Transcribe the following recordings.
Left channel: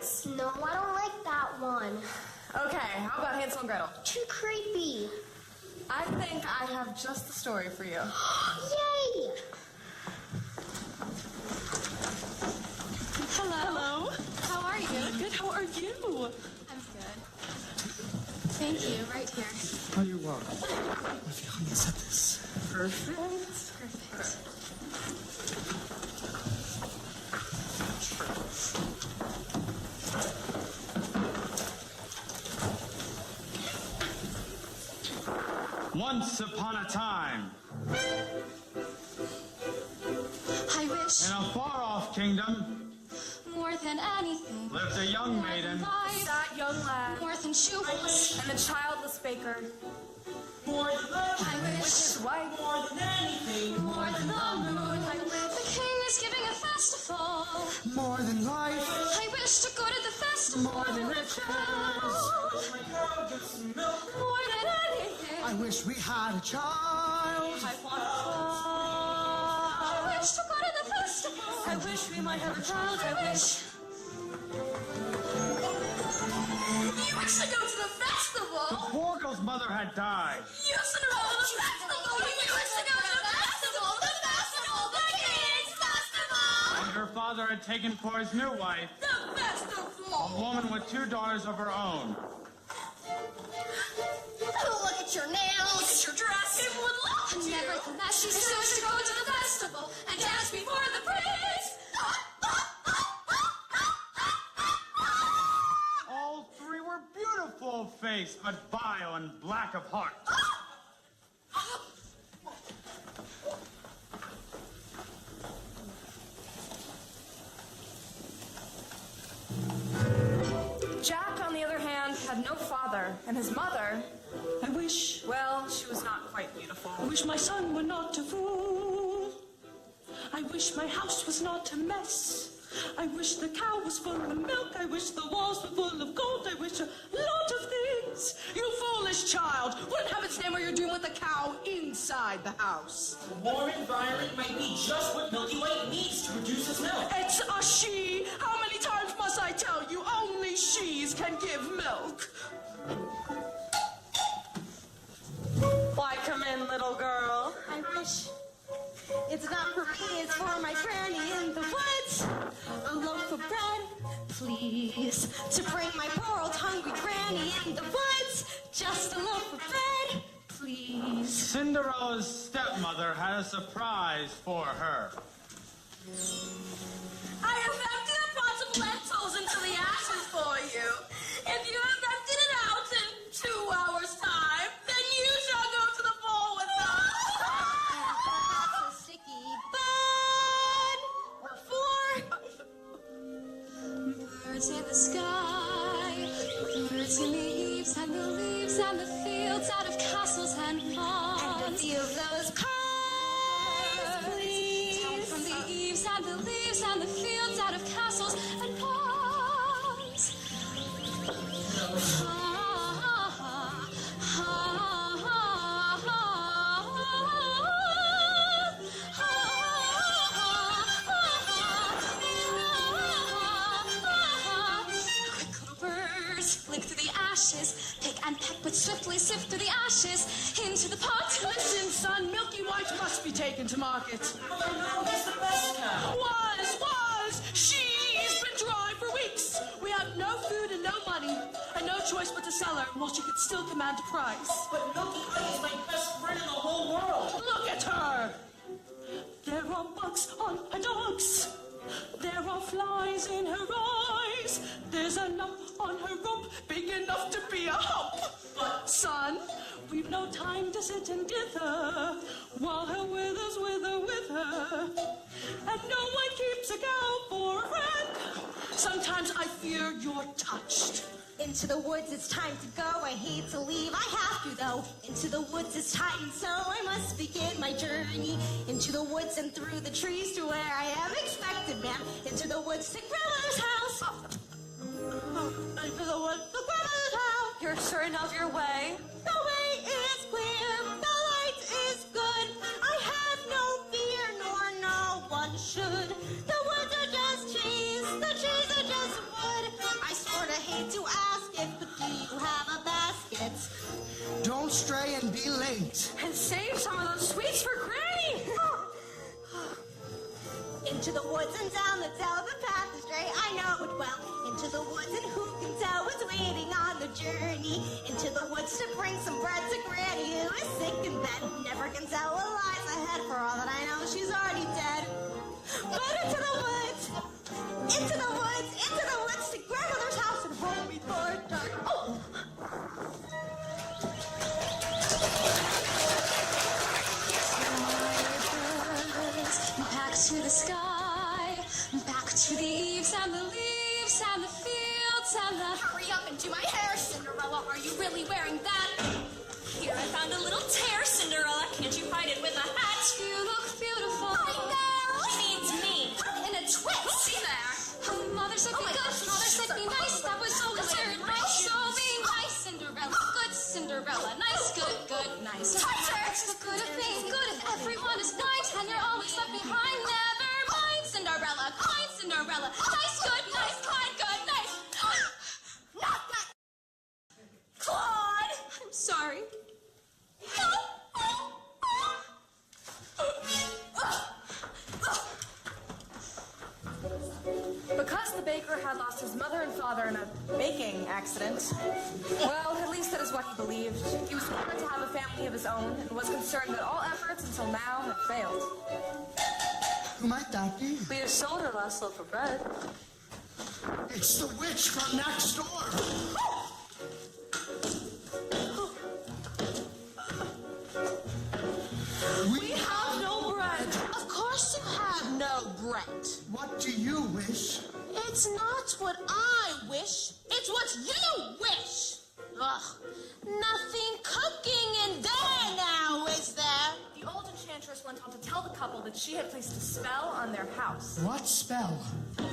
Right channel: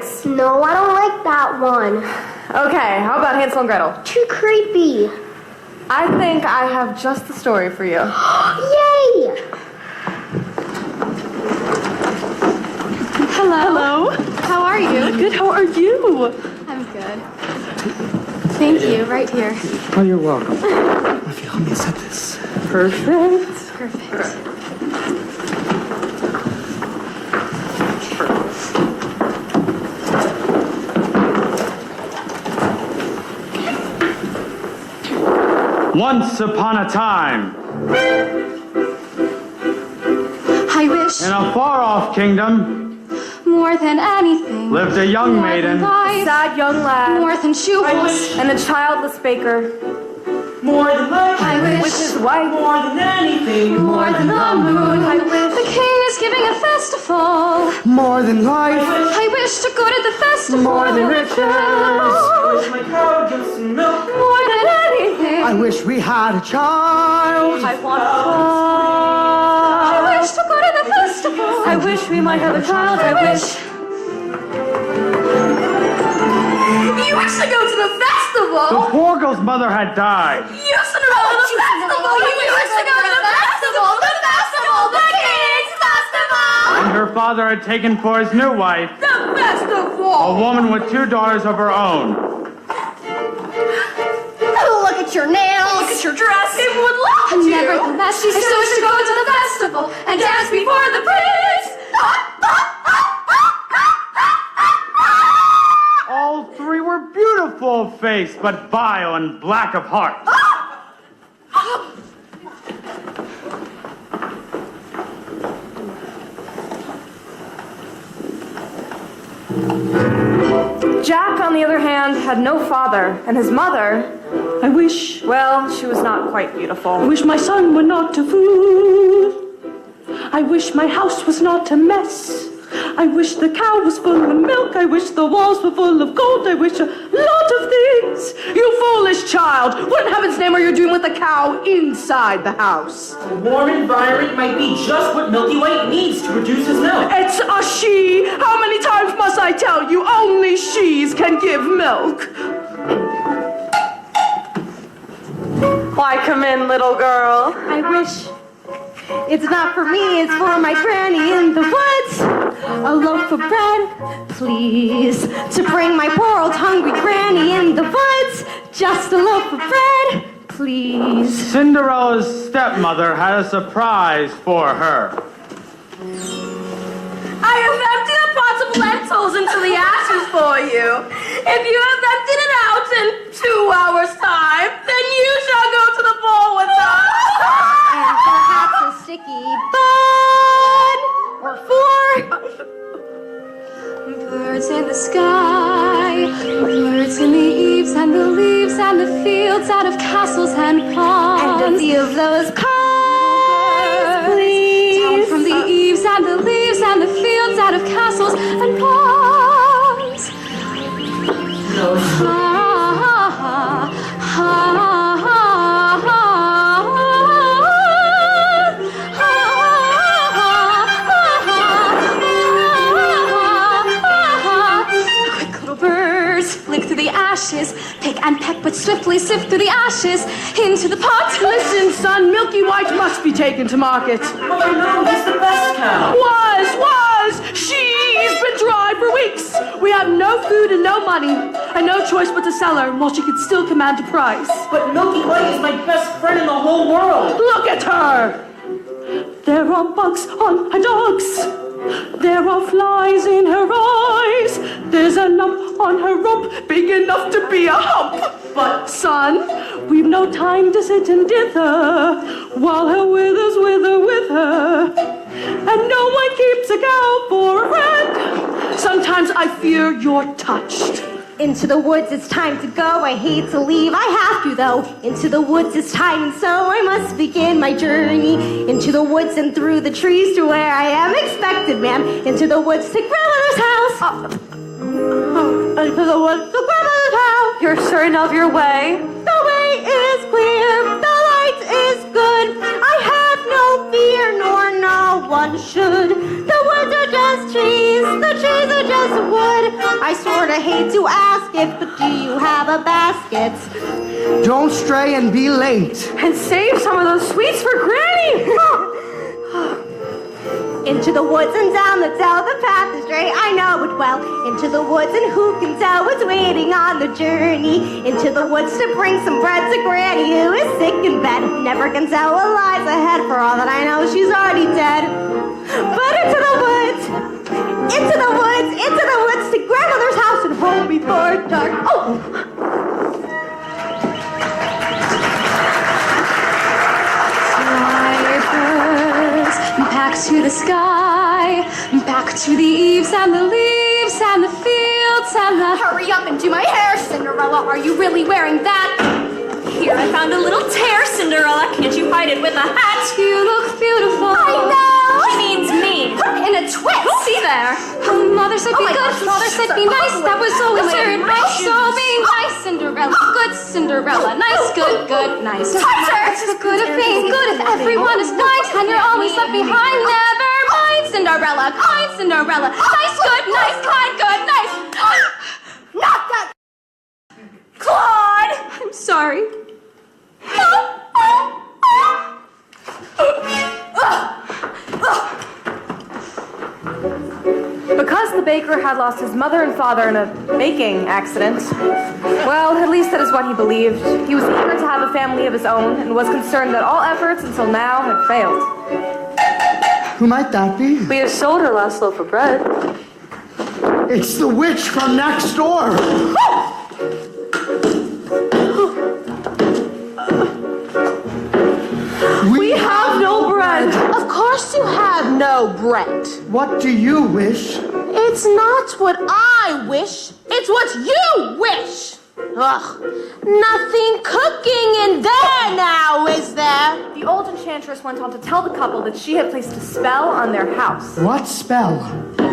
Figs. No, I don't like that one. Okay, how about Hansel and Gretel? Too creepy. I think I have just the story for you. Yay! Hello. How are you? Good, how are you? I'm good. Thank you, right here. Oh, you're welcome. If you help me set this. Perfect. Perfect. Once upon a time, I wish in a far-off kingdom, more than anything. lived a young More maiden. than life, Sad young lad more than shoes. and a childless baker More than life, I wish with his wife. more than anything, more than the moon. I wish. The king is giving a festival. More than life. I wish to go to the festival. More than riches. wish my cow would give some milk. More than anything. I wish we had a child. I want a I child. wish to go to the festival. I wish we might have a child. I wish. You wish to go to the The festival? poor girl's mother had died. You wish to go to the festival? You wish to go to the festival? The festival! The king's festival! And her father had taken for his new wife The festival! a woman with 2 daughters of her own. Oh, look at your nails. Look at your dress. It would love to. Nevertheless, she still wished to go to the festival and dance before the prince. All 3 were beautiful of face, but vile and black of heart. Jack, on the other hand, had no father, and his mother, I wish she was not quite I beautiful. wish my son were not a fool. I wish my house was not a mess. I wish the cow was full of milk. I wish the walls were full of gold. I wish a lot of things. You foolish child. What in heaven's name are you doing with a cow inside the house? A warm environment might be just what Milky White needs to produce his milk. It's a she. How many times must I tell you? Only she's can give milk. Why, come in, little girl. I wish it's not for me, it's for my granny in the woods. A loaf of bread, please, to bring my poor old hungry granny in the woods. Just a loaf of bread, please. Cinderella's stepmother had a surprise for her. I have emptied a pot of lentils into the ashes for you. If you have emptied it out in 2 hours' time, then you shall go to the ball with us. And perhaps a sticky bun or 4. Birds in the sky, birds in the eaves and the leaves and the fields out of castles and ponds. And a few of those pies, please. Down from the eaves and the leaves and the fields out of castles and ponds. No, Quick little birds, flick through the ashes, pick and peck, but swiftly sift through the ashes into the pot. Listen, son, Milky White must be taken to market. Mother, no, he's the best cow. Was. She's been dry for weeks. We have no food and no money, and no choice but to sell her while she could still command a price. But Milky White is my best friend in the whole world. Look at her! There are bugs on her dogs. There are flies in her eyes. There's a lump on her rump big enough to be a hump. But, son, we've no time to sit and dither while her withers wither with her. And no one keeps a cow for a friend. Sometimes I fear you're touched. Into the woods, it's time to go. I hate to leave, I have to though. Into the woods, it's time, and so I must begin my journey. Into the woods and through the trees to where I am expected, ma'am. Into the woods to grandmother's house. Into the woods to grandmother's house. You're certain of your way? The way is clear, the light is good. I have no fear, nor no one should. The woods are just trees, the trees are just wood. I sorta hate to ask it, but do you have a basket? Don't stray and be late. And save some of those sweets for Granny! Into the woods and down the dell, the path is straight, I know it well. Into the woods, and who can tell what's waiting on the journey? Into the woods to bring some bread to Granny, who is sick in bed. Never can tell what lies ahead, for all that I know, she's already dead. But into the woods, into the woods, into the woods, to grandmother's house and home before dark. Oh! Back to the sky, back to the eaves and the leaves and the fields and the... Hurry up and do my hair, Cinderella. Are you really wearing that? Here, I found a little tear, Cinderella. Can't you hide it with a hat? You look beautiful. I know. She means me. In a twist. See there. Mother said be my good. gosh, Father said be nice. That was always her advice. So be nice, Cinderella. Good Cinderella. Nice, good, good, nice. It's the good of being good if everyone is kind and you're always left behind. Never mind, Cinderella. Kind Cinderella. Nice, good, nice, kind, good, nice. Not that. Claude! I'm sorry. Because the baker had lost his mother and father in a baking accident, well, at least that is what he believed. He was eager to have a family of his own and was concerned that all efforts until now had failed. Who might that be? We have sold our last loaf of bread. It's the witch from next door. We have no bread. Of course you have no bread. What do you wish? It's not what I wish. It's what you wish. Ugh. Nothing cooking in there now, is there? The old enchantress went on to tell the couple that she had placed a spell on their house. What spell? In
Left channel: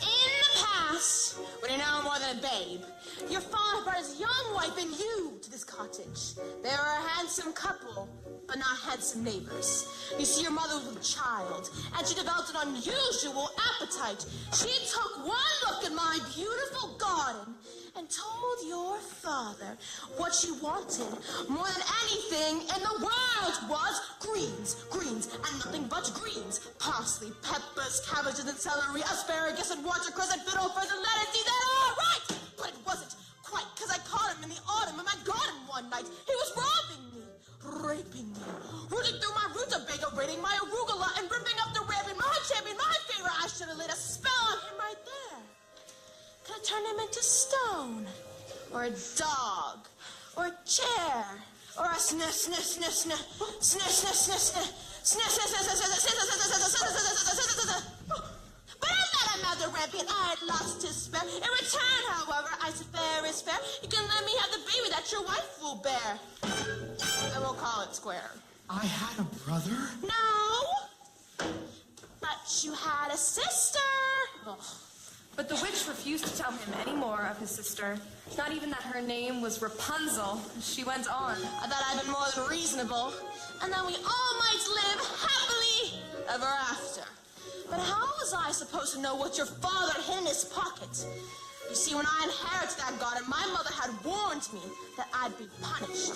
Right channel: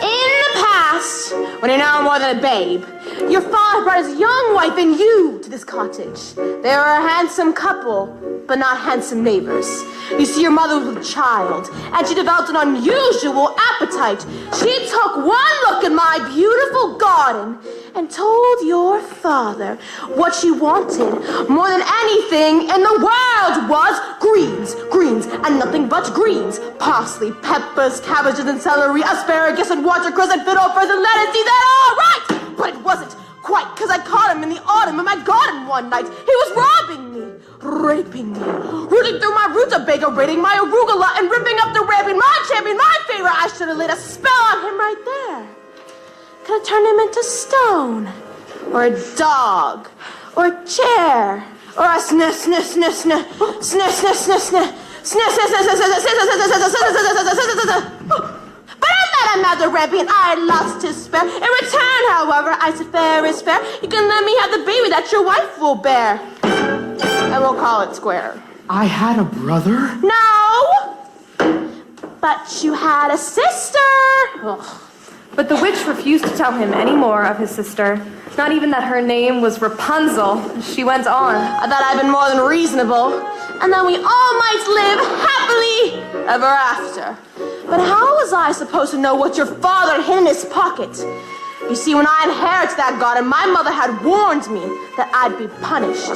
the past, when you're now more than a babe, your father brought his young wife and you to this cottage. They were a handsome couple, but not handsome neighbors. You see, your mother was with child, and she developed an unusual appetite. She took one look at my beautiful garden and told your father what she wanted more than anything in the world was greens, greens, and nothing but greens. Parsley, peppers, cabbages, and celery, asparagus, and watercress, and fiddlefurs, and lettuce. Is that all right? But it wasn't quite, because I caught him in the autumn in my garden one night. He was robbing me, raping me, rooting through my rutabaga, raiding my arugula, and ripping up the ramping, my champion, my favorite. I should have laid a spell on him right there. Could have turned him into stone, or a dog, or a chair, or a sniff, sniff, sniff, sniff, sniff, sniff, sniff, sniff, sniff, But I let him have the ramping, and I lost his spare. In return, however, I said fair is fair. You can let me have the baby that your wife will bear, and we'll call it square. I had a brother? No, but you had a sister. Ugh. But the witch refused to tell him any more of his sister, not even that her name was Rapunzel. She went on. I thought I'd been more than reasonable, and that we all might live happily ever after. But how was I supposed to know what your father had hid in his pocket? You see, when I inherited that garden, my mother had warned me that I'd be punished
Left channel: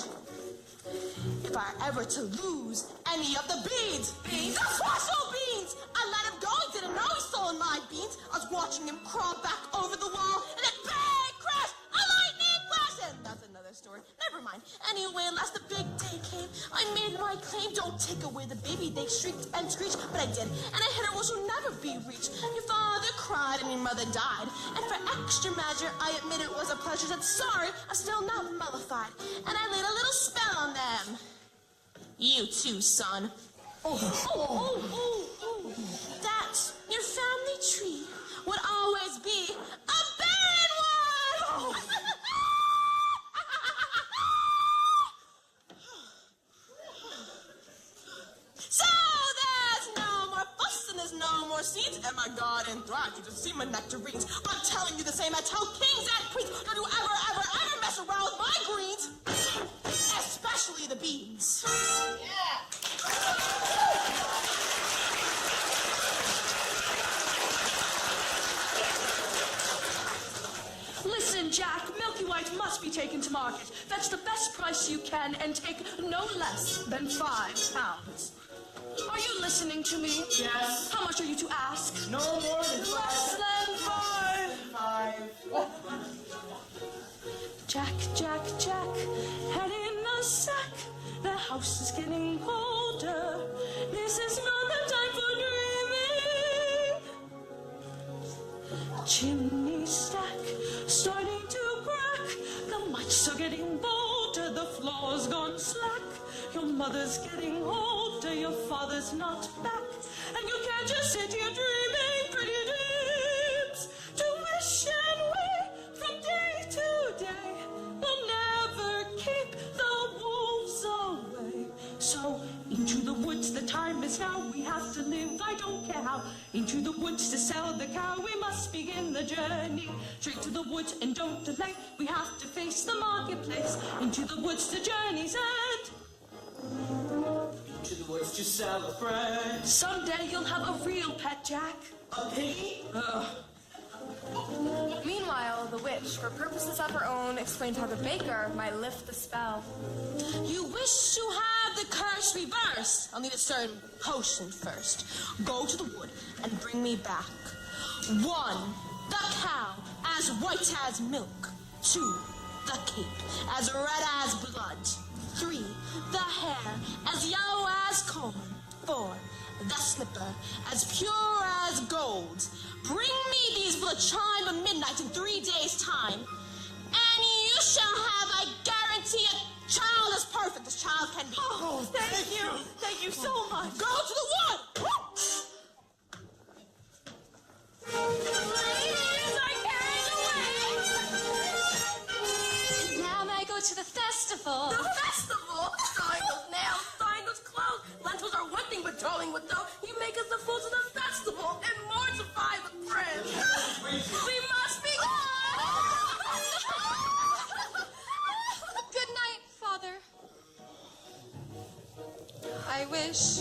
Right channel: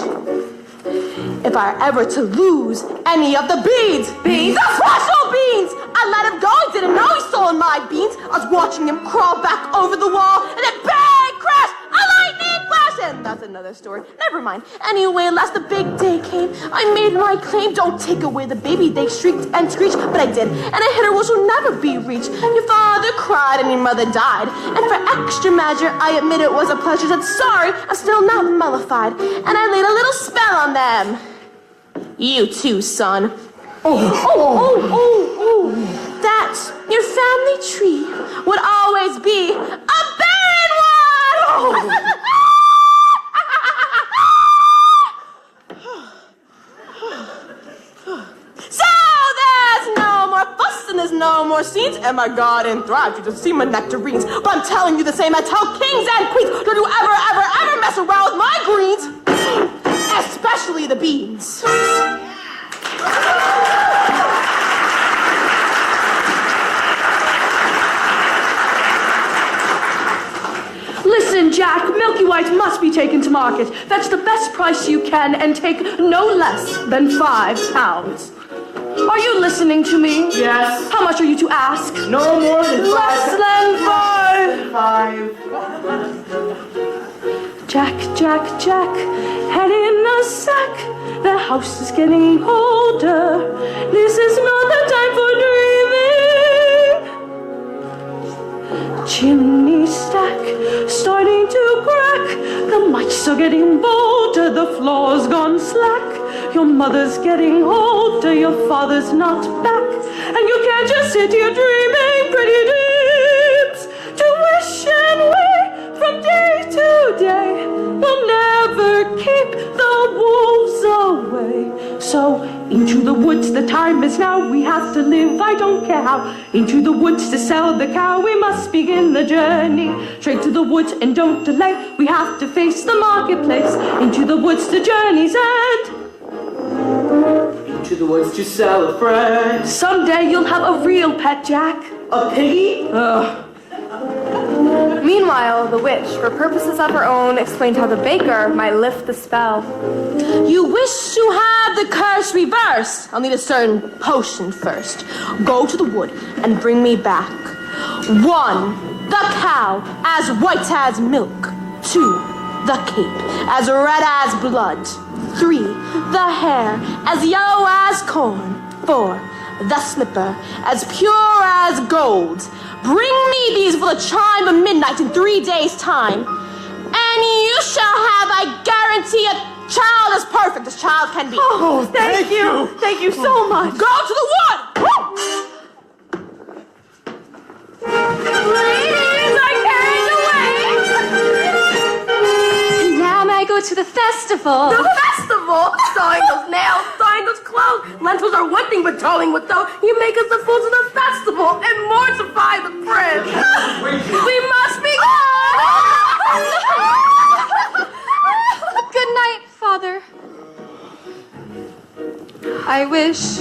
if I were ever to lose any of the beans. Beans? The special beans! I let him go. He didn't know he stole my beans. I was watching him crawl back over the wall, and then bang, crash, a lightning flash. And that's another story. Never mind. Anyway, at last the big day came. I made my claim. Don't take away the baby. They shrieked and screeched, but I did. And a hitter which will never be reached. Your father cried and your mother died. And for extra measure, I admit it was a pleasure. Said sorry, I'm still not mollified. And I laid a little spell on them. You too, son. That your family tree would always be a barren one. So there's no more fuss and there's no more scenes. And my garden thrives. You just see my nectarines. But I'm telling you the same I tell kings and queens. Don't you ever mess around with my greens. Especially the beans. taken to market. Fetch the best price you can and take no less than £5. Are you listening to me? Yes. How much are you to ask? No more than Less than five. 5. Jack, Jack, Jack, head in a sack. The house is getting colder. This is not the time for dreaming. Chimney stack starting to crack. The mice are getting bolder. The floor's gone slack. Your mother's getting older. Your father's not back. And you can't just sit here dreaming pretty dreams to wish and wait from day to day. We'll never keep the wolves away. So into the woods, the time is now. We have to live, I don't care how. Into the woods to sell the cow. We must begin the journey. Straight to the woods and don't delay. We have to face the marketplace. Into the woods, the journey's end. To the woods to sell a friend. Someday you'll have a real pet, Jack. A piggy? Meanwhile, the witch, for purposes of her own, explained how the baker might lift the spell. You wish to have the curse reversed? I'll need a certain potion first. Go to the wood and bring me back 1, the cow as white as milk. 2, the cape as red as blood. 3, the hair as yellow as corn. 4, the slipper as pure as gold. Bring me these for the chime of midnight in 3 days' time, and you shall have, I guarantee, a child as perfect as child can be. Oh, thank you. Thank you so much. Go to the wood! Ladies are carried away. And now may I go to the festival? The festival? Sawing those nails, sawing those clothes. Lentils are one thing, but towing with dough. You make us the fools of the festival and mortify the prince. We must be Good night, Father. I wish.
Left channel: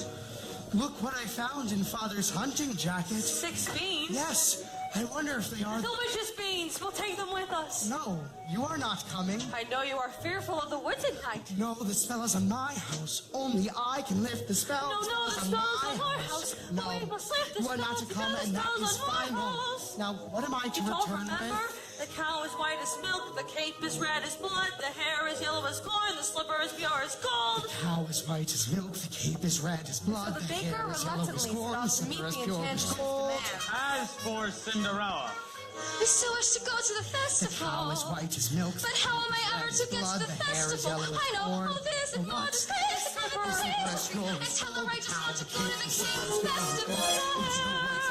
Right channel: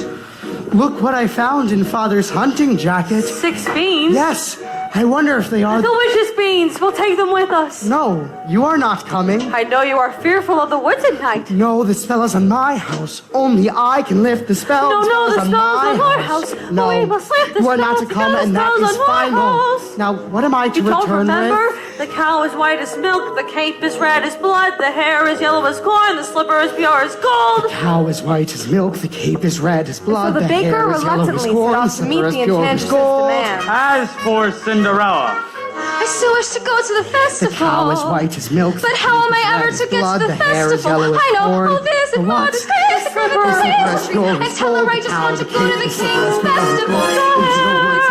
Look what I found in Father's hunting jacket. 6 beans. Yes, I wonder if they are... Delicious beans. We'll take them with us. No, you are not coming. I know you are fearful of the woods at night. No, the spell is on my house. Only I can lift the spell. No, the spell's on our house. No, We must lift the you are not spell to come, and that because is the spell's on our final. house. Now, what am I to You don't return remember? with? The cow is white as milk, the cape is red as blood, the hair is yellow as corn, the slipper is pure as gold. Cow is white as milk, the cape is red as blood, So the baker hair is yellow as reluctantly corn, set the off to meet slipper the is pure as enchantress's gold. demand. As for Cinderella, I still wish to go to the The festival. cow is white as milk. But how am I ever to get to the festival? I know who this and what is this and what is this. And tell her I just want to go to the king's festival.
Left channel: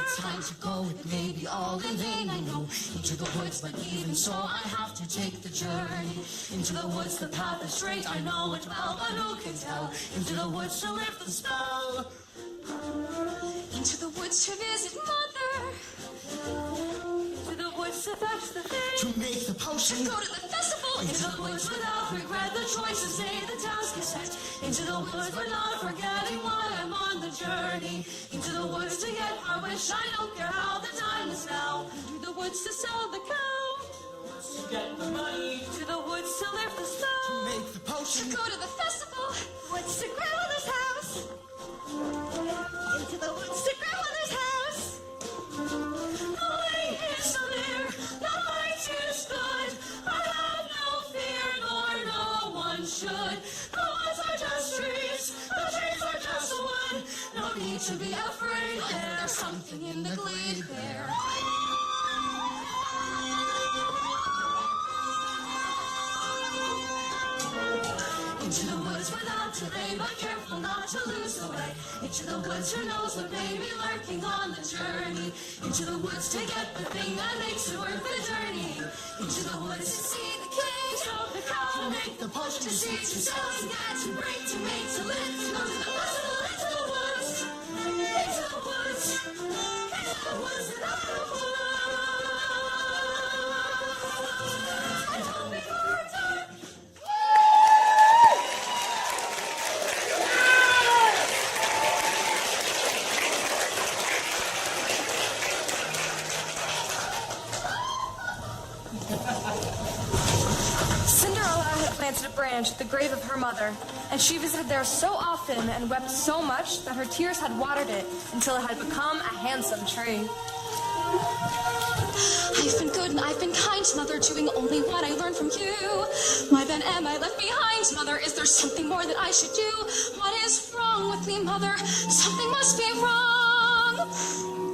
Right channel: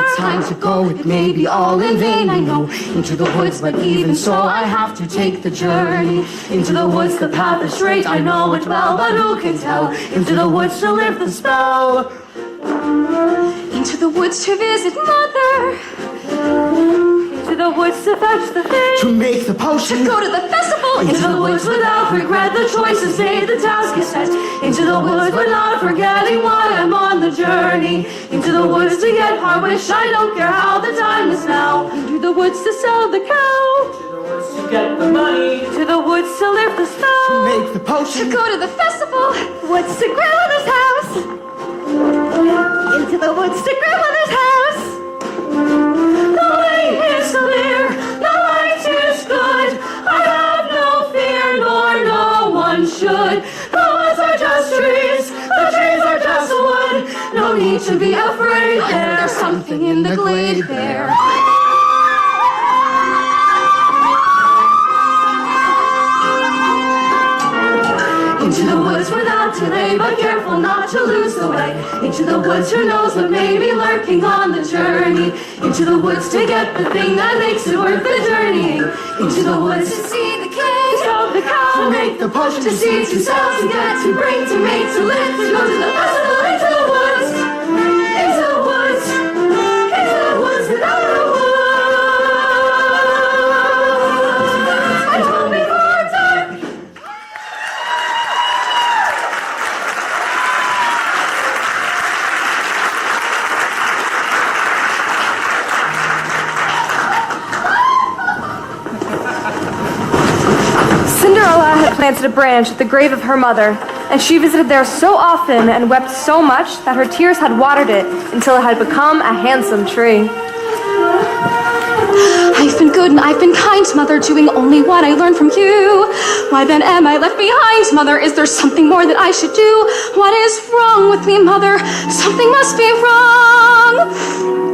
It's time to go, it may be all in vain, I know. Into the woods, but even so, I have to take the journey. Into the woods, the path is straight, I know it well, but who can tell? Into the woods to lift the spell. Into the woods to visit mother. To the woods to fetch the thing. To make the potion. Go to the festival. Into the woods without regret, the choice is made, the task is set. Into the woods but not forgetting why I'm on the journey. Into the woods to get my wish, I don't care how, the time is now. Into the woods to sell the cow. To get the money. To the woods to lift the spell. To make the To potion. go to the festival. Woods to grandmother's house. Into the woods to grandmother's house. The way is clear, the light is good. I have no fear, nor no one should. The woods are just trees, the trees are just wood. No need to be afraid, There's something in the glade there. Into the woods without delay, but careful not to lose the way. Into the woods, who knows what may be lurking on the journey. Into the woods to get the thing that makes it worth the journeying. Into the woods to see the king, of the cow, To make the potion. to see, to sell, to get, to bring, to make, to live, to go to the festival, into the woods, into the woods, into the woods without the woods. I told before dark. planted a branch at the grave of her mother, and she visited there so often and wept so much that her tears had watered it until it had become a handsome tree. I've been good and I've been kind, Mother, doing only what I learned from you. Why then am I left behind, Mother? Is there something more that I should do? What is wrong with me, Mother? Something must be wrong.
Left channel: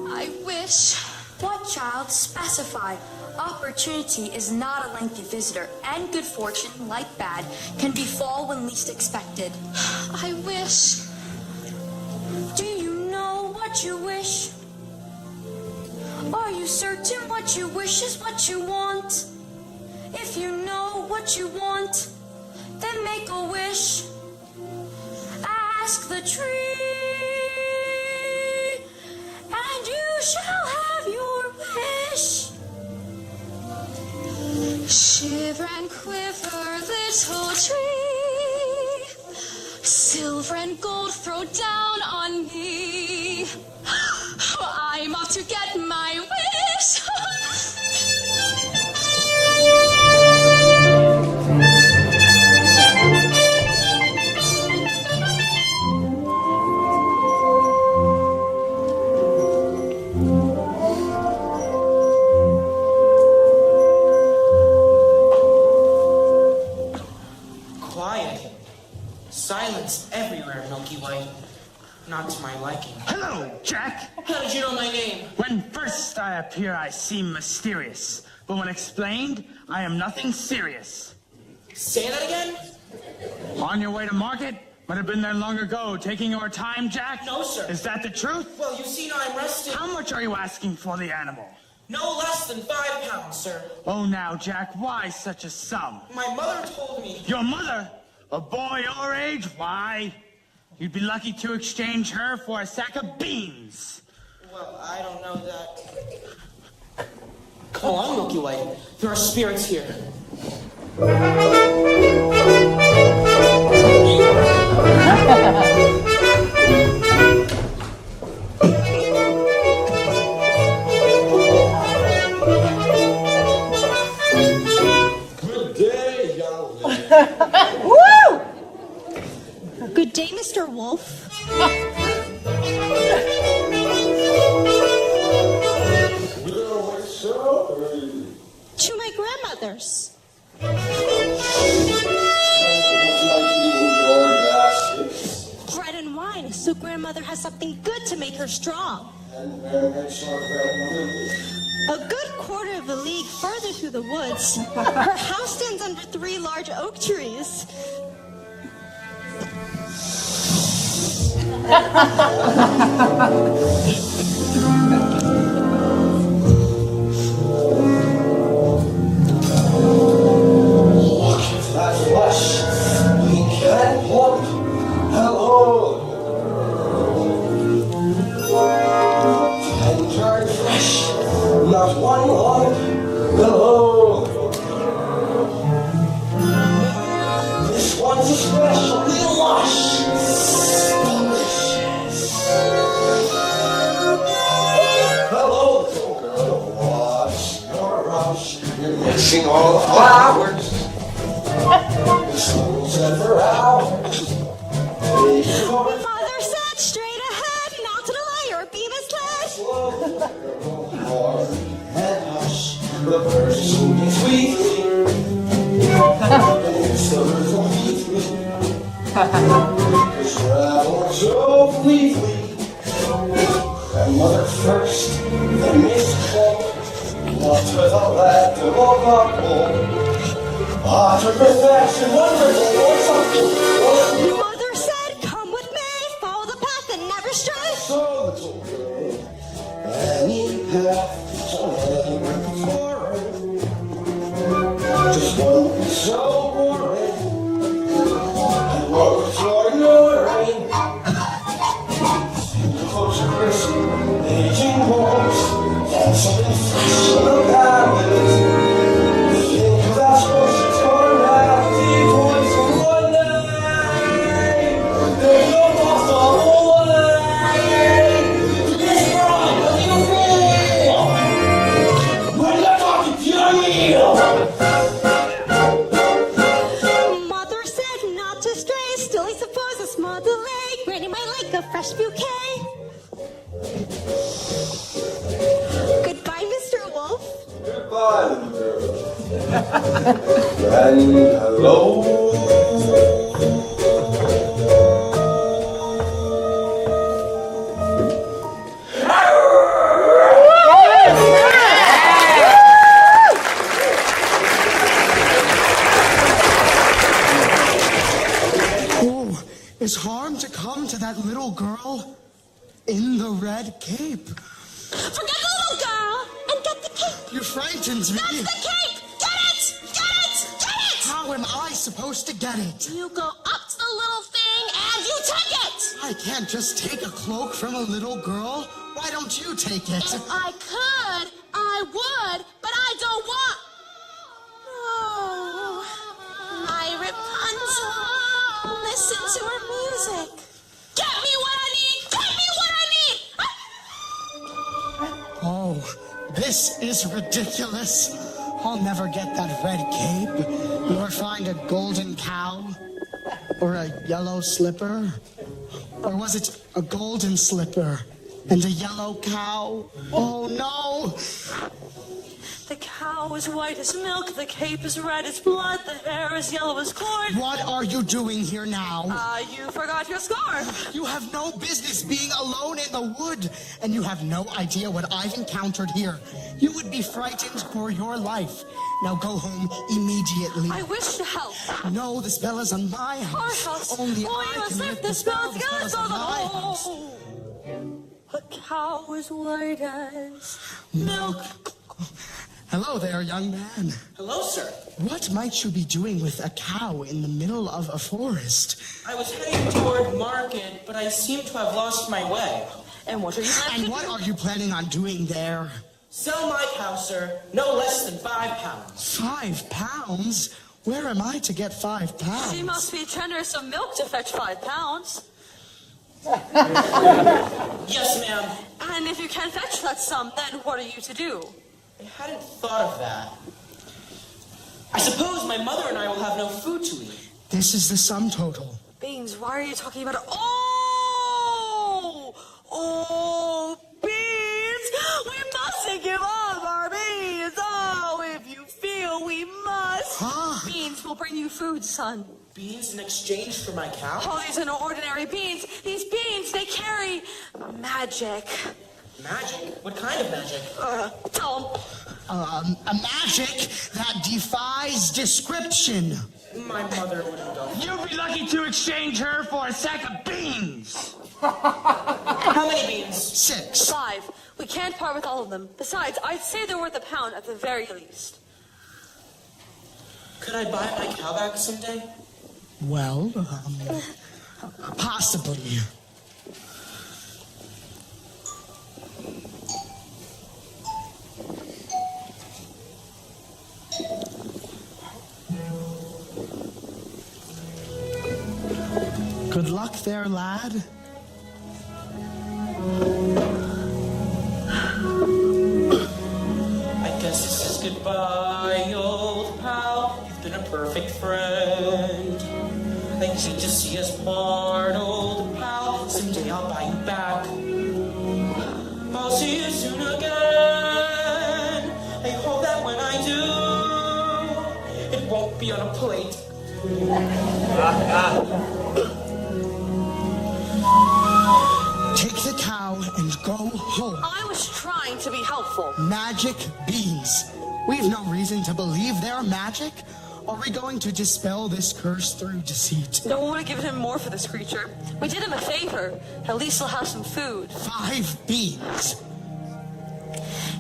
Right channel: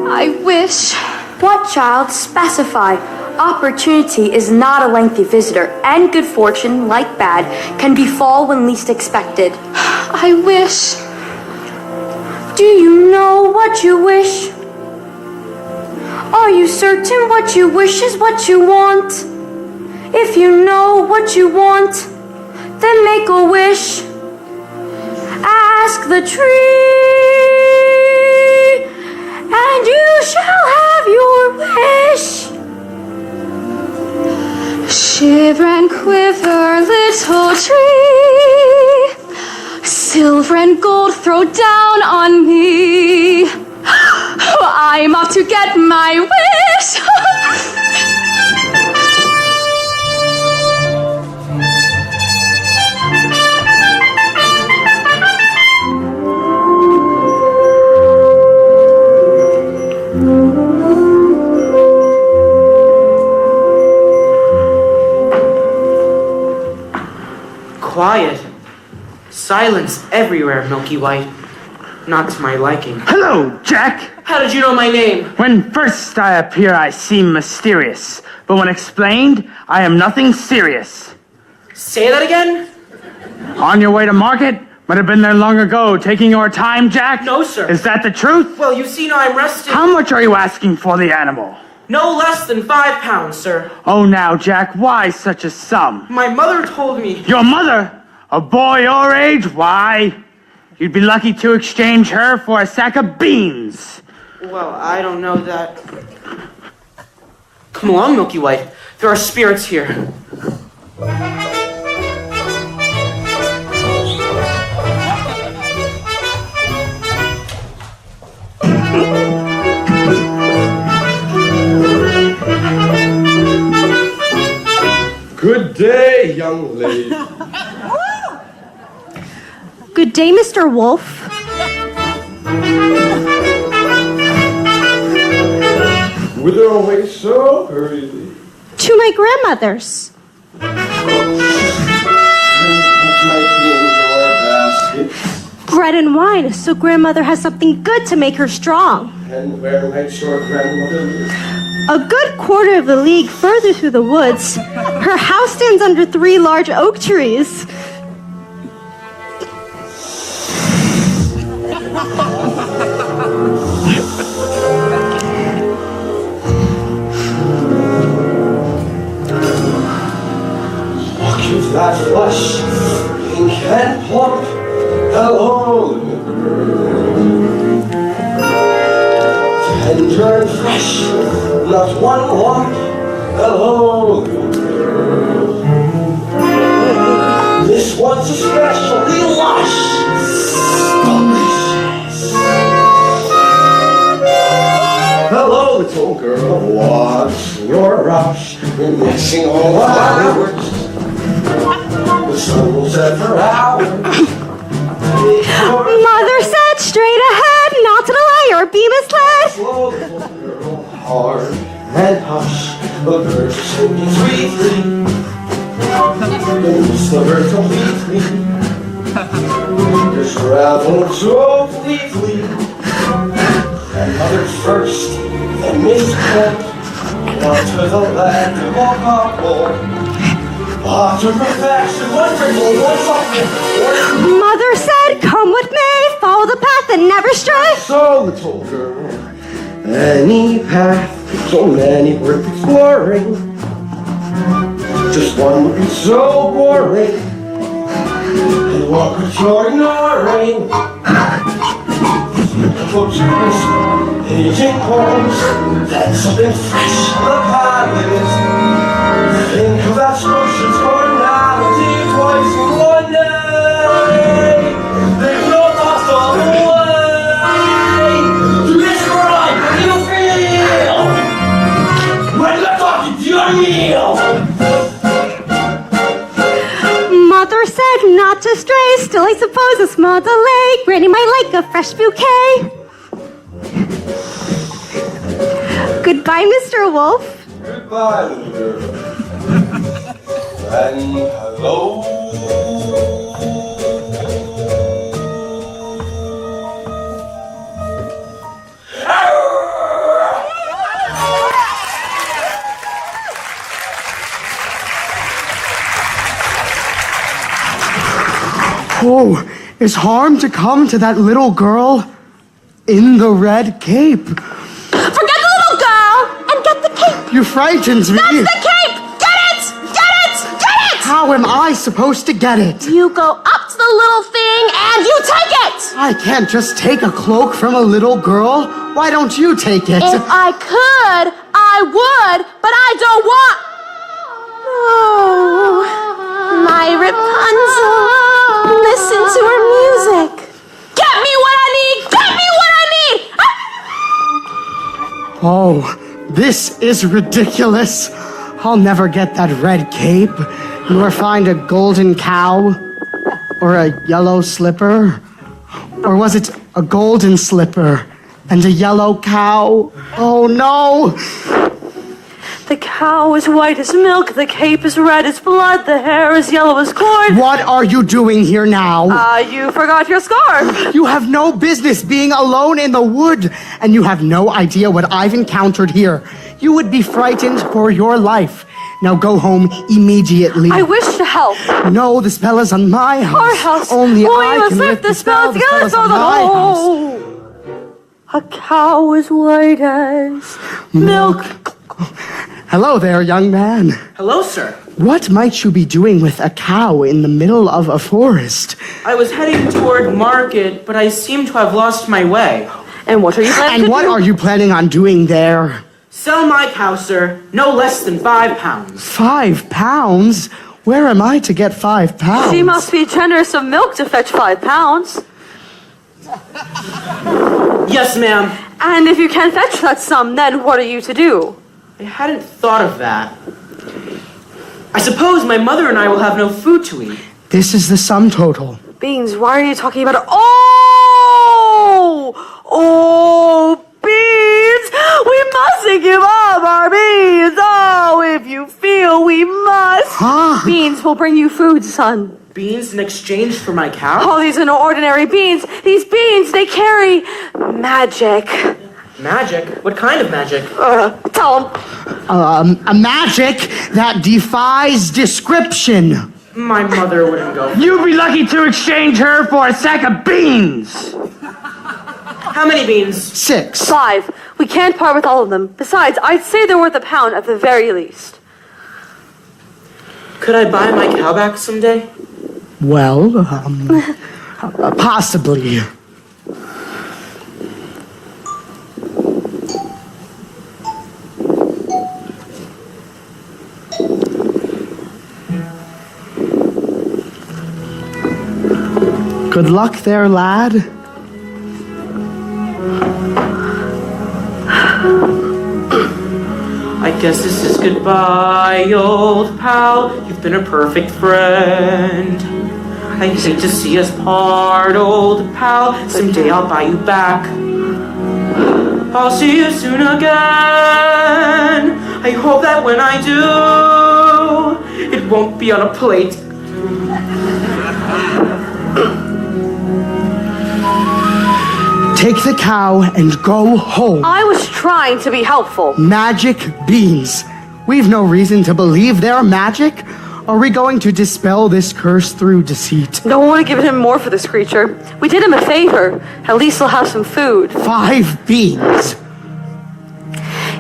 I wish. What, child? Specify. Opportunity is not a lengthy visitor, and good fortune, like bad, can befall when least expected. I wish. Do you know what you wish? Are you certain what you wish is what you want? If you know what you want, then make a wish. Ask the tree, and you shall have your wish. Shiver and quiver, little tree. Silver and gold throw down on me. I'm off to get my wish. Quiet. Silence everywhere, Milky White. Not to my liking. Hello, Jack. How did you know my name? When first I appear, I seem mysterious. But when explained, I am nothing serious. Say that again? On your way to market? Might have been there long ago, taking your time, Jack? No, sir. Is that the truth? Well, you see, now I'm rested. How much are you asking for the animal? No less than 5 pounds, sir. Oh, now, Jack, why such a sum? My mother told me. Your mother? A boy your age? Why? You'd be lucky to exchange her for a sack of beans. Well, I don't know that. Come along, Milky White. There are spirits here. Good day, young lady. Woo! Good day, Mr. Wolf. Whither away so hurriedly? To my grandmother's. What might be in your baskets? Bread and wine, so grandmother has something good to make her strong. And where might your grandmother live? A good quarter of a league further through the woods. Her house stands under 3 large oak trees. Look at that flush, pink and plump. Hello, tender and fresh, not one lump. Hello, this one's especially lush. Delicious. Hello, little girl, what's your rush? You're mixing all the flowers. The sun will set for hours. Mother said straight ahead, not to delay or be misled. Slow, little girl, hard and hush. The birds are singing sweetly. The birds completely. You're traveling so fleetly. Grandmother first, then Miss Colt. Not to the land of all couple. Ah, to perfection, wonderful, something. Mother said, come with me, follow the path and never stray. So, little girl, any path, so many worth exploring. Just one would be so boring. And what would you're ignoring? Close your crisp, aging homes. Then something fresh on the palate. Think of that ocean's carnality twice in one day. There's no possible way to describe how you feel when you're talking to your meal. fresh bouquet. Goodbye, Mr. Wolf. Goodbye, little girl. And hello. Oh, is harm to come to that little girl in the red cape? Forget the little girl and get the cape. You frightened me. That's the cape. Get it! Get it! Get it! How am I supposed to get it? You go up to the little thing and you take it. I can't just take a cloak from a little girl. Why don't you take it? If I could, I would, but I don't want. No, my Rapunzel. Listen to her music. Get me what I need. Get me what I need. Oh, this is ridiculous. I'll never get that red cape, nor find a golden cow, or a yellow slipper. Or was it a golden slipper and a yellow cow? Oh no! The cow is white as milk, the cape is red as blood, the hair is yellow as corn. What are you doing here now? You forgot your scarf. You have no business being alone in the wood, and you have no idea what I've encountered here. You would be frightened for your life. Now go home immediately. I wish to help. No, the spell is on my house. Our house. Only we I must can lift lift the spell The together spell so is on my house. A cow is white as milk. Hello there, young man. Hello, sir. What might you be doing with a cow in the middle of a forest? I was heading toward market, but I seem to have lost my way. And what are you planning to do? And what are you planning on doing there? Sell my cow, sir. No less than 5 pounds. 5 pounds? Where am I to get 5 pounds? She must be generous of milk to fetch 5 pounds. Yes, ma'am. And if you can fetch that sum, then what are you to do? I hadn't thought of that. I suppose my mother and I will have no food to eat. This is the sum total. Beans, why are you talking about it? Oh, beans! We mustn't give up our beans! Oh, if you feel we must. Huh? Beans will bring you food, son. Beans in exchange for my cow? Oh, these are no ordinary beans. These beans, they carry magic. Magic? What kind of magic? Tell them. A magic that defies description. My mother wouldn't go. You'd be lucky to exchange her for a sack of beans. How many beans? 6. 5. We can't part with all of them. Besides, I'd say they're worth £1 at the very least. Could I buy my cow back someday? Well, possibly. Good luck there, lad. I guess this is goodbye, old pal. You've been a perfect friend. I hate to see us part, old pal. Someday I'll buy you back. I'll see you soon again. I hope that when I do, it won't be on a plate. Take the cow and go home. I was trying to be helpful. Magic beans. We've no reason to believe they're magic. Are we going to dispel this curse through deceit? Don't want to give him more for this creature. We did him a favor. At least he'll have some food. 5 beans.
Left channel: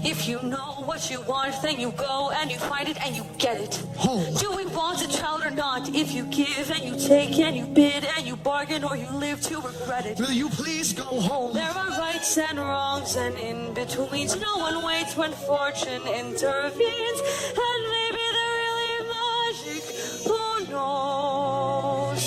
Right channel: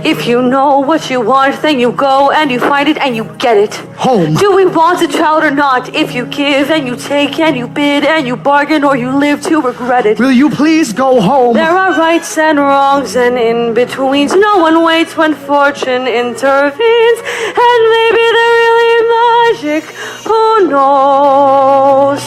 If you know what you want, then you go and you find it and you get it. Home. Do we want a child or not? If you give and you take and you bid and you bargain or you live to regret it. Will you please go home? There are rights and wrongs and in-betweens. No one waits when fortune intervenes. And maybe they're really magic. Who knows?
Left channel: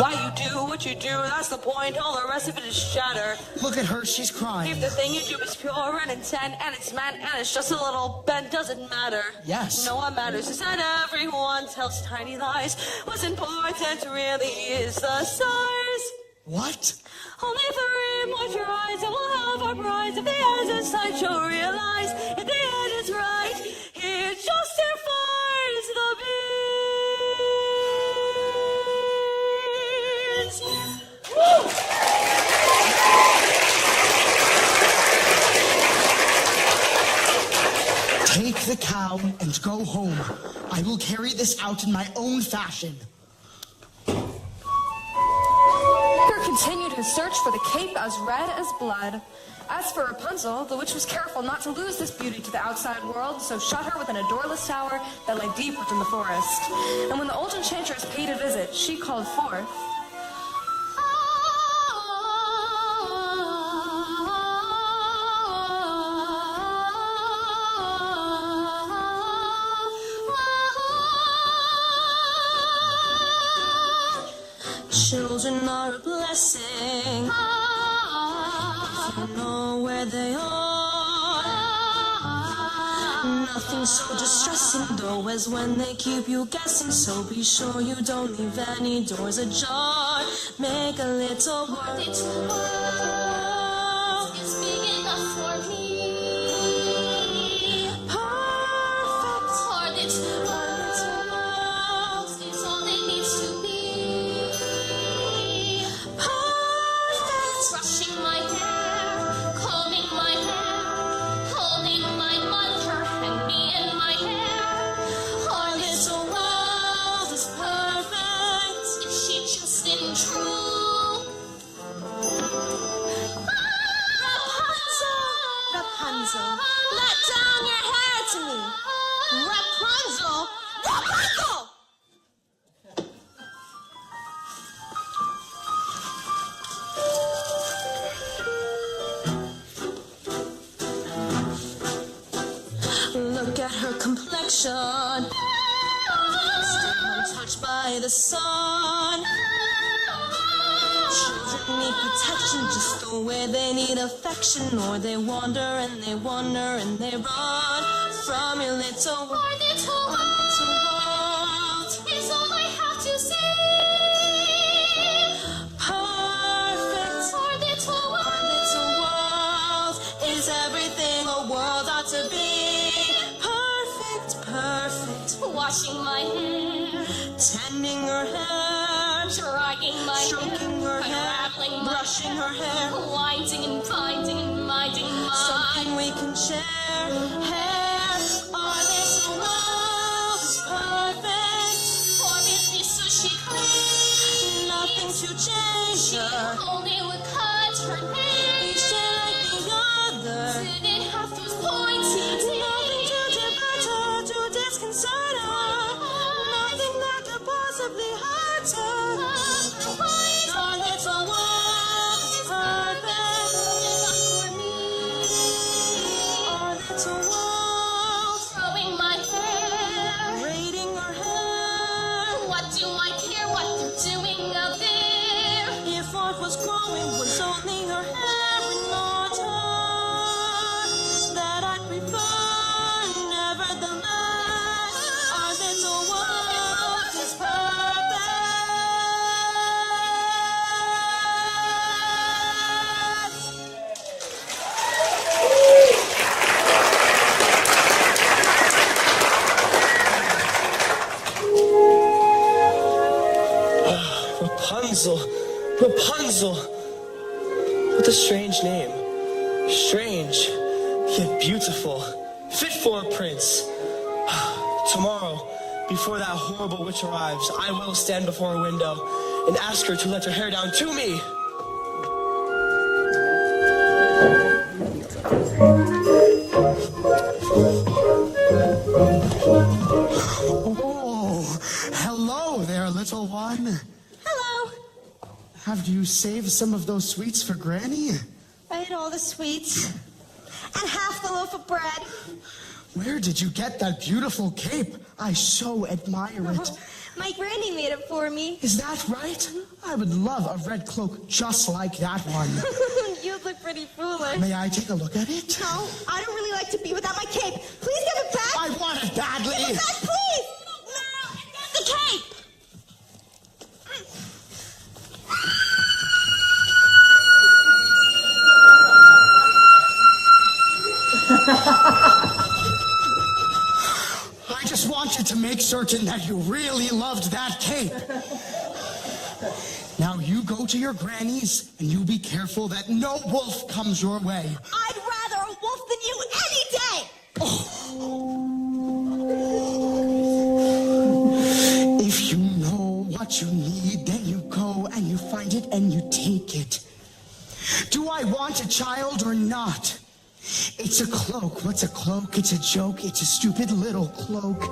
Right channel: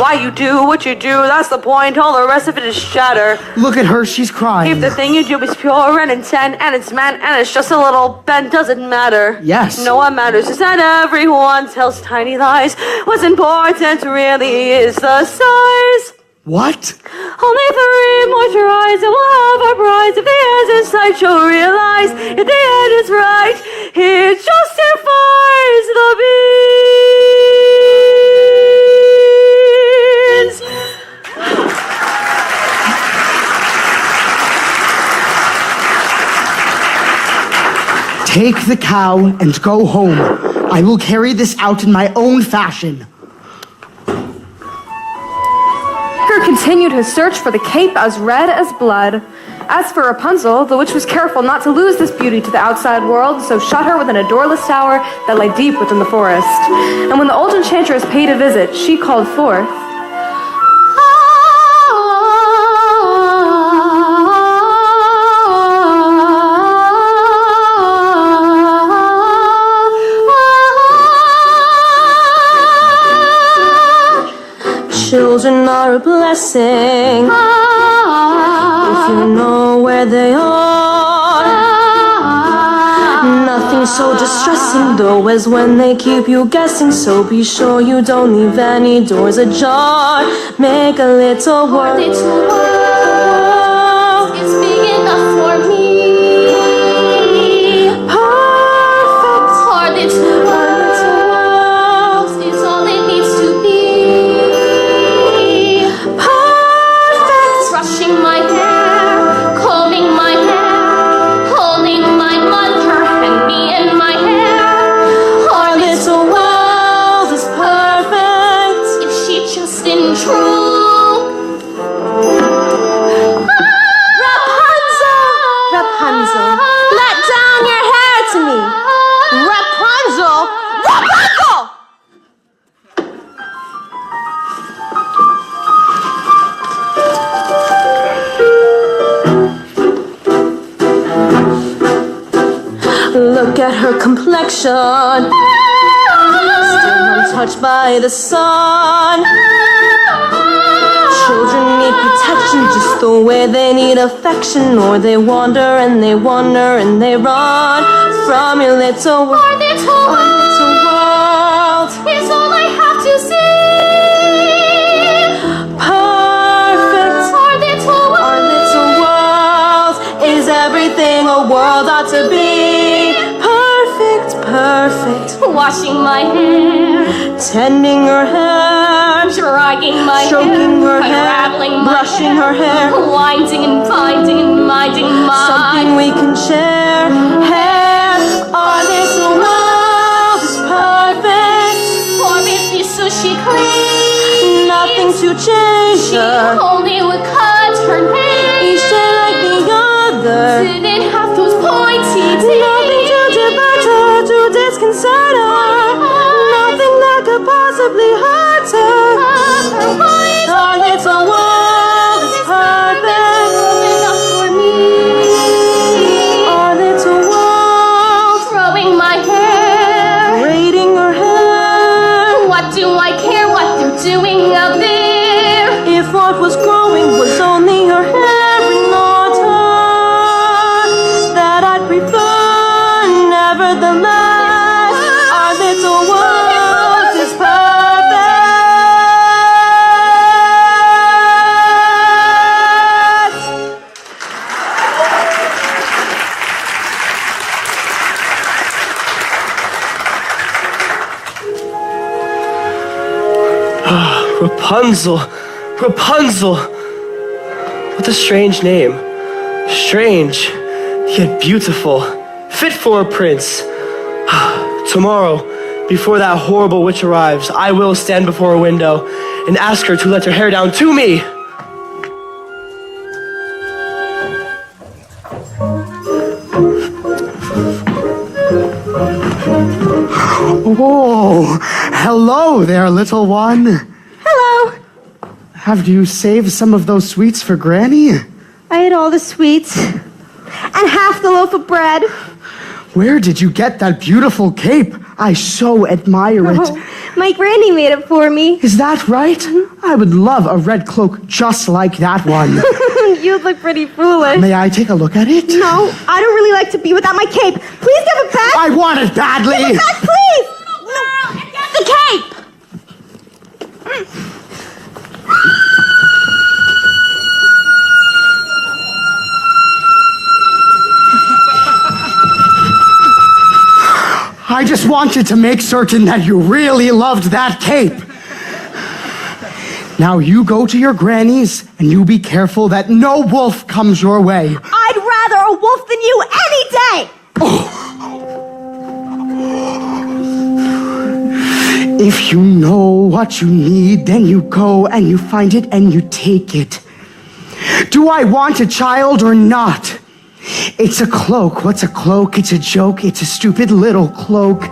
Why you do what you do, that's the point. All the rest of it is chatter. Look at her, she's crying. If the thing you do is pure and intent and it's meant and it's just a little bent, doesn't matter. Yes. No, what matters is that everyone tells tiny lies. What's important really is the size. What? Only three more tries and we'll have our prize. If the end is sight, you'll realize if the end is right, it justifies the means. Take the cow and go home. I will carry this out in my own fashion. Edgar continued his search for the cape as red as blood. As for Rapunzel, the witch was careful not to lose this beauty to the outside world, so shut her within a doorless tower that lay deep within the forest. And when the old enchantress paid a visit, she called forth, Children are a blessing if you know where they are. Nothing so distressing though as when they keep you guessing. So be sure you don't leave any doors ajar. Make a little world. It's big enough for me. Perfect. Our little world is all it needs to be. Brushing my hair, combing my hair, holding my mother and me in my hair. Our little world is perfect if she just isn't true. Rapunzel, let down your hair to me. Rapunzel, Rapunzel! Look at her complexion, still untouched by the sun. Children need protection just the way they need affection, or they wander and they wander and they run from your little world. Our little world is all I have to see. Perfect. Our little world is everything a world ought to be. Perfect, perfect. Washing my hair, Tending her hair, drying my stroking her hair, unraveling my brushing her hair. winding and binding and minding my Something we can share. Hair, our little world is perfect. For if so she clean, Nothing to change she her. only would cut her nails. Each day like the other. Didn't have those pointy teeth. Nothing to divert her, to disconcert her. Nothing that could possibly hurt her. Our little world is perfect. Enough for me. Our little world, Throwing my hair. braiding her hair. What do I care what they're doing out there? If what was growing was only her hair and not her, that I'd prefer. Nevertheless, our little world is perfect. Rapunzel, Rapunzel. What a strange name. Strange, yet beautiful. Fit for a prince. Tomorrow, before that horrible witch arrives, I will stand before a window and ask her to let her hair down to me. Oh, hello there, little one. Hello. Have you saved some of those sweets for Granny? I ate all the sweets and half the loaf of bread. Where did you get that beautiful cape? I so admire it. Oh, my granny made it for me. Is that right? I would love a red cloak just like that one. You look pretty foolish. May I take a look at it? No, I don't really like to be without my cape. Please give it back. I want it badly. Give it back, please. No, the cape. I just wanted to make certain that you really loved that cape. Now you go to your granny's and you be careful that no wolf comes your way. I'd rather a wolf than you any day! If you know what you need, then you go and you find it and you take it. Do I want a child or not? It's a cloak. What's a cloak? It's a joke. It's a stupid little cloak.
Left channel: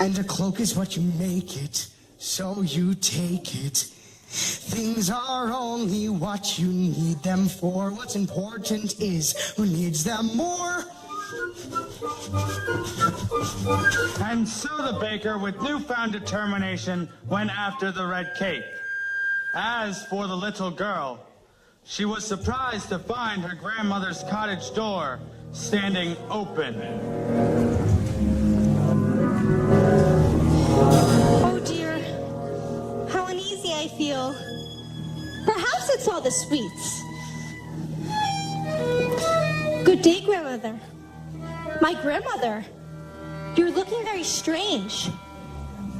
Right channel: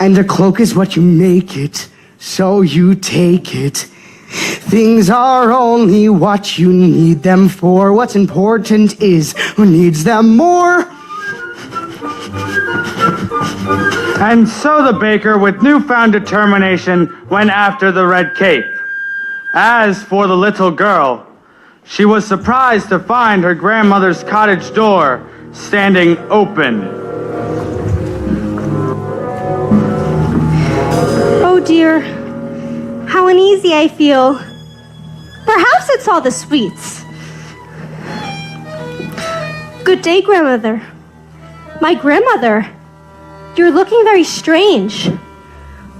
And a cloak is what you make it, so you take it. Things are only what you need them for. What's important is who needs them more. And so the baker, with newfound determination, went after the red cape. As for the little girl, she was surprised to find her grandmother's cottage door standing open. Oh dear, how uneasy I feel. Perhaps it's all the sweets. Good day, grandmother. My grandmother, you're looking very strange.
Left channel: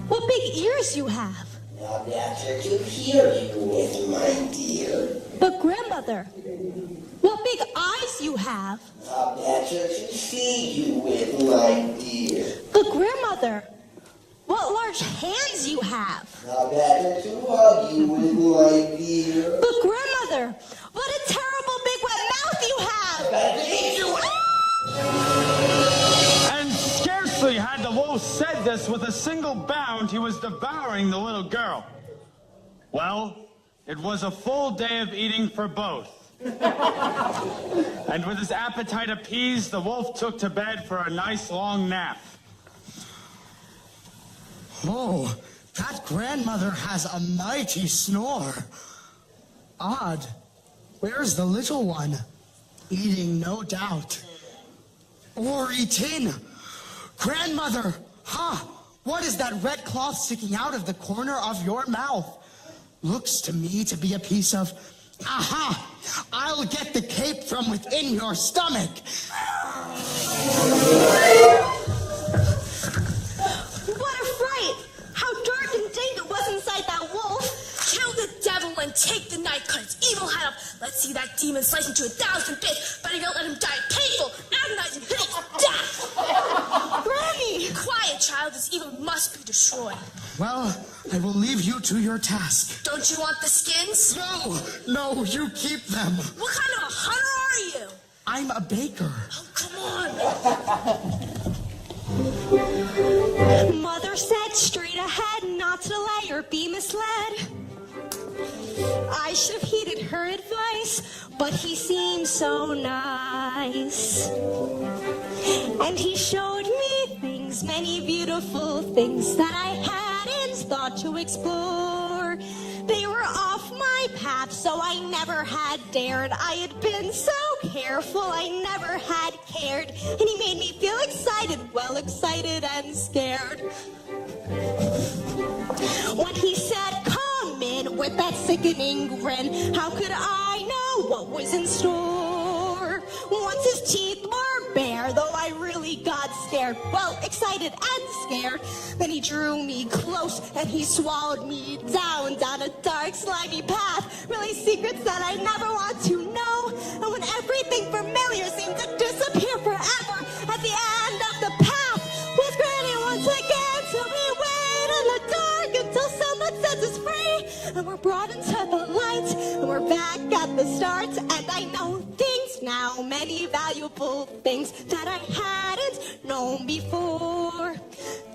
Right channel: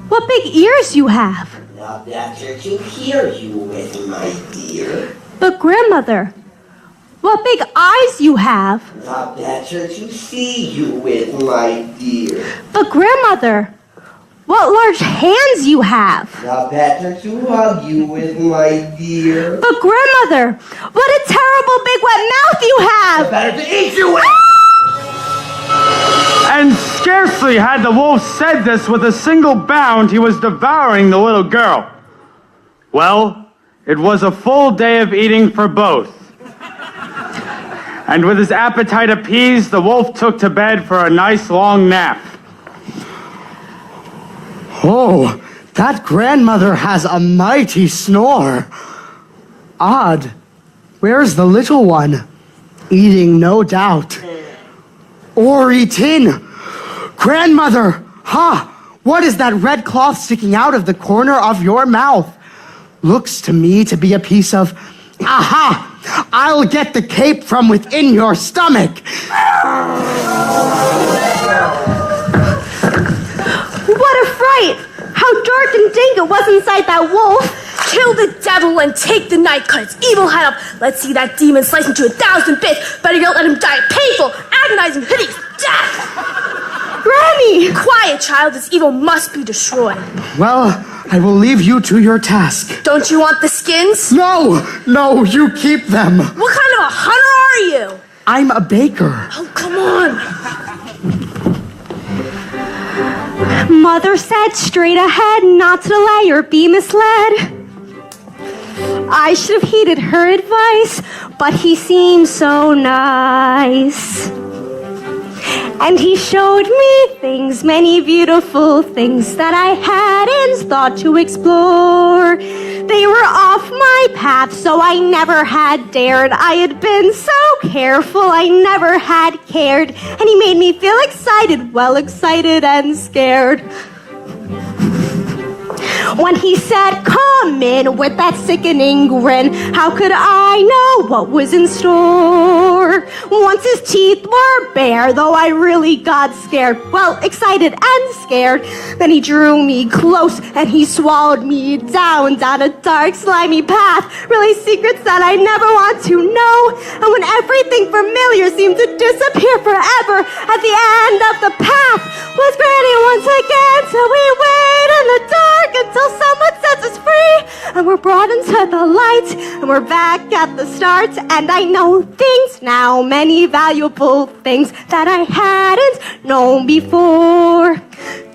What big ears you have. Now better to hear you with, my dear. But grandmother, what big eyes you have. Now better to see you with, my dear. But grandmother, what large hands you have. Now better to hug you with, my dear. But grandmother, what a terrible big wet mouth you have. Now better to eat you with. And scarcely had the wolf said this, with a single bound, he was devouring the little girl. Well, it was a full day of eating for both. And with his appetite appeased, the wolf took to bed for a nice long nap. Oh, that grandmother has a mighty snore. Odd. Where's the little one? Eating, no doubt. Or eating. Grandmother, what is that red cloth sticking out of the corner of your mouth? Looks to me to be a piece of... Aha! I'll get the cape from within your stomach. What a fright! How dark and dank it was inside that wolf. Kill the devil and take the knife, cut its evil head up. Let's see that demon sliced into 1,000 bits. Better yet, let him die a painful, agonizing, hideous death. Granny! Quiet, child. This evil must be destroyed. Well, I will leave you to your task. Don't you want the skins? No, you keep them. What kind of a hunter are you? I'm a baker. Oh, come on. Mother said straight ahead, not to delay or be misled. I should have heeded her advice, but he seemed so nice. And he showed me things, many beautiful things that I hadn't thought to explore. They were off my path, so I never had dared. I had been so careful, I never had cared. And he made me feel excited, well, excited and scared. When he said, come in, with that sickening grin, how could I know what was in store? Once his teeth were bare, though I really got scared, well, excited and scared. Then he drew me close and he swallowed me down a dark, slimy path. Really secrets that I never want to know. And when everything familiar seemed to disappear forever, at the end of the path was Granny once again. So we wait in the dark until someone sets us free, and we're brought into the light, and we're back at the start. And I know things now, many valuable things that I hadn't known before.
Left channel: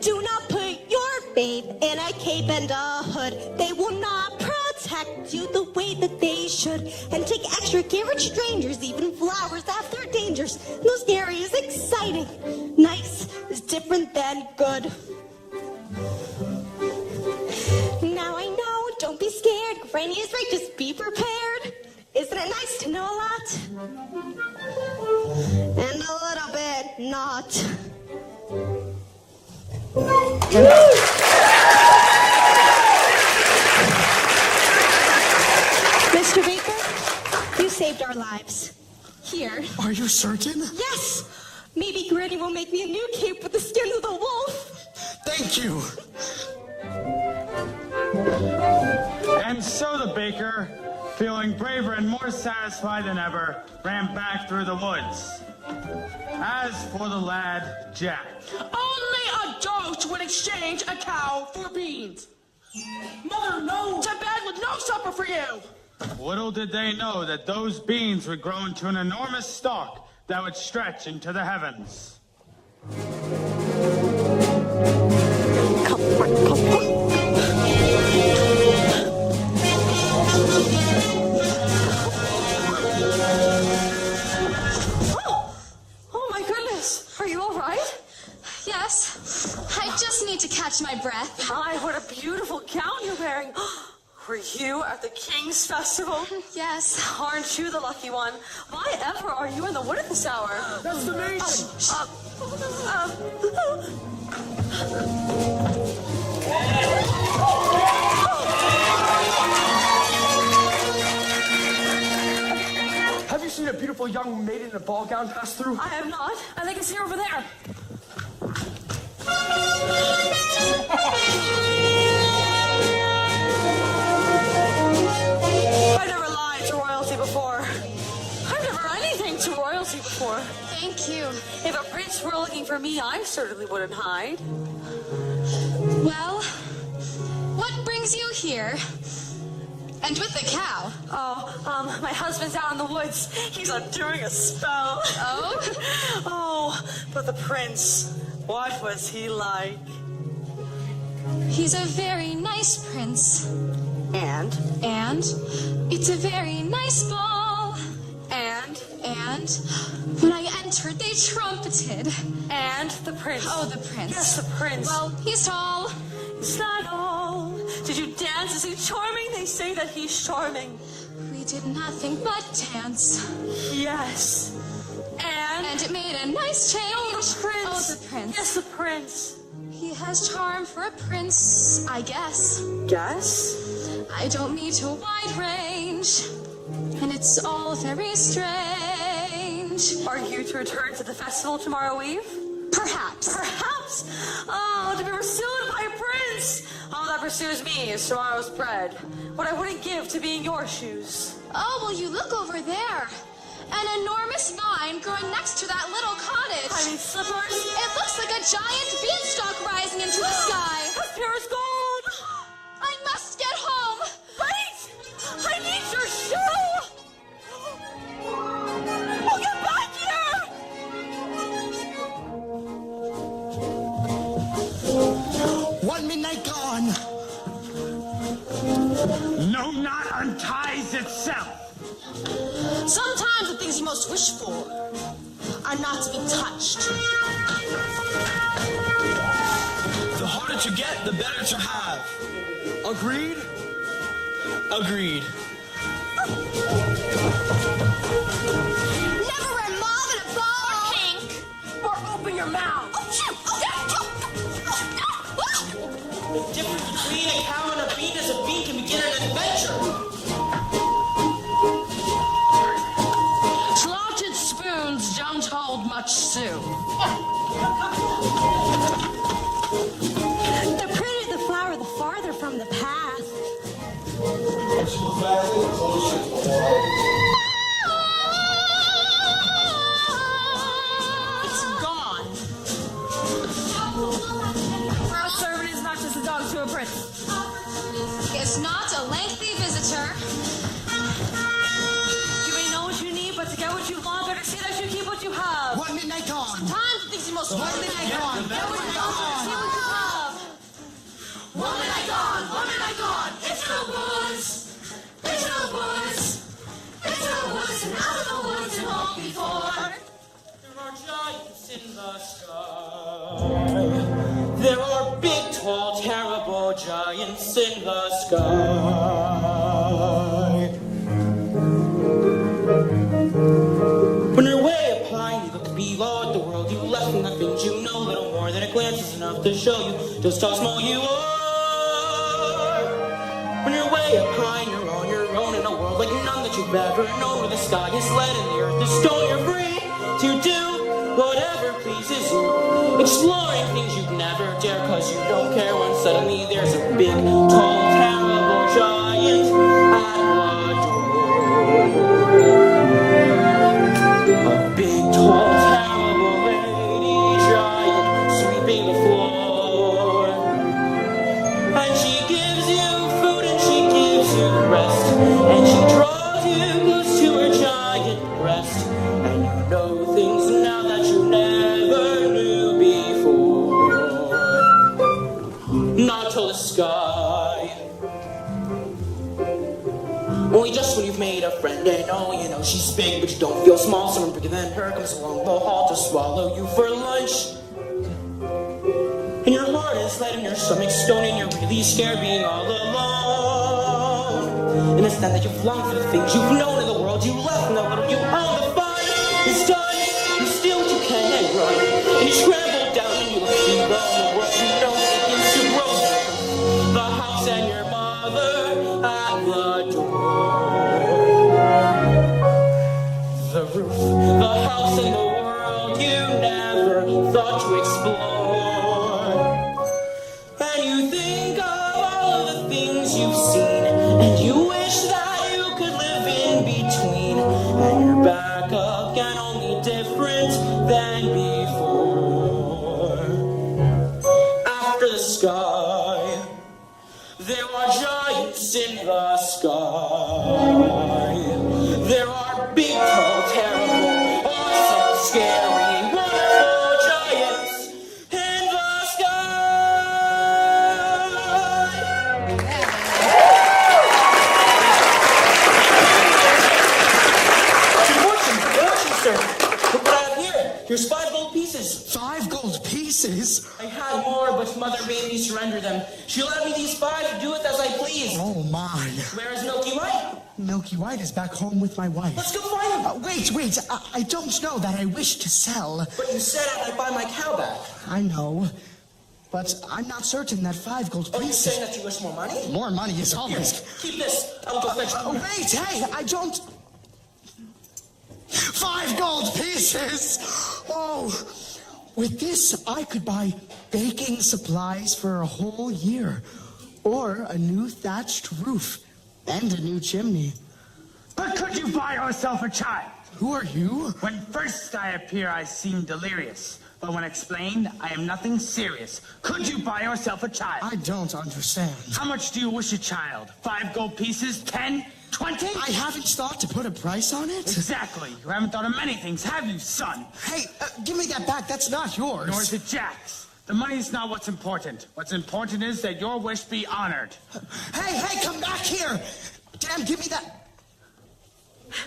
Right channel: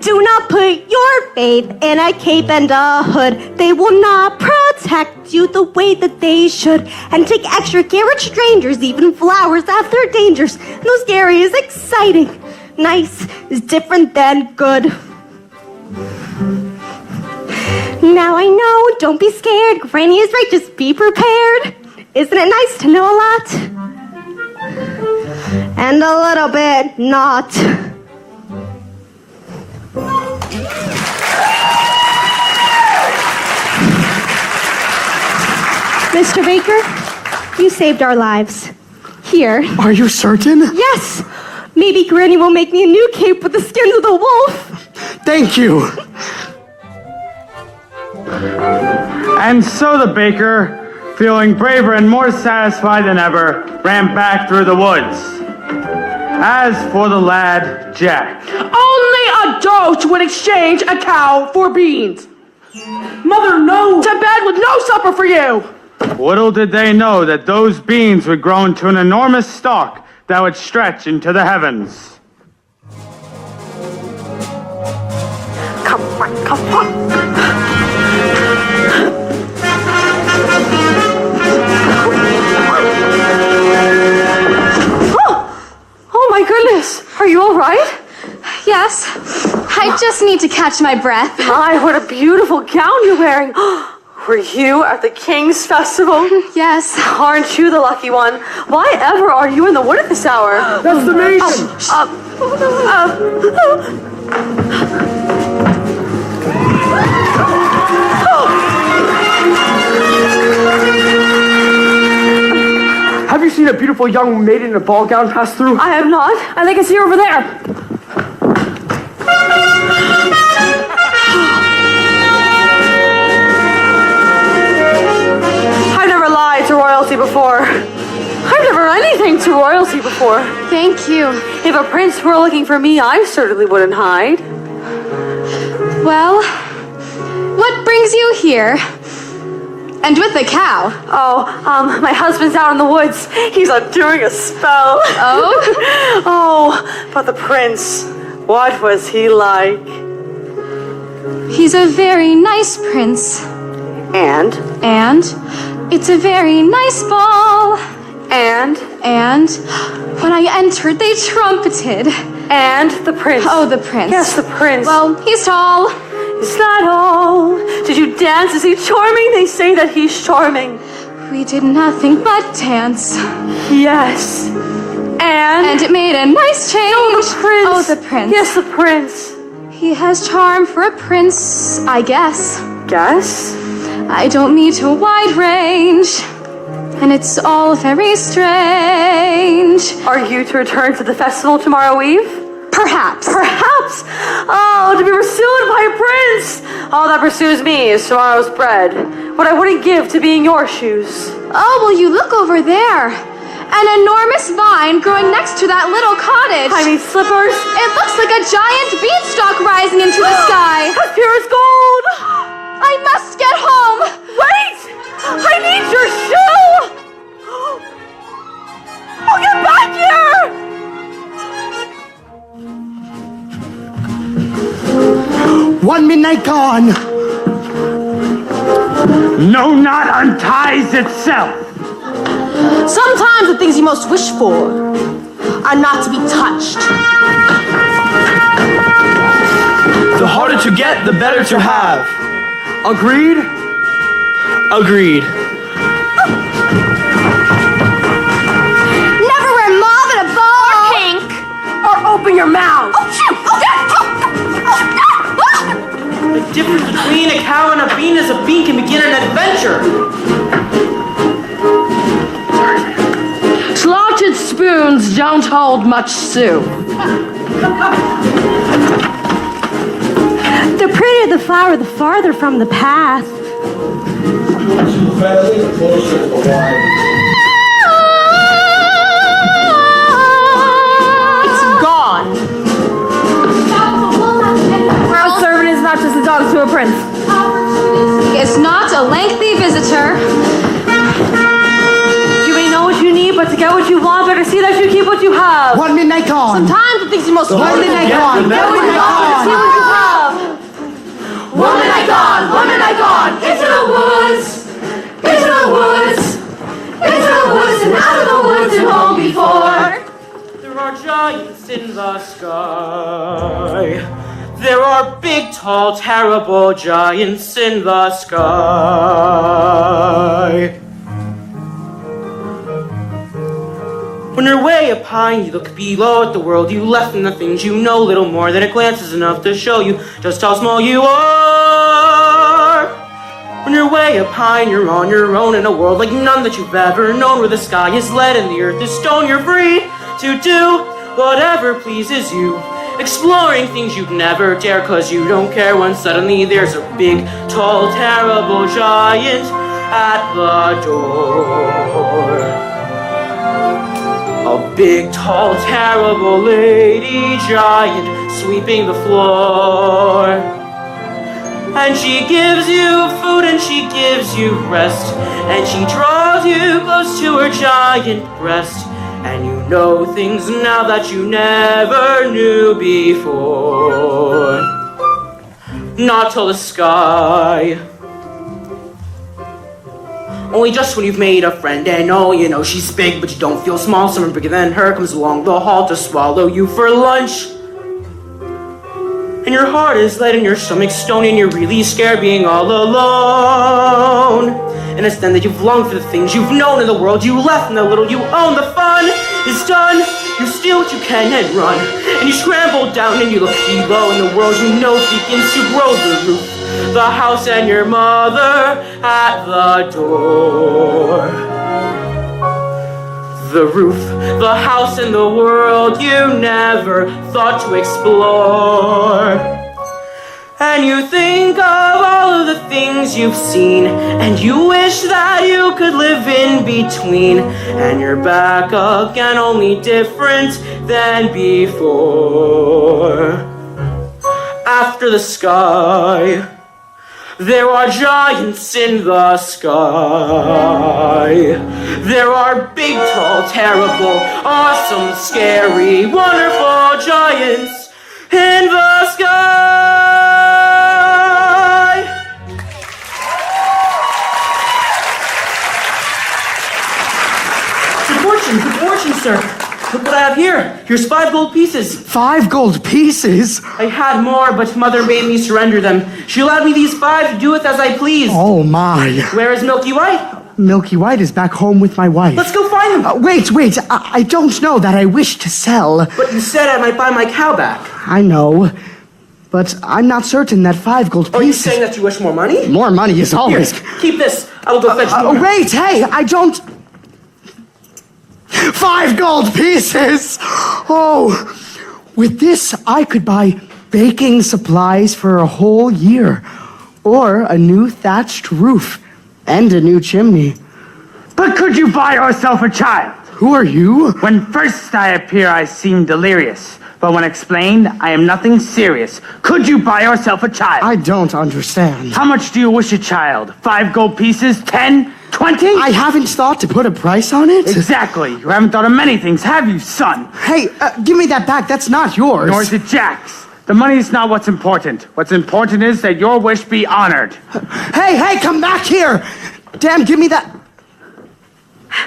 Do not put your faith in a cape and a hood. They will not protect you the way that they should. And take extra care of strangers, even flowers have their dangers. No, scary is exciting. Nice is different than good. Now I know, don't be scared. Granny is right, just be prepared. Isn't it nice to know a lot? And a little bit not. Mr. Baker, you saved our lives. Here. Are you certain? Yes. Maybe Granny will make me a new cape with the skins of the wolf. Thank you. And so the baker, feeling braver and more satisfied than ever, ran back through the woods. As for the lad, Jack. Only a dolt would exchange a cow for beans. Mother, no! To bed with no supper for you. Little did they know that those beans would grow into an enormous stalk that would stretch into the heavens. Come on, come on. Oh my goodness. Are you all right? Yes, I just need to catch my breath. My, what a beautiful gown you're wearing. Were you at the King's Festival? Yes. Aren't you the lucky one? Why ever are you in the wood at this hour? That's the mason! Have you seen a beautiful young maiden in a ball gown pass through? I have not. I think I see her over there. I've never lied to royalty before. I've never anything to royalty before. Thank you. If a prince were looking for me, I certainly wouldn't hide. Well, what brings you here? And with the cow? Oh, my husband's out in the woods. He's undoing a spell. Oh? Oh, but the prince, what was he like? He's a very nice prince. And it's a very nice ball. And when I entered, they trumpeted. And the prince. Oh, the prince. Yes, the prince. Well, he's tall. Is that all? Did you dance? Is he charming? They say that he's charming. We did nothing but dance. Yes. And it made a nice change. No, the prince. Oh, the prince. Yes, the prince. He has charm for a prince, I guess. Guess? I don't meet a wide range. And it's all very strange. Are you to return to the festival tomorrow eve? Perhaps. Perhaps? Oh, to be pursued by a prince! All that pursues me is tomorrow's bread. What I wouldn't give to be in your shoes. Oh, will you look over there? An enormous vine growing next to that little cottage. I mean slippers? It looks like a giant beanstalk rising into the sky. As pure as gold! I must get home. Wait! I need your shoe! Oh, get back here! One midnight gone. No knot unties itself. Sometimes the things you most wish for are not to be touched. The harder to get, the better to have. Agreed? Agreed. Never wear mauve at a ball. Or pink. Or open your mouth. Oh, shoot! The difference between a cow and a bean is a bean can begin an adventure. Slotted spoons don't hold much soup. The prettier the flower, the farther from the path. Fairly closer to the wine. It's gone. A servant is not just a dog to a prince. It's not a lengthy visitor. You may know what you need, but to get what you want, better see that you keep what you have. One midnight gone. Sometimes the things you most One want midnight Yeah, gone. the better One we midnight are. See gone. what you have. One minute gone, into the woods, into the woods, into the woods and out of the woods and home before. There are giants in the sky. There are big, tall, terrible giants in the sky. When you're way up high and you look below at the world you left and the things you know, little more than a glance is enough to show you just how small you are. When you're way up high and you're on your own in a world like none that you've ever known, where the sky is lead and the earth is stone, you're free to do whatever pleases you. Exploring things you'd never dare, 'cause you don't care when suddenly there's a big, tall, terrible giant at the door. A big, tall, terrible lady giant sweeping the floor. And she gives you food and she gives you rest, and she draws you close to her giant breast. And you know things now that you never knew before. Not till the sky. Only just when you've made a friend and oh, you know she's big, but you don't feel small. Someone bigger than her comes along the hall to swallow you for lunch. And your heart is light and your stomach's stony, and you're really scared being all alone. And it's then that you've longed for the things you've known in the world you left, and the little you own. The fun is done. You steal what you can and run, and you scramble down and you look below, and the world you know begins to grow. The roof, the house, and your mother at the door. The roof, the house, and the world you never thought to explore. And you think of all of the things you've seen, and you wish that you could live in between. And you're back again, only different than before. After the sky, there are giants in the sky. There are big, tall, terrible, awesome, scary, wonderful giants in the sky. Good fortune, sir. Look what I have here. Here's 5 gold pieces. 5 gold pieces? I had more, but Mother made me surrender them. She allowed me these 5 to do with as I pleased. Oh, my. Where is Milky White? Milky White is back home with my wife. Let's go find him. Wait. I don't know that I wish to sell. But you said I might buy my cow back. I know. But I'm not certain that 5 gold pieces... Are you saying that you wish more money? More money is always... Here, keep this. I will go fetch more. Wait, hey, I don't... 5 gold pieces! Oh, with this, I could buy baking supplies for a whole year, or a new thatched roof, and a new chimney. But could you buy yourself a child? Who are you? When first I appear, I seem delirious. But when explained, I am nothing serious. Could you buy yourself a child? I don't understand. How much do you wish a child? 5 gold pieces? 10? 20? I haven't thought to put a price on it. Exactly. You haven't thought of many things, have you, son? Hey, give me that back. That's not yours. Nor is it Jack's. The money is not what's important. What's important is that your wish be honored. Hey, come back here! Damn, give me that...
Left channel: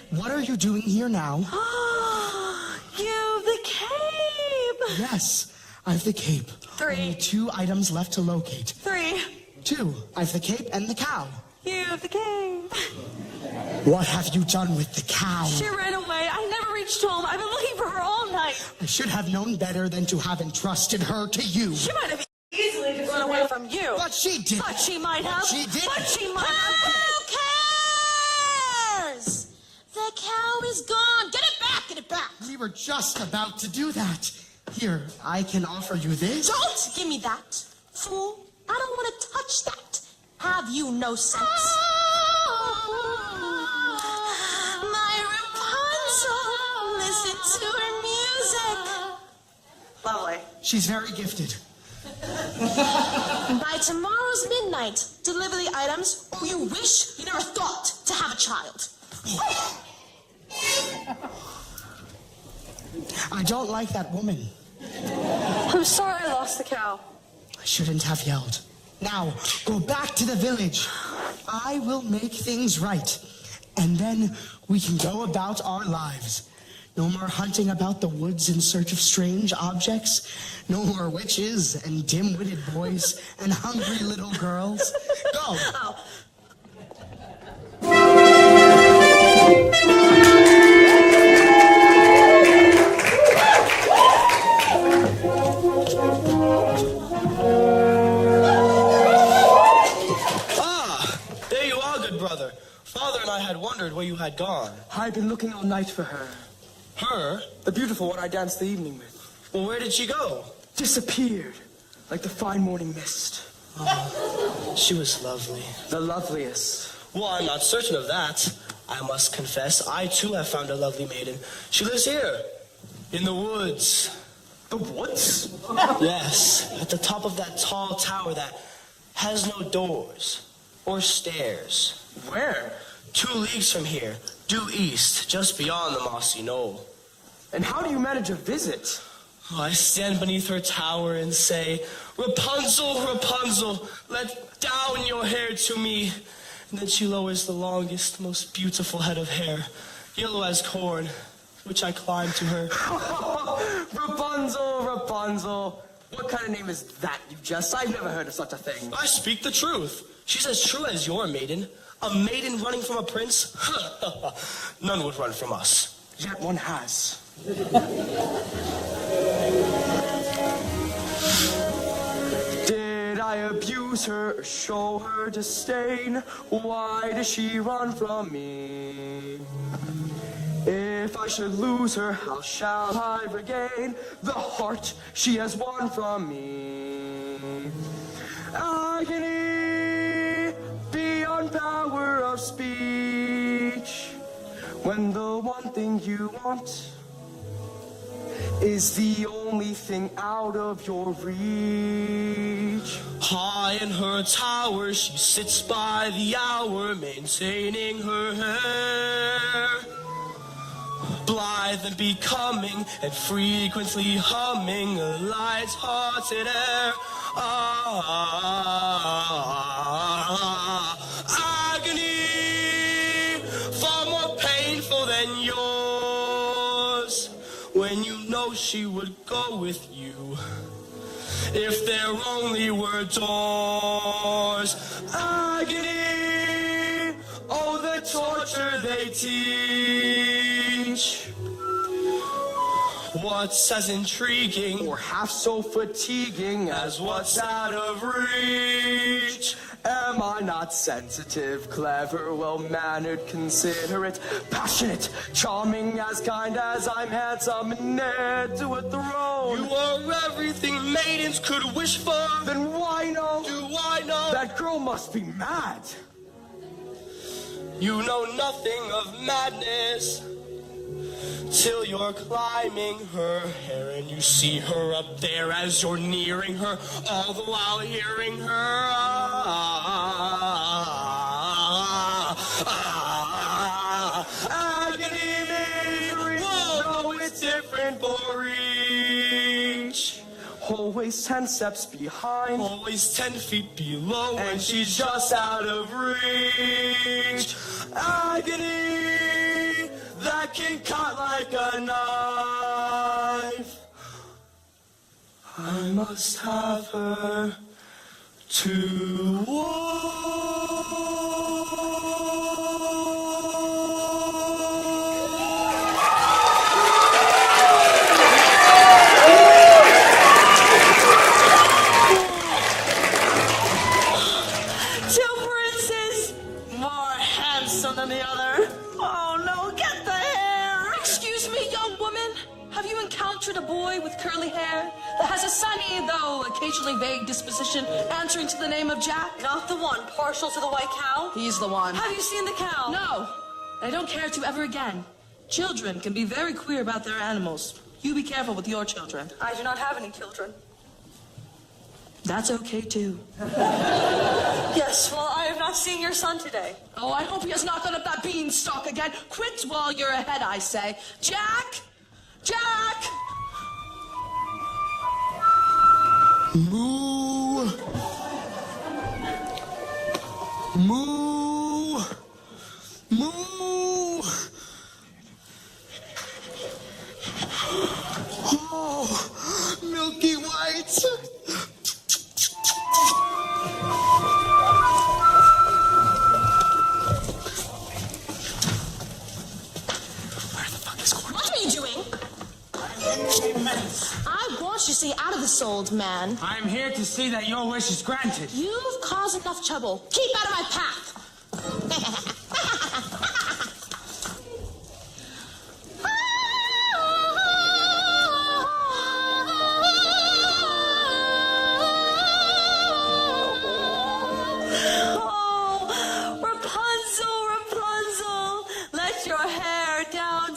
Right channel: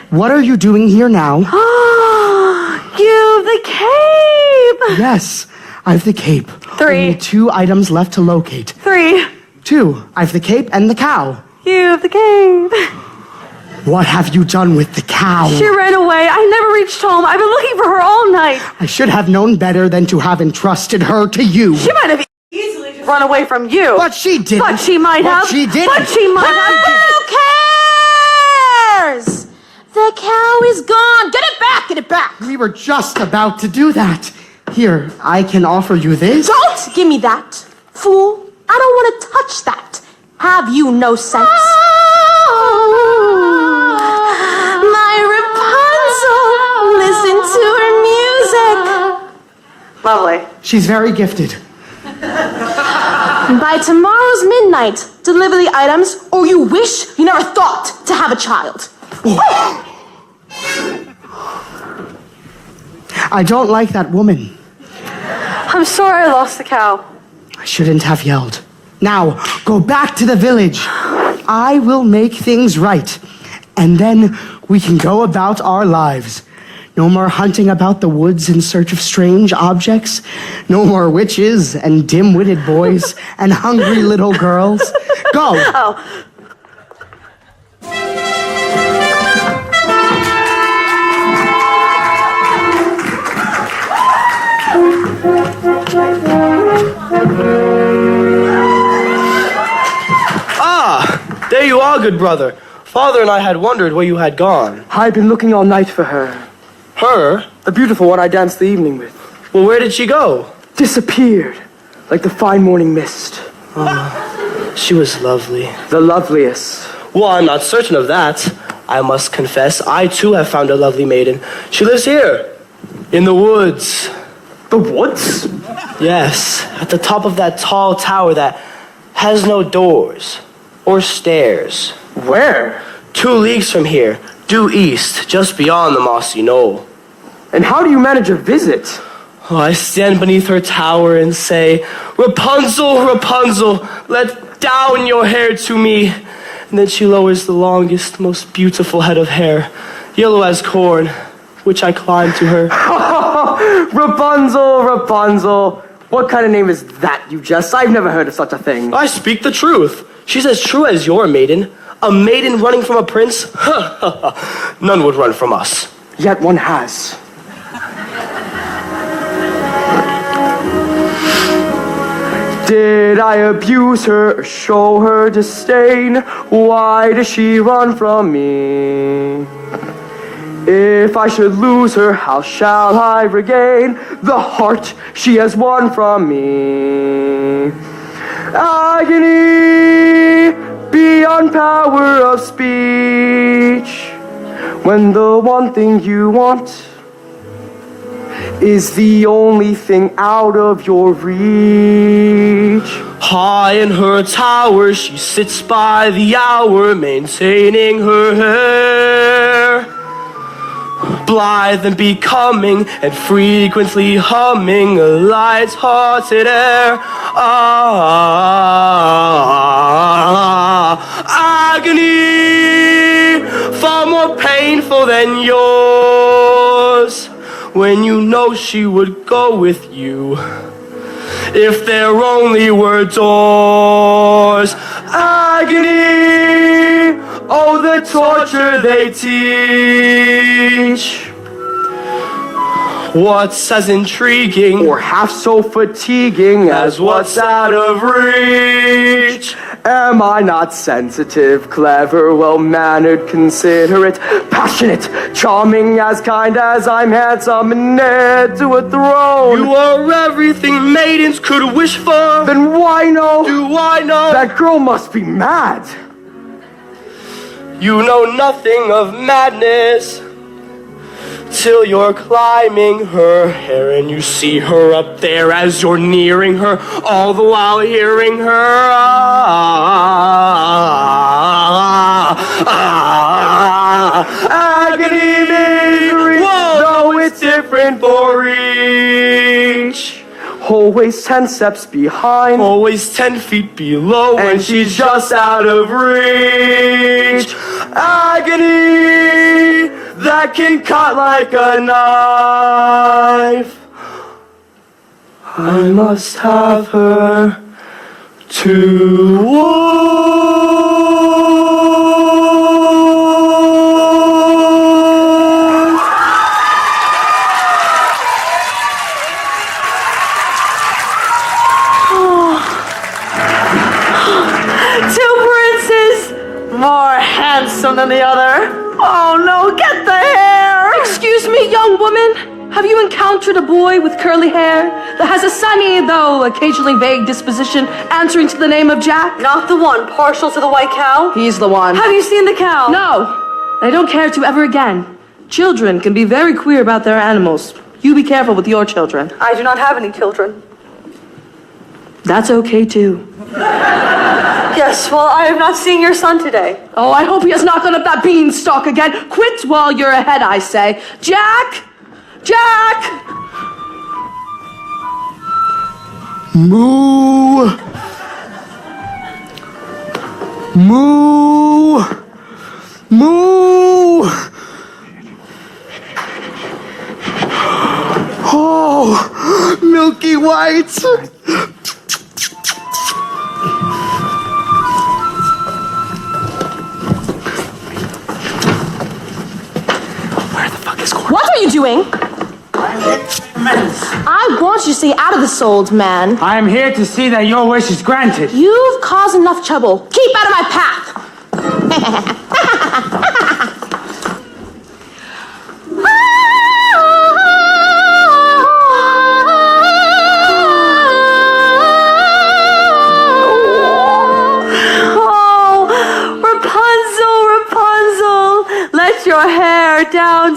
What are you doing here now? You've the cape! Yes, I've the cape. 3. Only 2 items left to locate. 3. 2, I've the cape and the cow. You've the cape. What have you done with the cow? She ran away. I never reached home. I've been looking for her all night. I should have known better than to have entrusted her to you. She might have easily just run away from you. But she didn't. But she might have. But she didn't. But she might have. Who cares? The cow is gone. Get it back. Get it back. We were just about to do that. Here, I can offer you this. Don't give me that, fool. I don't want to touch that. Have you no sense? My Rapunzel, listen to her music. Lovely. She's very gifted. By tomorrow's midnight, deliver the items, or you wish you never thought to have a child. I don't like that woman. I'm sorry I lost the cow. I shouldn't have yelled. Now, go back to the village. I will make things right. And then we can go about our lives. No more hunting about the woods in search of strange objects. No more witches and dim-witted boys and hungry little girls. Go. Oh. There you are, good brother. Father and I had wondered where you had gone. I've been looking all night for her. Her? The beautiful one I danced the evening with. Well, where did she go? Disappeared, like the fine morning mist. She was lovely. The loveliest. Well, I'm not certain of that. I must confess, I too have found a lovely maiden. She lives here, in the woods. The woods? Yes, at the top of that tall tower that has no doors or stairs. Where? 2 leagues from here, due east, just beyond the mossy knoll. And how do you manage a visit? Oh, I stand beneath her tower and say, Rapunzel, Rapunzel, let down your hair to me. And then she lowers the longest, most beautiful head of hair, yellow as corn, which I climb to her. Rapunzel, Rapunzel. What kind of name is that, you jest? I've never heard of such a thing. I speak the truth. She's as true as your maiden. A maiden running from a prince? None would run from us. Yet one has. Did I abuse her or show her disdain? Why does she run from me? If I should lose her, how shall I regain the heart she has won from me? Agony beyond power of speech, when the one thing you want is the only thing out of your reach. High in her tower, she sits by the hour, maintaining her hair. Blithe and becoming, and frequently humming a light-hearted air. Agony, far more painful than yours, when you know she would go with you, if there only were doors. Agony, oh, the torture they teach. What's as intriguing or half so fatiguing as what's out of reach? Am I not sensitive, clever, well-mannered, considerate, passionate, charming, as kind as I'm handsome and heir to a throne? You are everything maidens could wish for. Then why no? Do I know? That girl must be mad. You know nothing of madness till you're climbing her hair and you see her up there as you're nearing her, all the while hearing her agony, misery. Whoa, though it's different for each. Always 10 steps behind, always 10 feet below, and she's just out of reach. Agony that can cut like a knife. I must have her to than the other. Oh no, get the hair! Excuse me, young woman. Have you encountered a boy with curly hair that has a sunny, though occasionally vague disposition, answering to the name of Jack? Not the one partial to the white cow? He's the one. Have you seen the cow? No. I don't care to ever again. Children can be very queer about their animals. You be careful with your children. I do not have any children. That's okay, too. Yes, well, I have not seen your son today. Oh, I hope he has not gone up that beanstalk again. Quit while you're ahead, I say. Jack! Jack! Moo! Moo! Moo! Oh, milky white! What are you doing? I want you to stay out of this, old man. I am here to see that your wish is granted. You've caused enough trouble. Keep out of my path.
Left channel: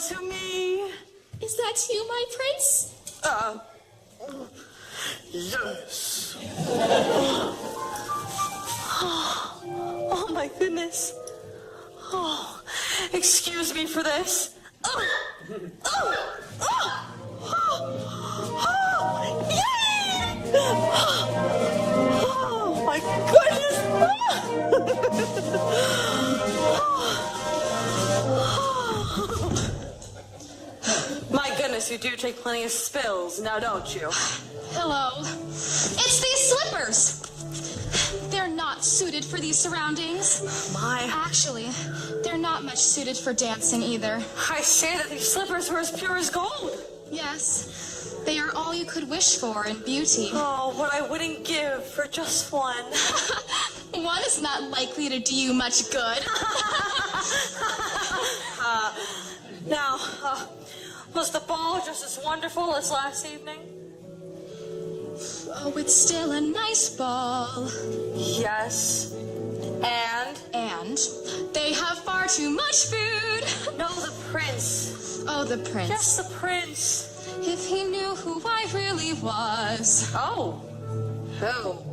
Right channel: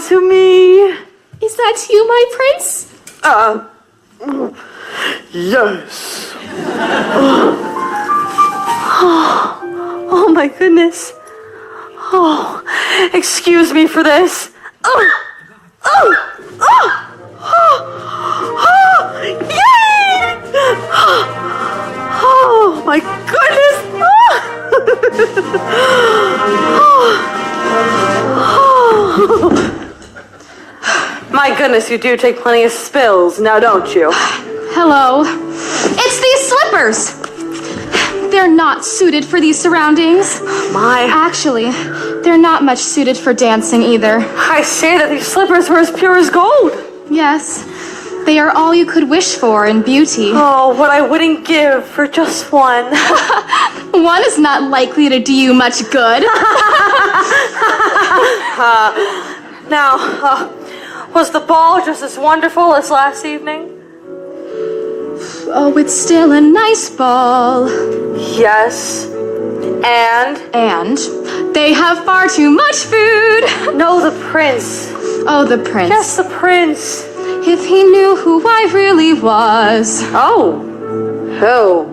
to me. Is that you, my prince? Yes. Oh my goodness. Oh, excuse me for this. Yay! Oh my goodness. My goodness, you do take plenty of spills, now don't you? Hello. It's these slippers. They're not suited for these surroundings. Actually, they're not much suited for dancing either. I say that these slippers were as pure as gold. Yes, they are all you could wish for in beauty. Oh, what I wouldn't give for just one. One is not likely to do you much good. Was the ball just as wonderful as last evening? Oh, it's still a nice ball. Yes. And they have far too much food. No, the prince. Oh, the prince. Yes, the prince. If he knew who I really was. Oh. Who?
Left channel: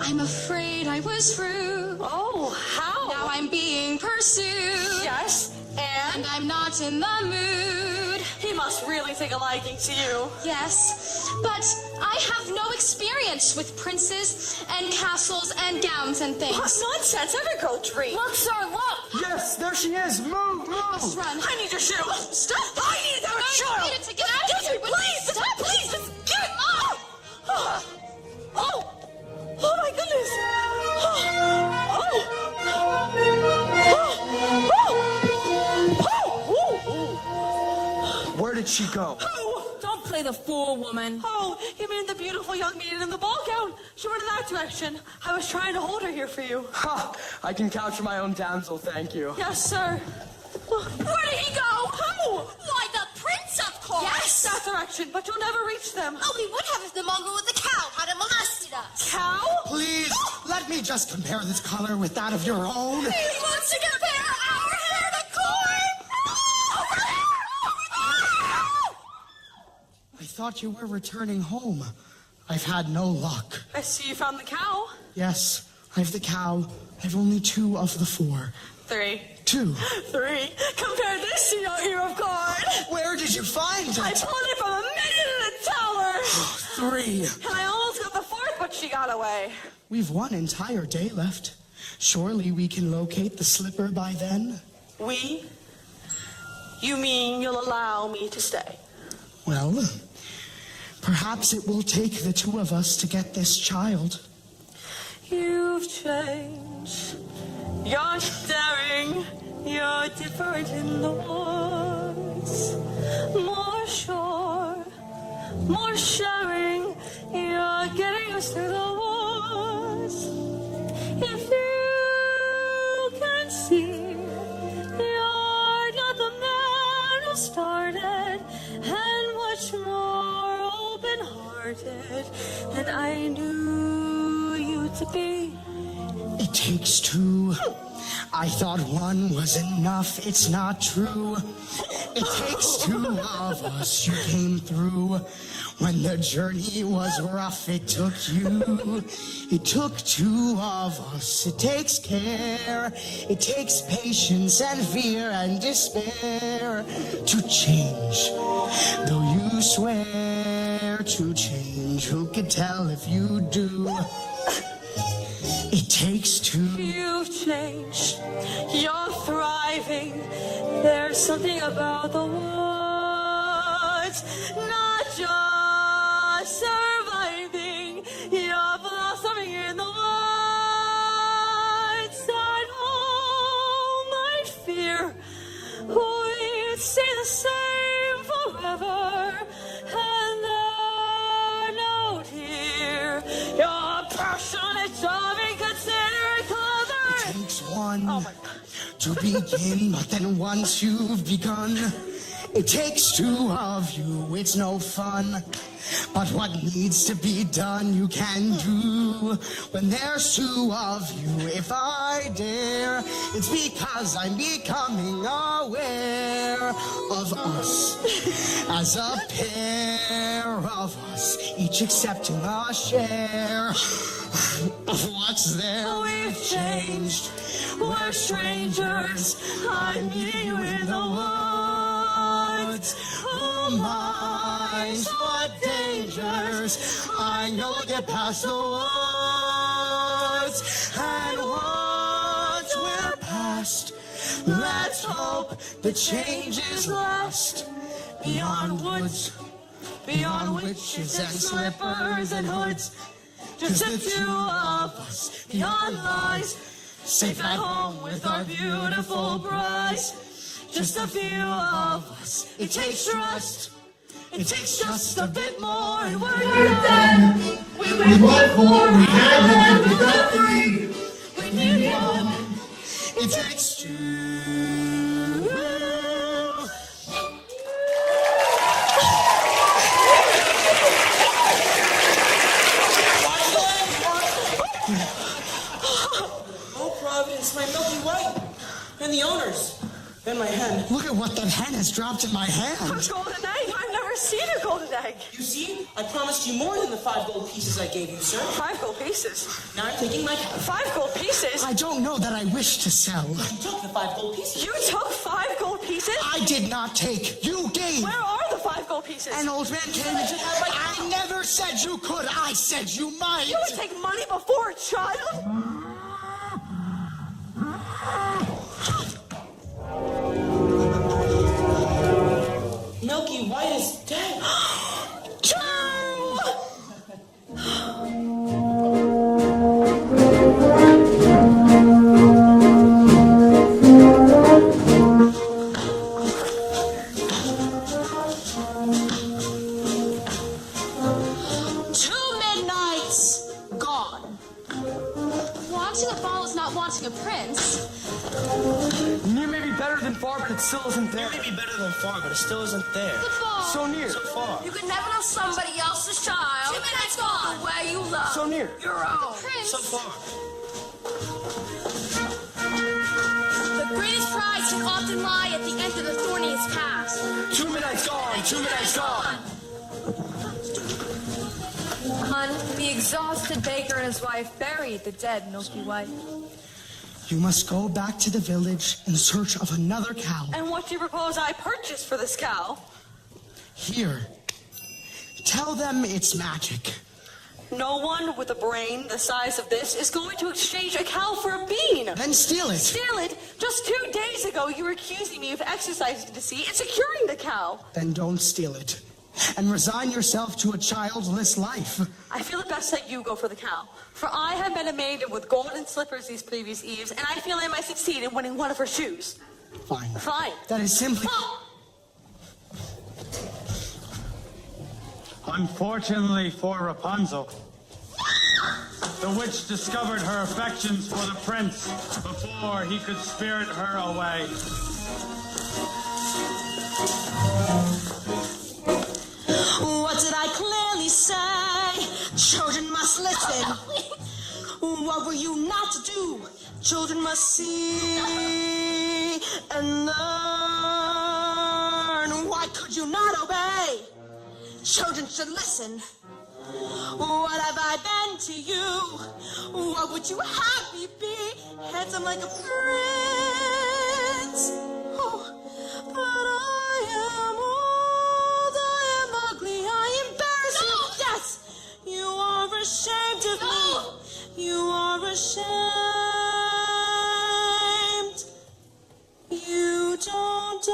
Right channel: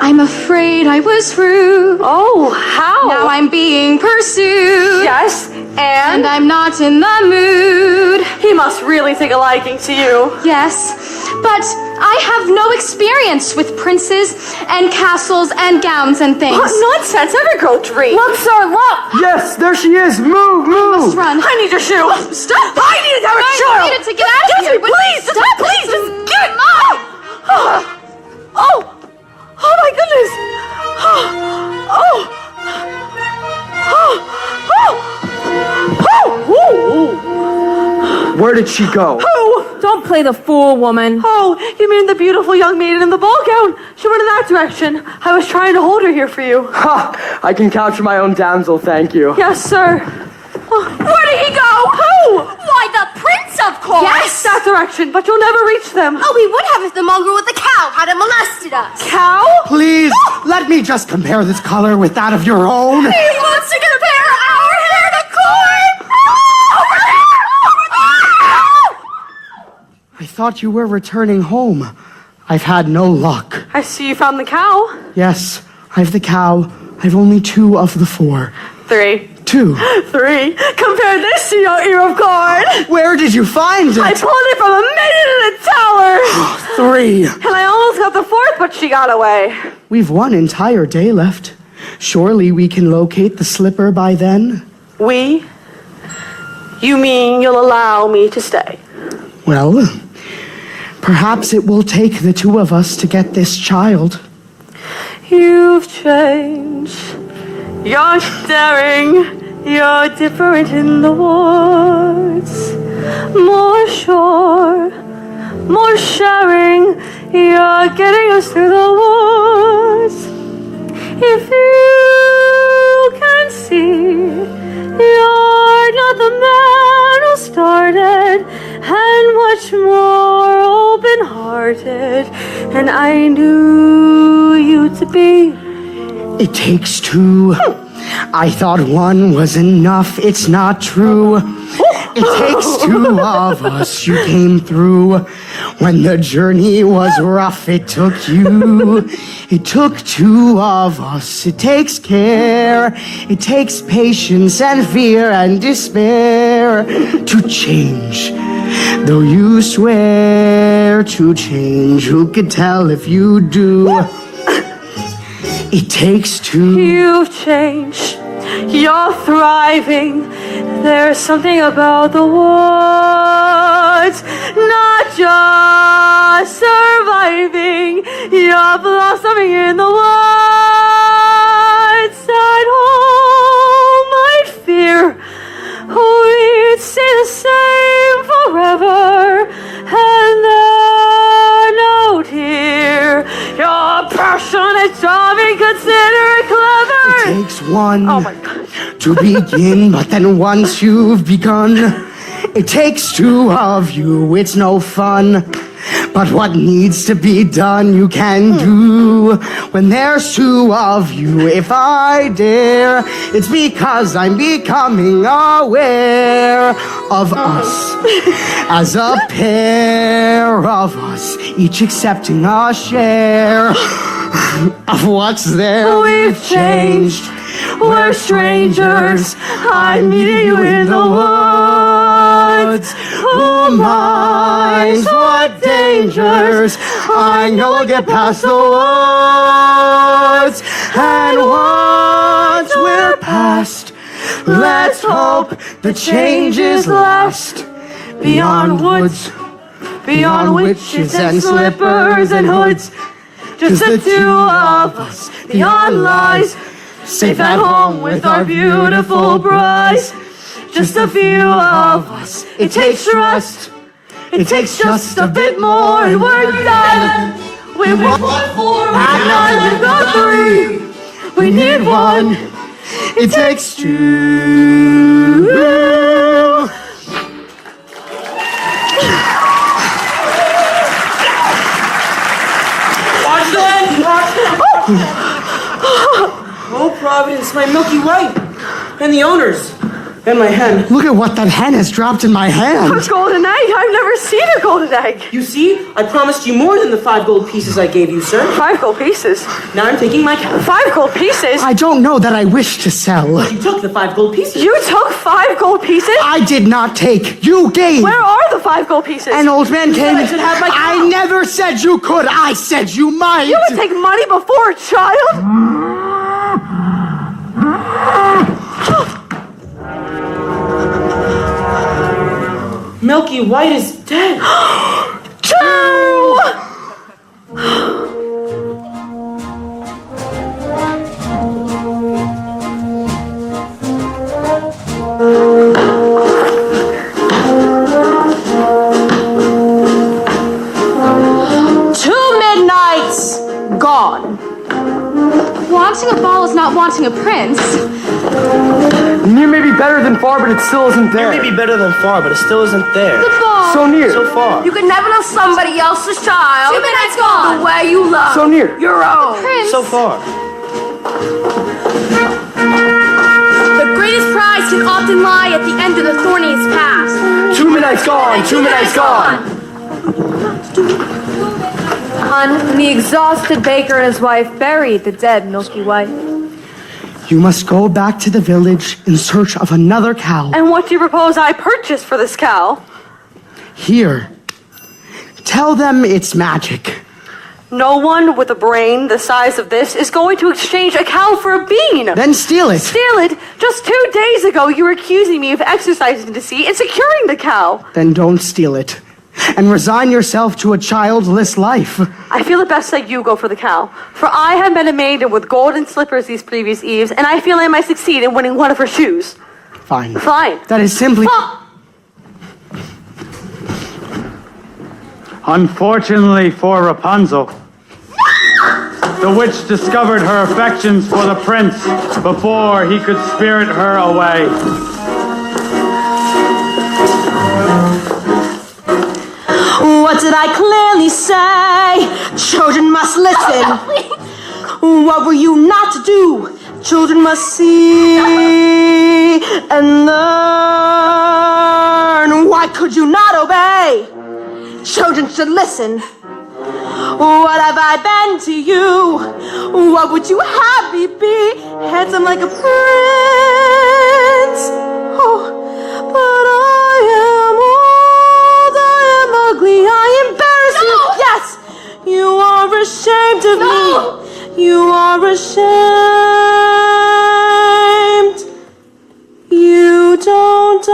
I'm afraid I was rude. Oh, how? Now I'm being pursued. Yes, and I'm not in the mood. He must really take a liking to you. Yes, but I have no experience with princes and castles and gowns and things. What nonsense! Every girl dreams. Look, sir, look! Yes, there she is. Move, move. I must run. I need your shoe. Stop! I need to have a shoe. I needed to get out of here. Just please, Stop! please, just give it. Oh my goodness. Where did she go? Who? Don't play the fool, woman. Oh, you mean the beautiful young maiden in the ball gown? She went in that direction. I was trying to hold her here for you. Ha! I can capture my own damsel, thank you. Yes, sir. Where did he go? Who? Why, the prince, of course! Yes, that direction, but you'll never reach them. Oh, we would have if the mongrel with the cow hadn't molested us. Cow? Please, let me just compare this color with that of your own. He wants to compare our hair to corn! I thought you were returning home. I've had no luck. I see you found the cow. Yes, I've the cow. I've only 2 of the 4. 3. 2. 3. Compare this to your ear of corn. Where did you find it? I pulled it from a maiden in a tower. 3. And I almost got the 4th, but she got away. We've 1 entire day left. Surely we can locate the slipper by then? We? You mean you'll allow me to stay? Well, perhaps it will take the 2 of us to get this child. You've changed. You're staring. You're different in the woods. More sure. More sharing. You're getting us through the woods. If you can see, you're not the man who started, and much more open-hearted than I knew you to be. It takes 2. I thought 1 was enough. It's not true. It takes 2 of us. You came through. When the journey was rough, it took you. It took 2 of us. It takes care. It takes patience and fear and despair to change. Though you swear to change, who could tell if you do? It takes 2. You've changed. You're thriving. There's something about the woods, not just surviving. You're blossoming in the woods. At home, I'd fear we'd stay the same forever, and then out here, you're passionate, charming, considerate, clever. It takes 1 Oh my God. to begin, but then once you've begun, it takes 2 of you. It's no fun. But what needs to be done, you can do when there's two of you. If I dare, it's because I'm becoming aware of us as a pair of us, each accepting a share of what's there. We've changed. We're strangers. I'm meeting you in the woods. Who minds what dangers? I know I'll get past the woods. And once we're past, let's hope the changes last. Beyond woods, beyond witches and slippers and hoods, just the two of us, beyond lies, safe at home with our beautiful brides. Just a few of us, it takes trust. It takes just a bit more and we're done. We want four, we got three. We need one, it takes two. Watch that! Oh, Providence, my Milky White. And the owners. And my hen. Look at what that hen has dropped in my hand. A golden egg? I've never seen a golden egg. You see, I promised you more than the 5 gold pieces I gave you, sir. 5 gold pieces? Now I'm taking my cow. 5 gold pieces? I don't know that I wish to sell. You took the 5 gold pieces. You took 5 gold pieces? I did not take. You gave. Where are the 5 gold pieces? An old man came. I should have my cow. I never said you could. I said you might. You would take money before a child? Milky White is dead. Two! Midnights gone. Wanting a ball is not wanting a prince. Near may be better than far, but it still isn't there. It may be better than far, but it still isn't there. The ball. So near. So far. You could never love somebody else's child. 2 minutes gone. The way you love So near. your own. Prince. So far. The greatest prize can often lie at the end of the thorniest path. 2 midnights gone. 2 midnights gone. And the exhausted baker and his wife buried the dead Milky White. You must go back to the village in search of another cow. And what do you propose I purchase for this cow? Here. Tell them it's magic. No one with a brain the size of this is going to exchange a cow for a bean. Then steal it. Steal it? Just 2 days ago, you were accusing me of exercising deceit and securing the cow. Then don't steal it. And resign yourself to a childless life. I feel it best that you go for the cow. For I have met a maiden with golden slippers these previous eves, and I feel I might succeed in winning one of her shoes. Fine. Fine. That is simply... Unfortunately for Rapunzel, the witch discovered her affections for the prince before he could spirit her away. What did I clearly say? Children must listen. What were you not to do? Children must see and learn. Why could you not obey? Children should listen. What have I been to you? What would you have me be? Handsome like a prince. Oh, but I am old, I am ugly, I embarrass you. Yes, you are ashamed of me. You are ashamed. You don't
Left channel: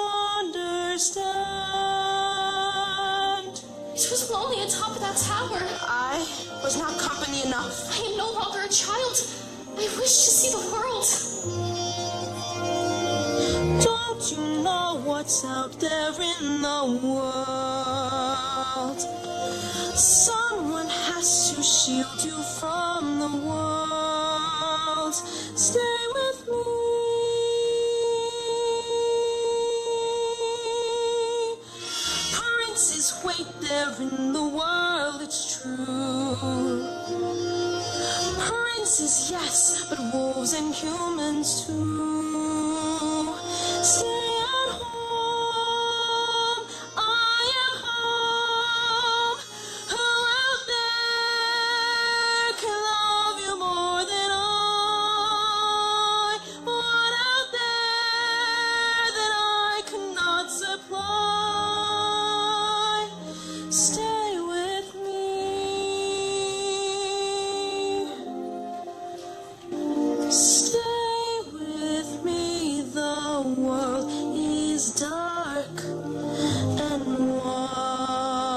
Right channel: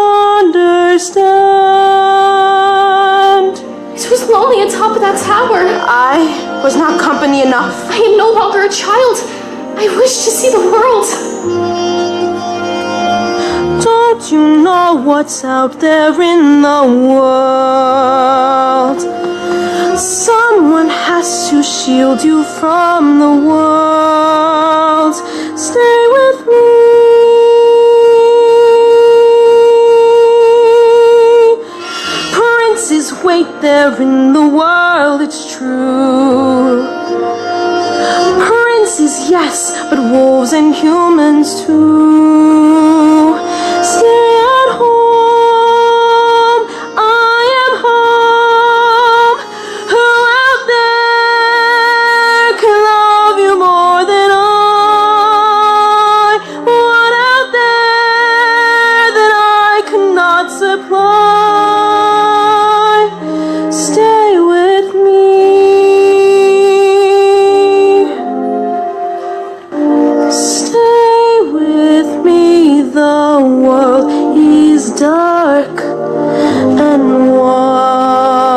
understand. It was lonely atop of that tower. I was not company enough. I am no longer a child. I wish to see the world. Don't you know what's out there in the world? Someone has to shield you from the world. Stay with me. Princes wait there in the world, it's true. Princes, yes, but wolves and humans too. Stay at home, I am home. Who out there can love you more than I? What out there that I cannot supply? Stay with me. Stay with me. The world is dark and wild.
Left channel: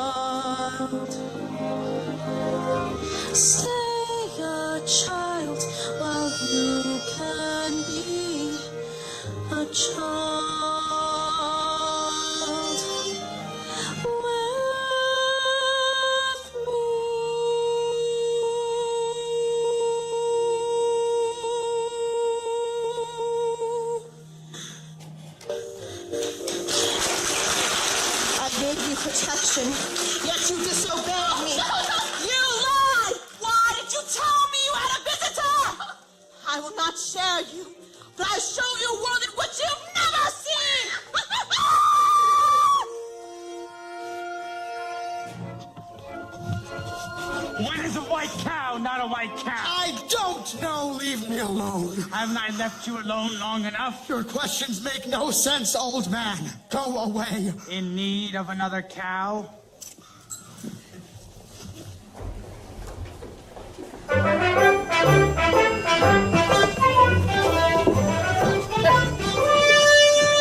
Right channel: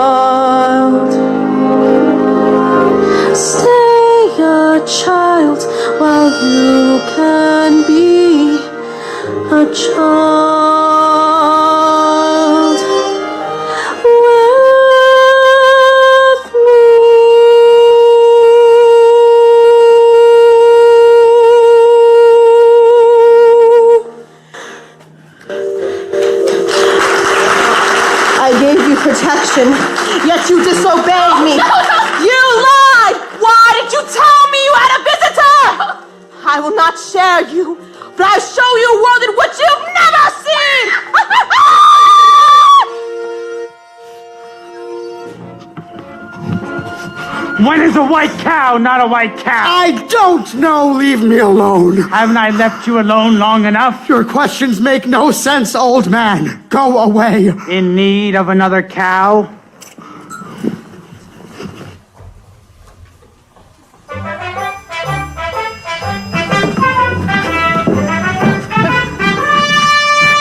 Stay a child while you can be a child with me. I gave you protection, yet you disobeyed me. You lied! Why did you tell me you had a visitor? I will not share you, but I'll show you a world in which you've never seen! When is a white cow not a white cow? I don't know. Leave me alone. Haven't I left you alone long enough? Your questions make no sense, old man. Go away. In need of another cow?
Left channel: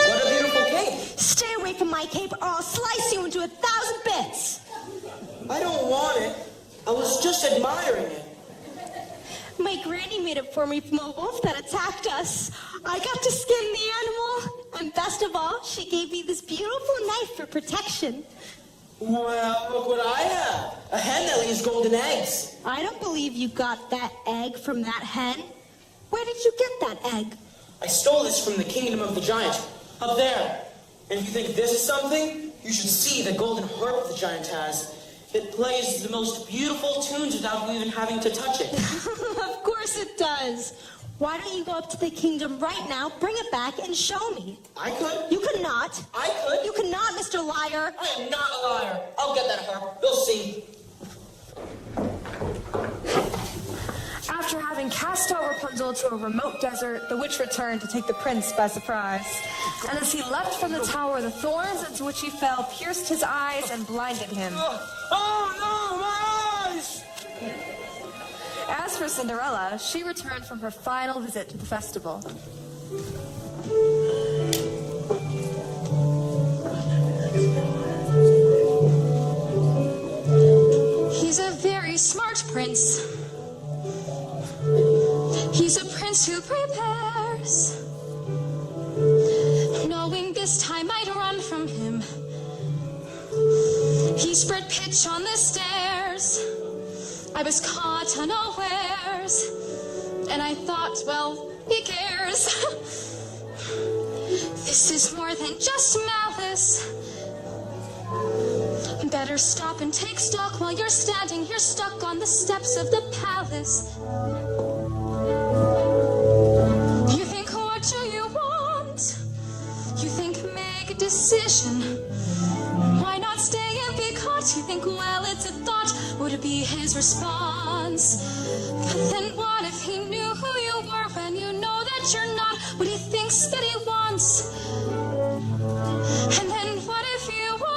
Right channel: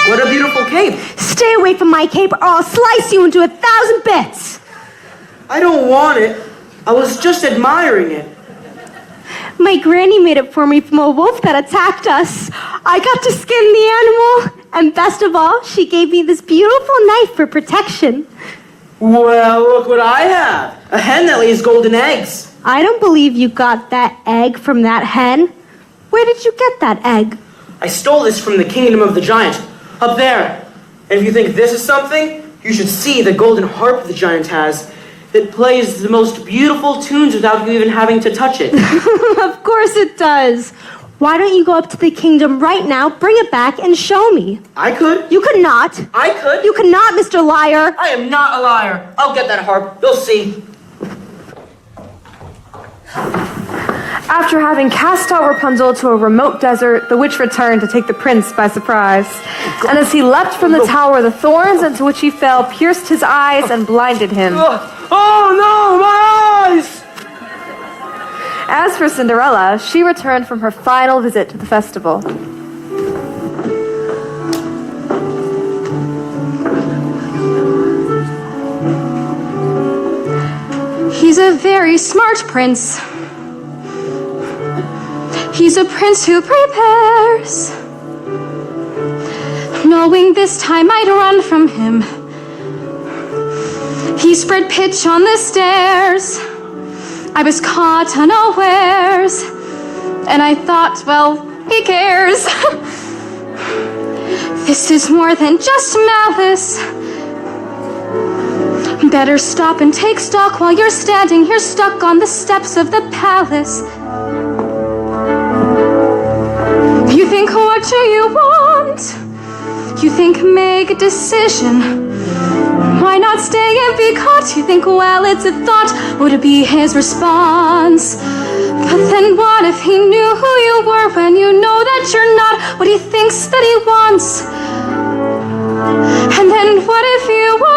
What a beautiful cape. Stay away from my cape or I'll slice you into 1,000 bits. I don't want it. I was just admiring it. My granny made it for me from a wolf that attacked us. I got to skin the animal, and best of all, she gave me this beautiful knife for protection. Well, look what I have. A hen that lays golden eggs. I don't believe you got that egg from that hen. Where did you get that egg? I stole this from the kingdom of the giant, up there. And if you think this is something, you should see the golden harp the giant has. It plays the most beautiful tunes without you even having to touch it. Of course it does. Why don't you go up to the kingdom right now, bring it back, and show me? I could. You could not. I could. You could not, Mr. Liar. I am not a liar. I'll get that harp. You'll see. After having cast out Rapunzel to a remote desert, the witch returned to take the prince by surprise. And as he leapt from the tower, the thorns into which he fell pierced his eyes and blinded him. Oh no, my eyes! As for Cinderella, she returned from her final visit to the festival. He's a very smart prince. He's a prince who prepares, knowing this time I'd run from him. He spread pitch on the stairs. I was caught unawares, and I thought, well, he cares. This is more than just malice. Better stop and take stock while you're standing here stuck on the steps of the palace. You think, what do you want? You think, make a decision. Why not stay and be caught? You think, well, it's a thought. Would it be his response? But then what if he knew who you were when you know that you're not what he thinks that he wants? And then what if you were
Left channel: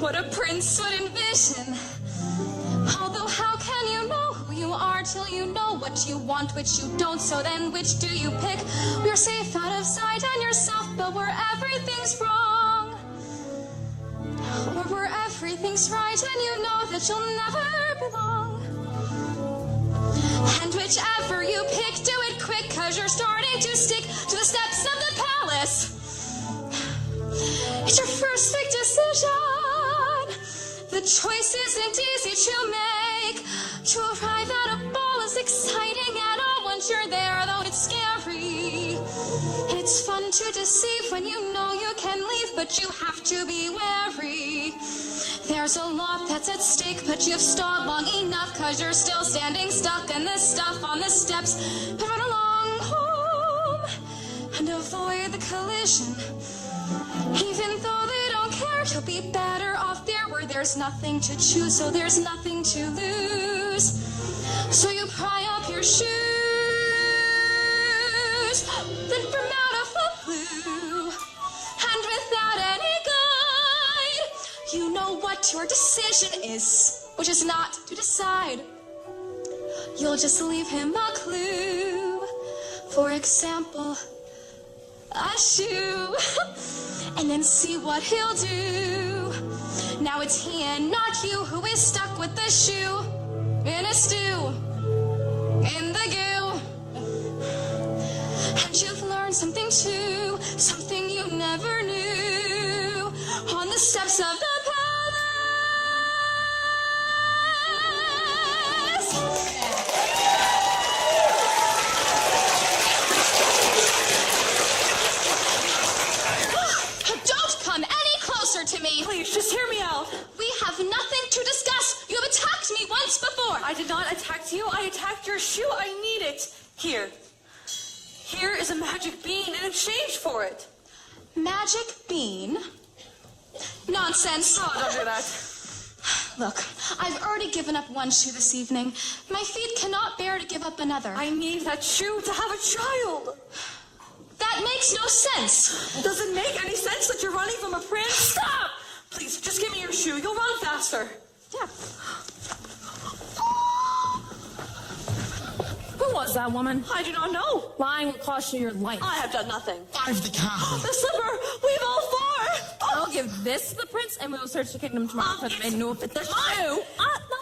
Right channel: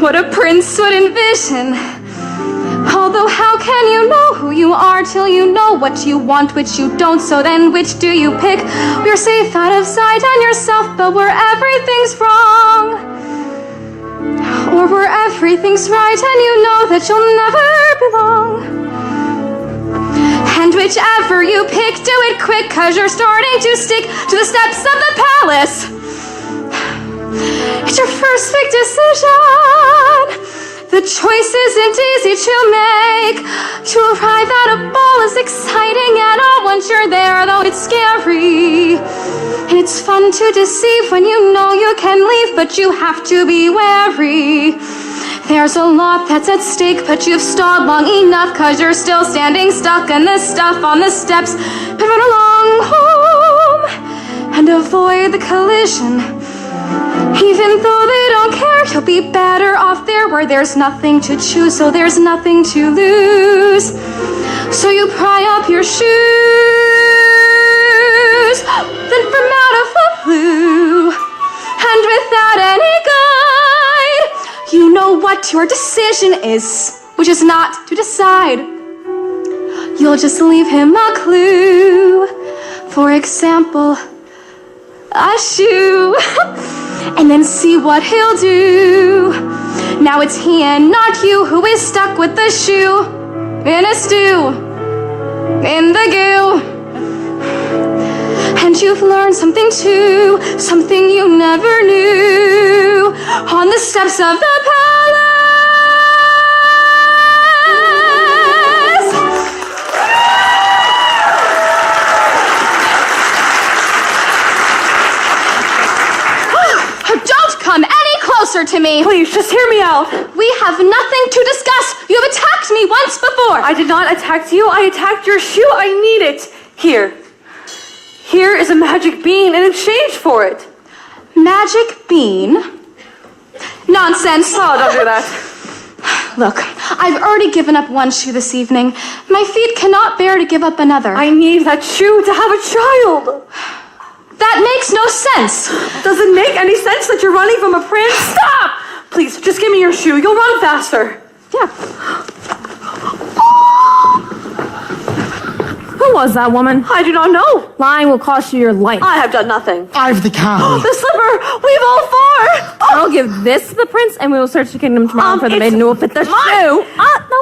what a prince would envision? Although how can you know who you are till you know what you want, which you don't? So then which do you pick? We're safe out of sight and yourself, but where everything's wrong, or where everything's right and you know that you'll never belong. And whichever you pick, do it quick, 'cause you're starting to stick to the steps of the palace. It's your first big decision. The choice isn't easy to make. To arrive at a ball is exciting, and all once you're there, though it's scary. And it's fun to deceive when you know you can leave, but you have to be wary. There's a lot that's at stake, but you've stalled long enough, 'cause you're still standing stuck in the stuff on the steps. But run along home and avoid the collision. Even though they don't care, you'll be better off there where there's nothing to choose, so there's nothing to lose. So you pry up your shoes, then from out of the blue, and without any guide, you know what your decision is, which is not to decide. You'll just leave him a clue. For example, a shoe. And then see what he'll do. Now it's he and not you who is stuck with the shoe in a stew, in the goo. And you've learned something too, something you never knew, on the steps of the palace. Don't come any closer to me. Please, just hear me out. We have nothing to discuss. You have attacked me once before. I did not attack you. I attacked your shoe. I need it. Here. Here is a magic bean in exchange for it. Magic bean? Nonsense. Oh, don't do that. Look, I've already given up one shoe this evening. My feet cannot bear to give up another. I need that shoe to have a child. That makes no sense. Does it make any sense that you're running from a prince? Stop! Please, just give me your shoe. You'll run faster. Yeah. Who was that woman? I do not know. Lying will cost you your life. I have done nothing. I've the cow. The slipper! We've all four! I'll give this to the prince, and we will search the kingdom tomorrow for the maiden who will fit the shoe. No,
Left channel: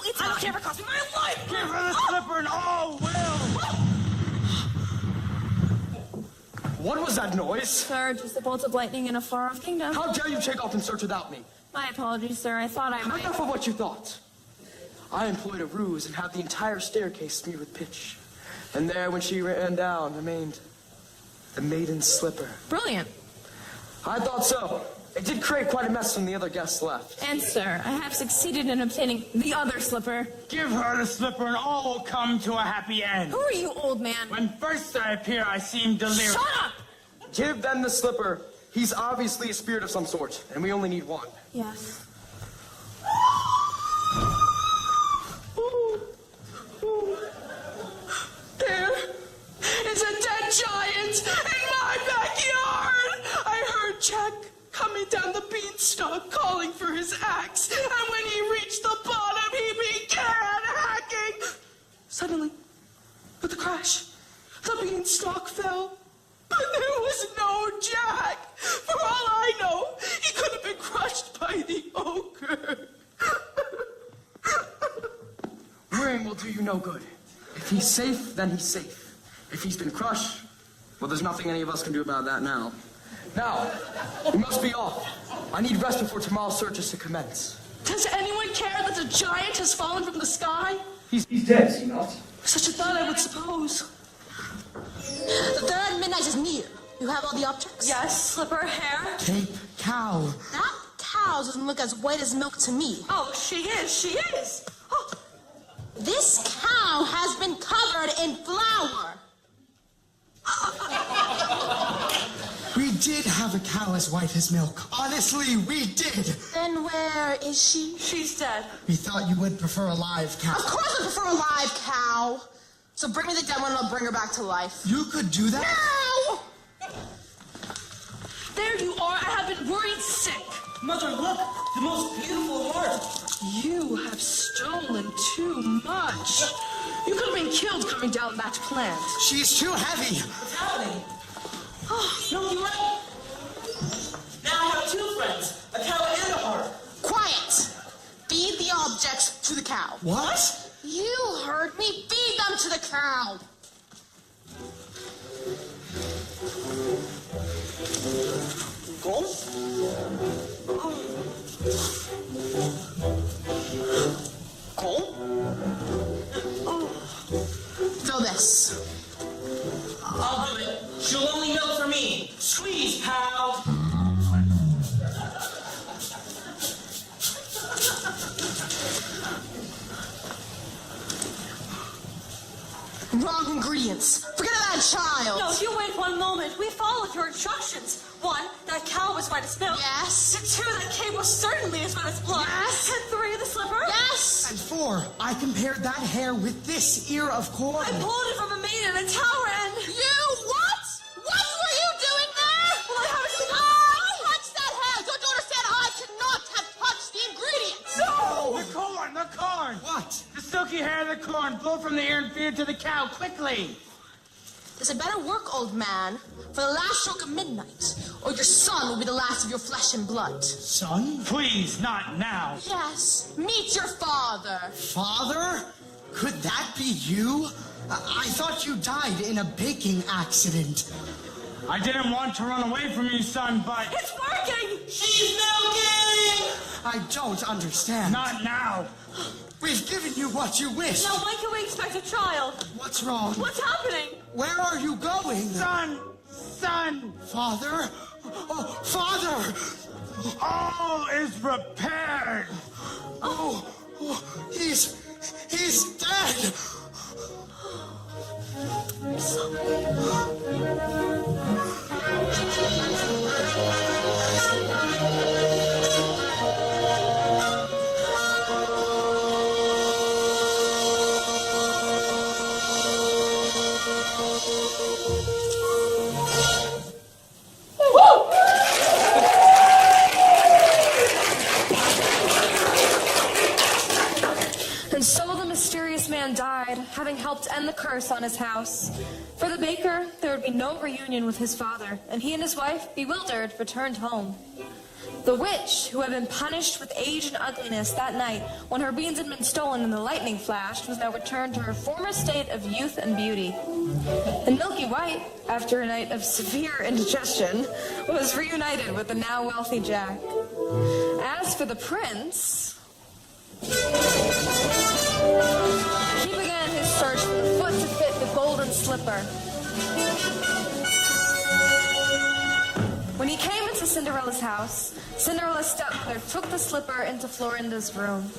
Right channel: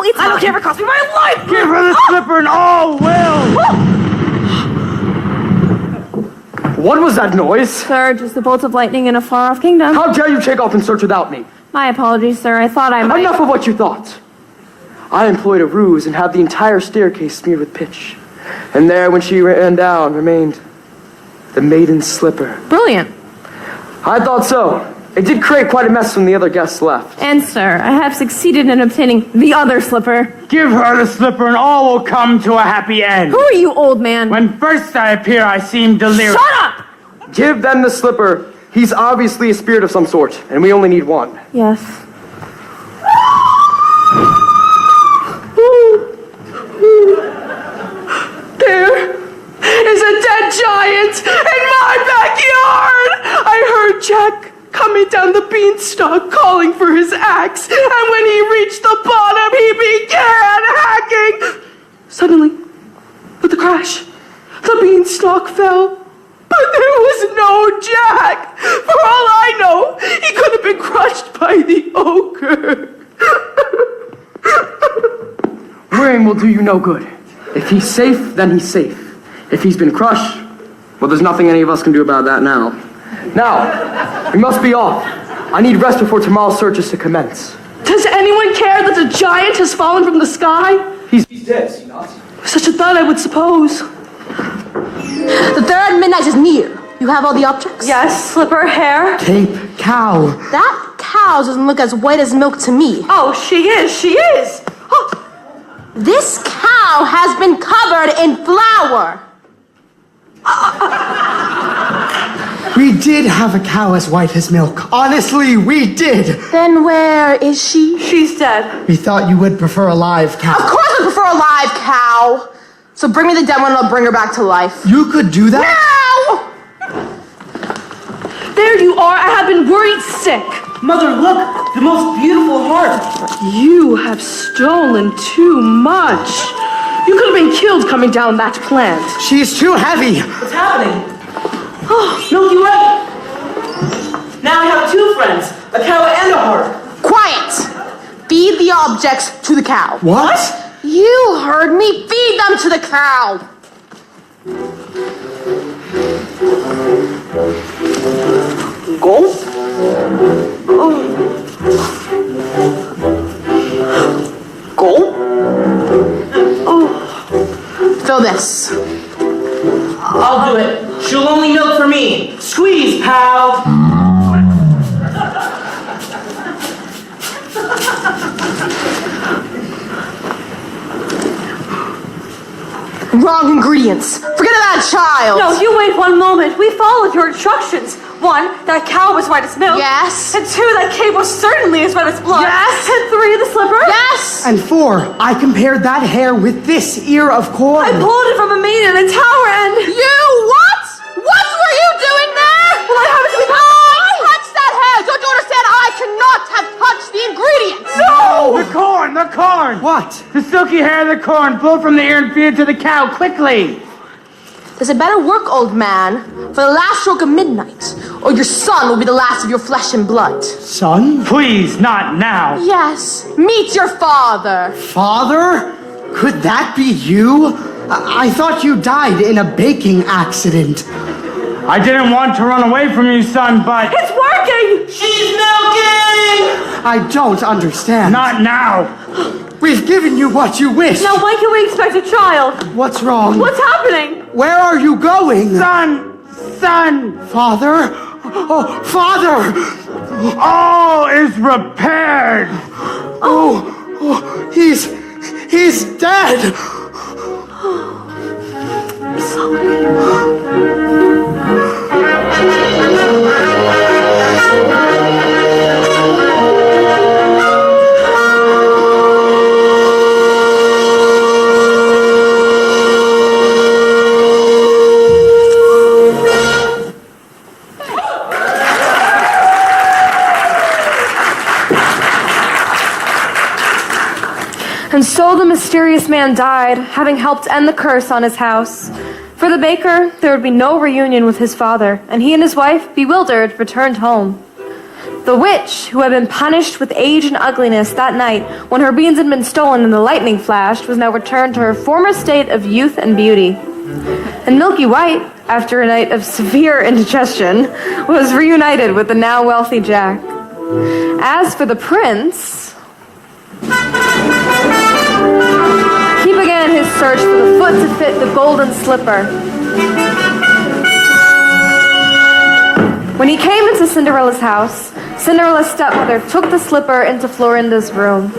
it's I don't care if it costs me my life! Give her the slipper and all will! What was that noise? Sir, just the bolts of lightning in a far-off kingdom. How dare you take off in search without me? My apologies, sir. I thought I might... Enough of what you thought. I employed a ruse and had the entire staircase smeared with pitch. And there, when she ran down, remained the maiden's slipper. Brilliant. I thought so. It did create quite a mess when the other guests left. And, sir, I have succeeded in obtaining the other slipper. Give her the slipper and all will come to a happy end. Who are you, old man? When first I appear, I seem delirious. Shut up! Give them the slipper. He's obviously a spirit of some sort, and we only need one. Yes. There is a dead giant in my backyard! I heard Jack coming down the beanstalk calling for his axe, and when he reached the bottom, he began hacking. Suddenly, with a crash, the beanstalk fell. But there was no Jack. For all I know, he could have been crushed by the ogre. Worrying will do you no good. If he's safe, then he's safe. If he's been crushed, well, there's nothing any of us can do about that now. Now, we must be off. I need rest before tomorrow's search is to commence. Does anyone care that the giant has fallen from the sky? He's dead, is he not? Such a thought, I would suppose. The third midnight is near. You have all the objects? Yes, slipper, hair. Cape, cow. That cow doesn't look as white as milk to me. Oh, she is. She is. Oh. This cow has been covered in flour. We did have a cow as white as milk. Honestly, we did. Then where is she? She's dead. We thought you would prefer a live cow. Of course I prefer a live cow. So bring me the dead one and I'll bring her back to life. You could do that? Now! There you are. I have been worried sick. Mother, look, the most beautiful heart. You have stolen too much. You could have been killed coming down that plant. She's too heavy. What's happening? Oh, Milky Way. Now I have two friends, a cow and a heart. Quiet! Feed the objects to the cow. What? You heard me. Feed them to the cow. Go. Go. Fill this. I'll do it. She'll only milk for me. Wrong ingredients. Forget about child. No, you wait one moment. We followed your instructions. 1, that cow was white as milk. Yes. And 2, that cape was certainly as red as blood. Yes. And 3, the slipper. Yes. And 4, I compared that hair with this ear of corn. I pulled it from a maiden in a tower and... You what? What were you doing there? Well, I happened to be... I touched that hair. Don't you understand? I cannot have touched the ingredients. No! The corn! What? The silky hair of the corn. Pull from the ear and feed it to the cow, quickly! Does it better work, old man, for the last stroke of midnight, or your son will be the last of your flesh and blood? Son? Please, not now. Yes. Meet your father. Father? Could that be you? I thought you died in a baking accident. I didn't want to run away from you, son, but... It's working! She's milking! I don't understand. Not now. We've given you what you wish. Now, when can we expect a child? What's wrong? What's happening? Where are you going? Son! Father? Oh, Father! All is repaired. Oh, he's dead. I'm sorry. And so the mysterious man died, having helped end the curse on his house. For the baker, there would be no reunion with his father, and he and his wife, bewildered, returned home. The witch, who had been punished with age and ugliness that night when her beans had been stolen and the lightning flashed, was now returned to her former state of youth and beauty. And Milky White, after a night of severe indigestion, was reunited with the now wealthy Jack. As for the prince... he began his search for the foot to fit the golden slipper. When he came into Cinderella's house, Cinderella's stepmother took the slipper into Florinda's room.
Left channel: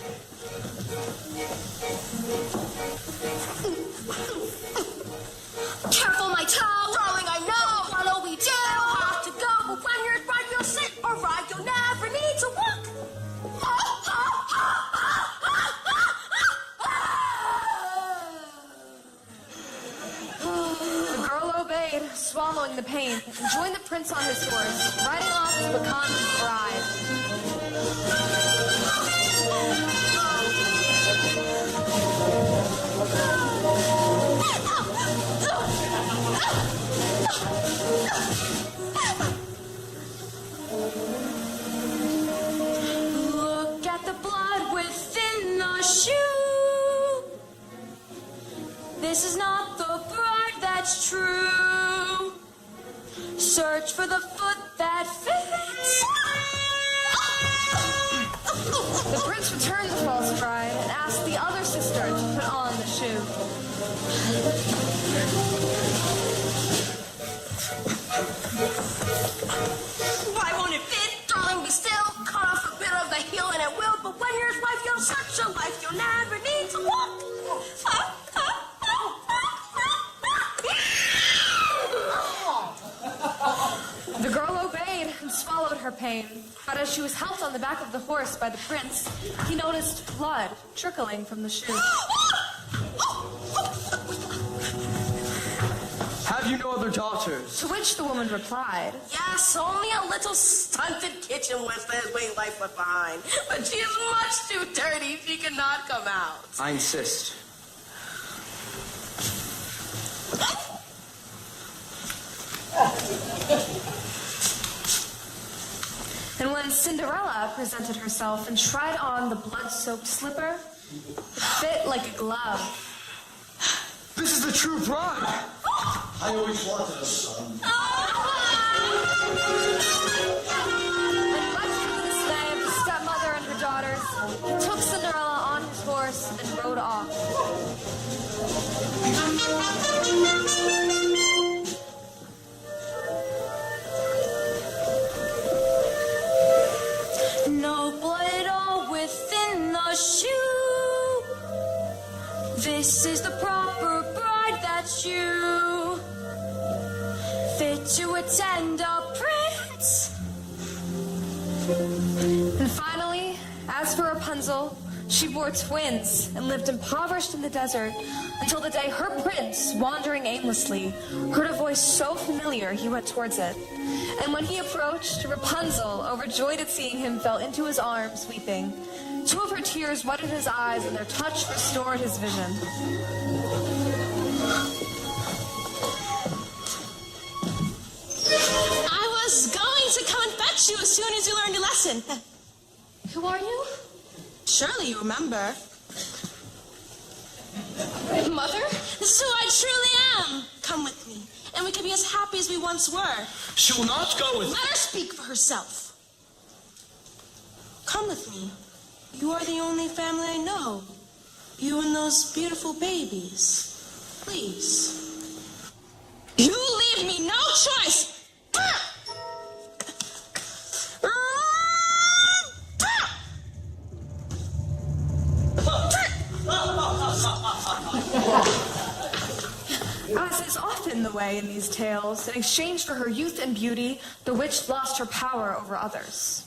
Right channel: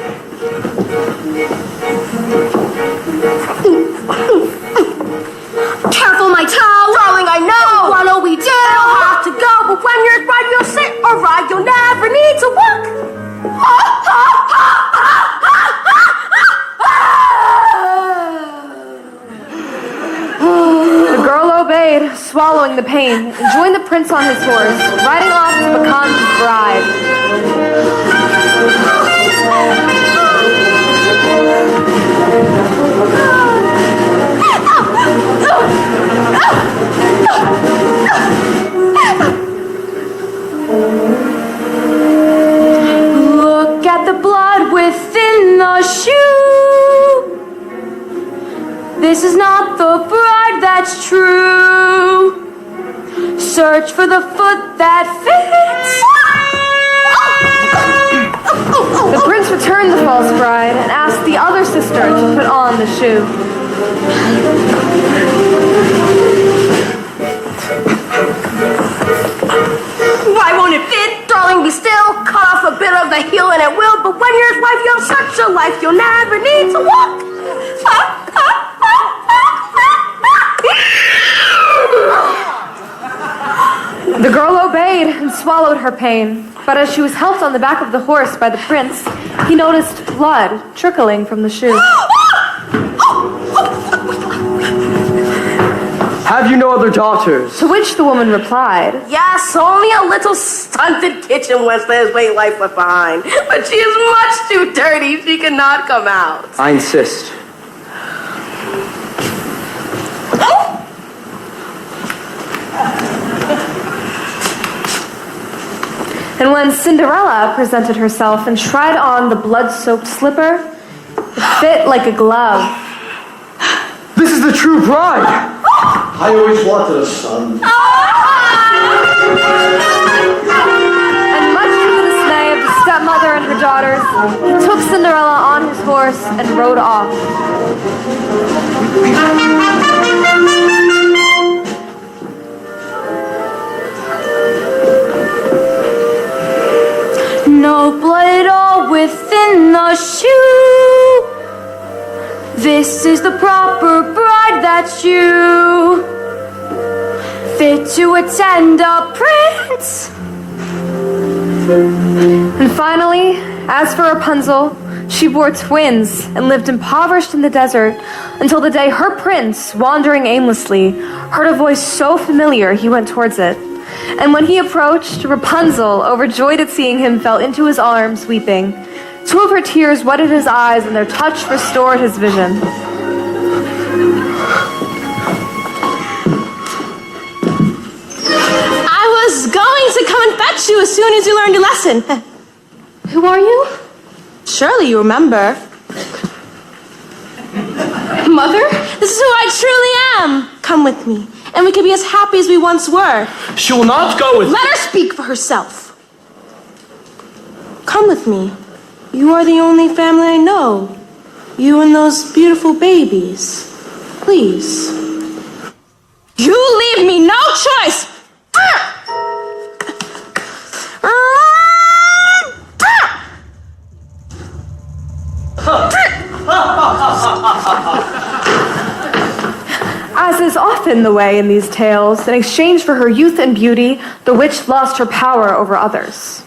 Careful, my toe! Darling, I know! What'll we do? You'll have to go, but when you're right, you'll sit or ride. You'll never need to walk. The girl obeyed, swallowing the pain, and joined the prince on his horse, riding off to become his bride. Look at the blood within the shoe. This is not the bride that's true. Search for the foot that fits. The prince returned the false bride and asked the other sister to put on the shoe. Why won't it fit? Darling, be still. Cut off a bit of the heel and it will. But when you're his wife, you have such a life, you'll never need to walk. The girl obeyed and swallowed her pain, but as she was helped on the back of the horse by the prince, he noticed blood trickling from the shoe. Have you no other daughters? To which the woman replied, Yes, only a little stunted kitchen wench that his late wife left behind. But she is much too dirty, she cannot come out. I insist. And when Cinderella presented herself and tried on the blood-soaked slipper, it fit like a glove. This is the true bride! I always wanted a son. And much to the dismay of the stepmother and her daughters, he took Cinderella on his horse and rode off. No blood at all within must you. This is the proper bride that you fit to attend a prince. And finally, as for Rapunzel, she bore twins and lived impoverished in the desert until the day her prince, wandering aimlessly, heard a voice so familiar he went towards it. And when he approached, Rapunzel, overjoyed at seeing him, fell into his arms, weeping. 2 of her tears wetted his eyes, and their touch restored his vision. I was going to come and fetch you as soon as you learned your lesson. Who are you? Surely you remember. Mother? This is who I truly am. Come with me, and we can be as happy as we once were. She will not go with. Let her speak for herself. Come with me. You are the only family I know. You and those beautiful babies. Please. You leave me no choice. As is often the way in these tales, in exchange for her youth and beauty, the witch lost her power over others.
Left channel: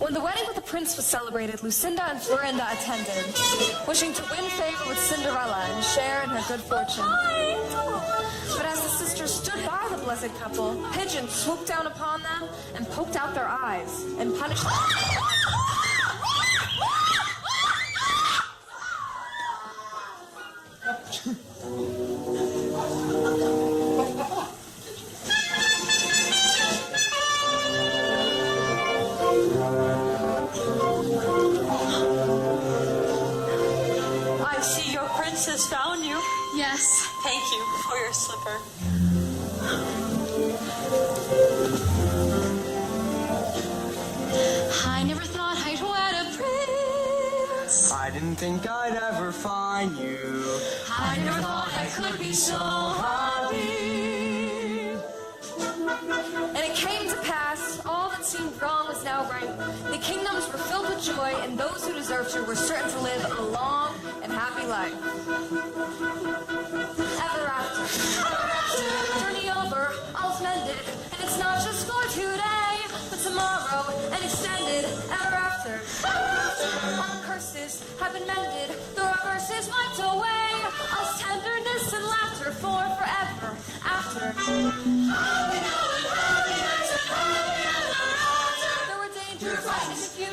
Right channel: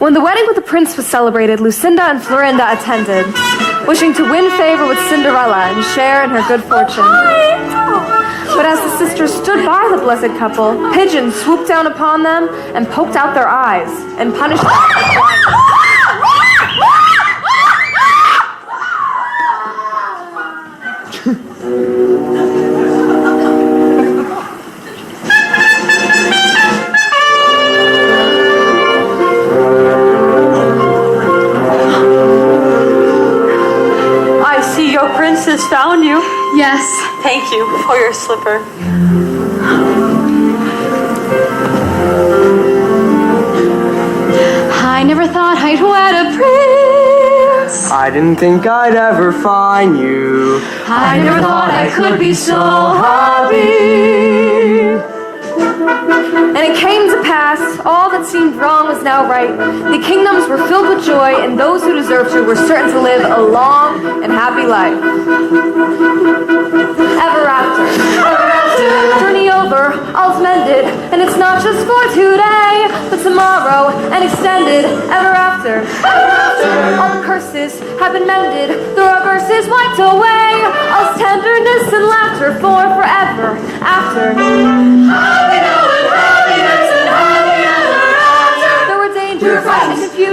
When the wedding with the prince was celebrated, Lucinda and Florinda attended, wishing to win favor with Cinderella and share in her good fortune. But as the sisters stood by the blessed couple, pigeons swooped down upon them and poked out their eyes and punished them. Princess found you. Yes. Thank you for your slipper. I never thought I'd wed a prince. I didn't think I'd ever find you. I never thought I could be so happy. And it came to pass, all that seemed wrong was now right. The kingdoms were filled with joy, and those who deserved to were certain to live a long and happy life. Ever after. Ever after. Journey over, all's mended, and it's not just for today, but tomorrow and extended. Ever after. Ever after. All the curses have been mended, the reverses wiped away. All's tenderness and laughter for forever after.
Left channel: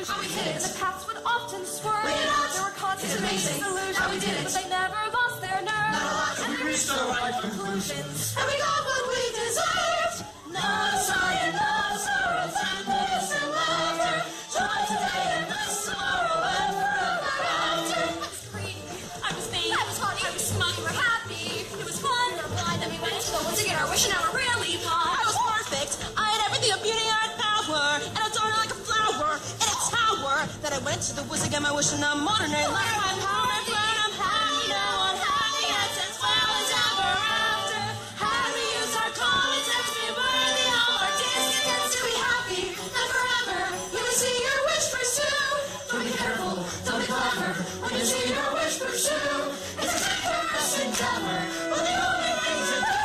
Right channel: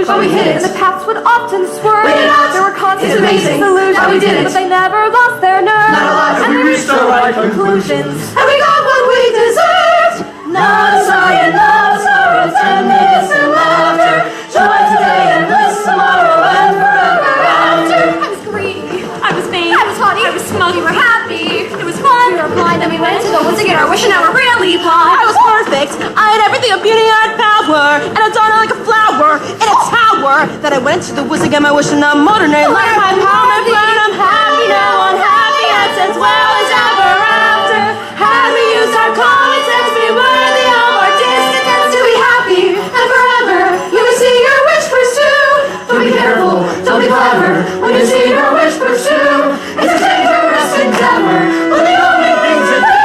But we hid it. And the paths would often swerve. There were constant disillusions, but they never lost their nerve. And we reached the right conclusions. And we got what we deserved. Not a sigh and love, sorrow, tenderness and laughter. Joy today and bliss tomorrow and forever after. I was greedy. I was vain. I was haughty. I was smug. We were happy. It was fun. We were blind, and we went to the woods to get our wish, and now we're really blind. I was perfect. I had everything of beauty and power, and a daughter like a flower in a tower. Then I went to the woods to get my wish, and I'm modern. I left my power, my plan. I'm happy now, unhappy as well as ever after. Had we used our common sense, be worthy of our discontents to be happy and forever. You will see your wish pursue. Don't be careful, don't be clever. When you see your wish pursue, it's a dangerous endeavor. But the only thing to do.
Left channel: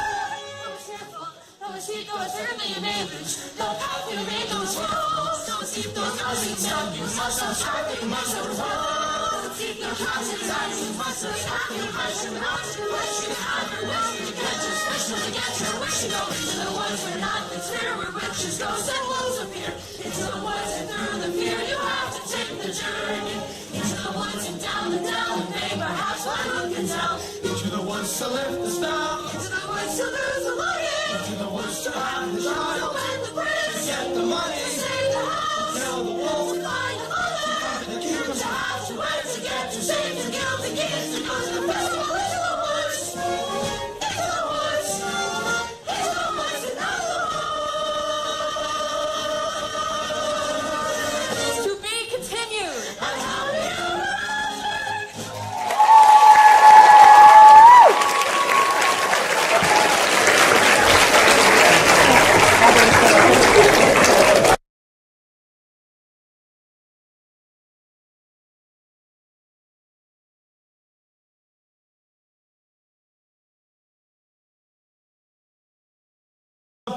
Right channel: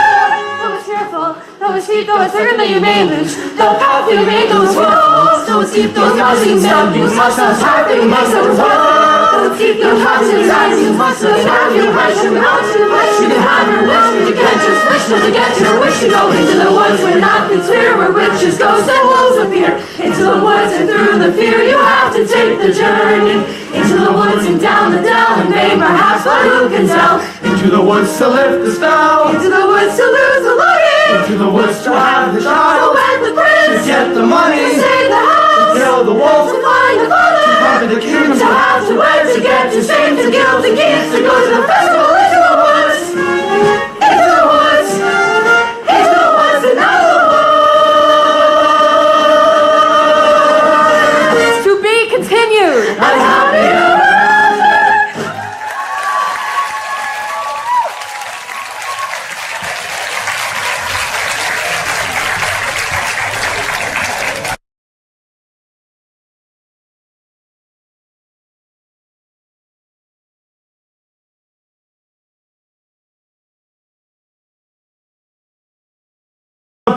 Though it's fearful, though it's steep, though it's certain that you may lose. The path you make those walls, though it's steep, those mountains down. You must have happy, you must have walls. Though it's steep, those mountains down. You must have happy, you must have mountain wish. You can have your wish, but you can't just wish till to get your wish. You go into the woods where nothing's clear, where witches, ghosts, and wolves appear. Into the woods and through the fear, you have to take the journey. Into the woods and down the dell, and may perhaps, but who can tell? Into the woods to lift the spell. Into the woods to lose the longing. Into the woods to have the To child. wed the prince. To get the money. To save the house. To kill the wolf. To find the father. To conquer the kingdom. To have to wear, to get, to sing, to gild the gifts, to go to the festival.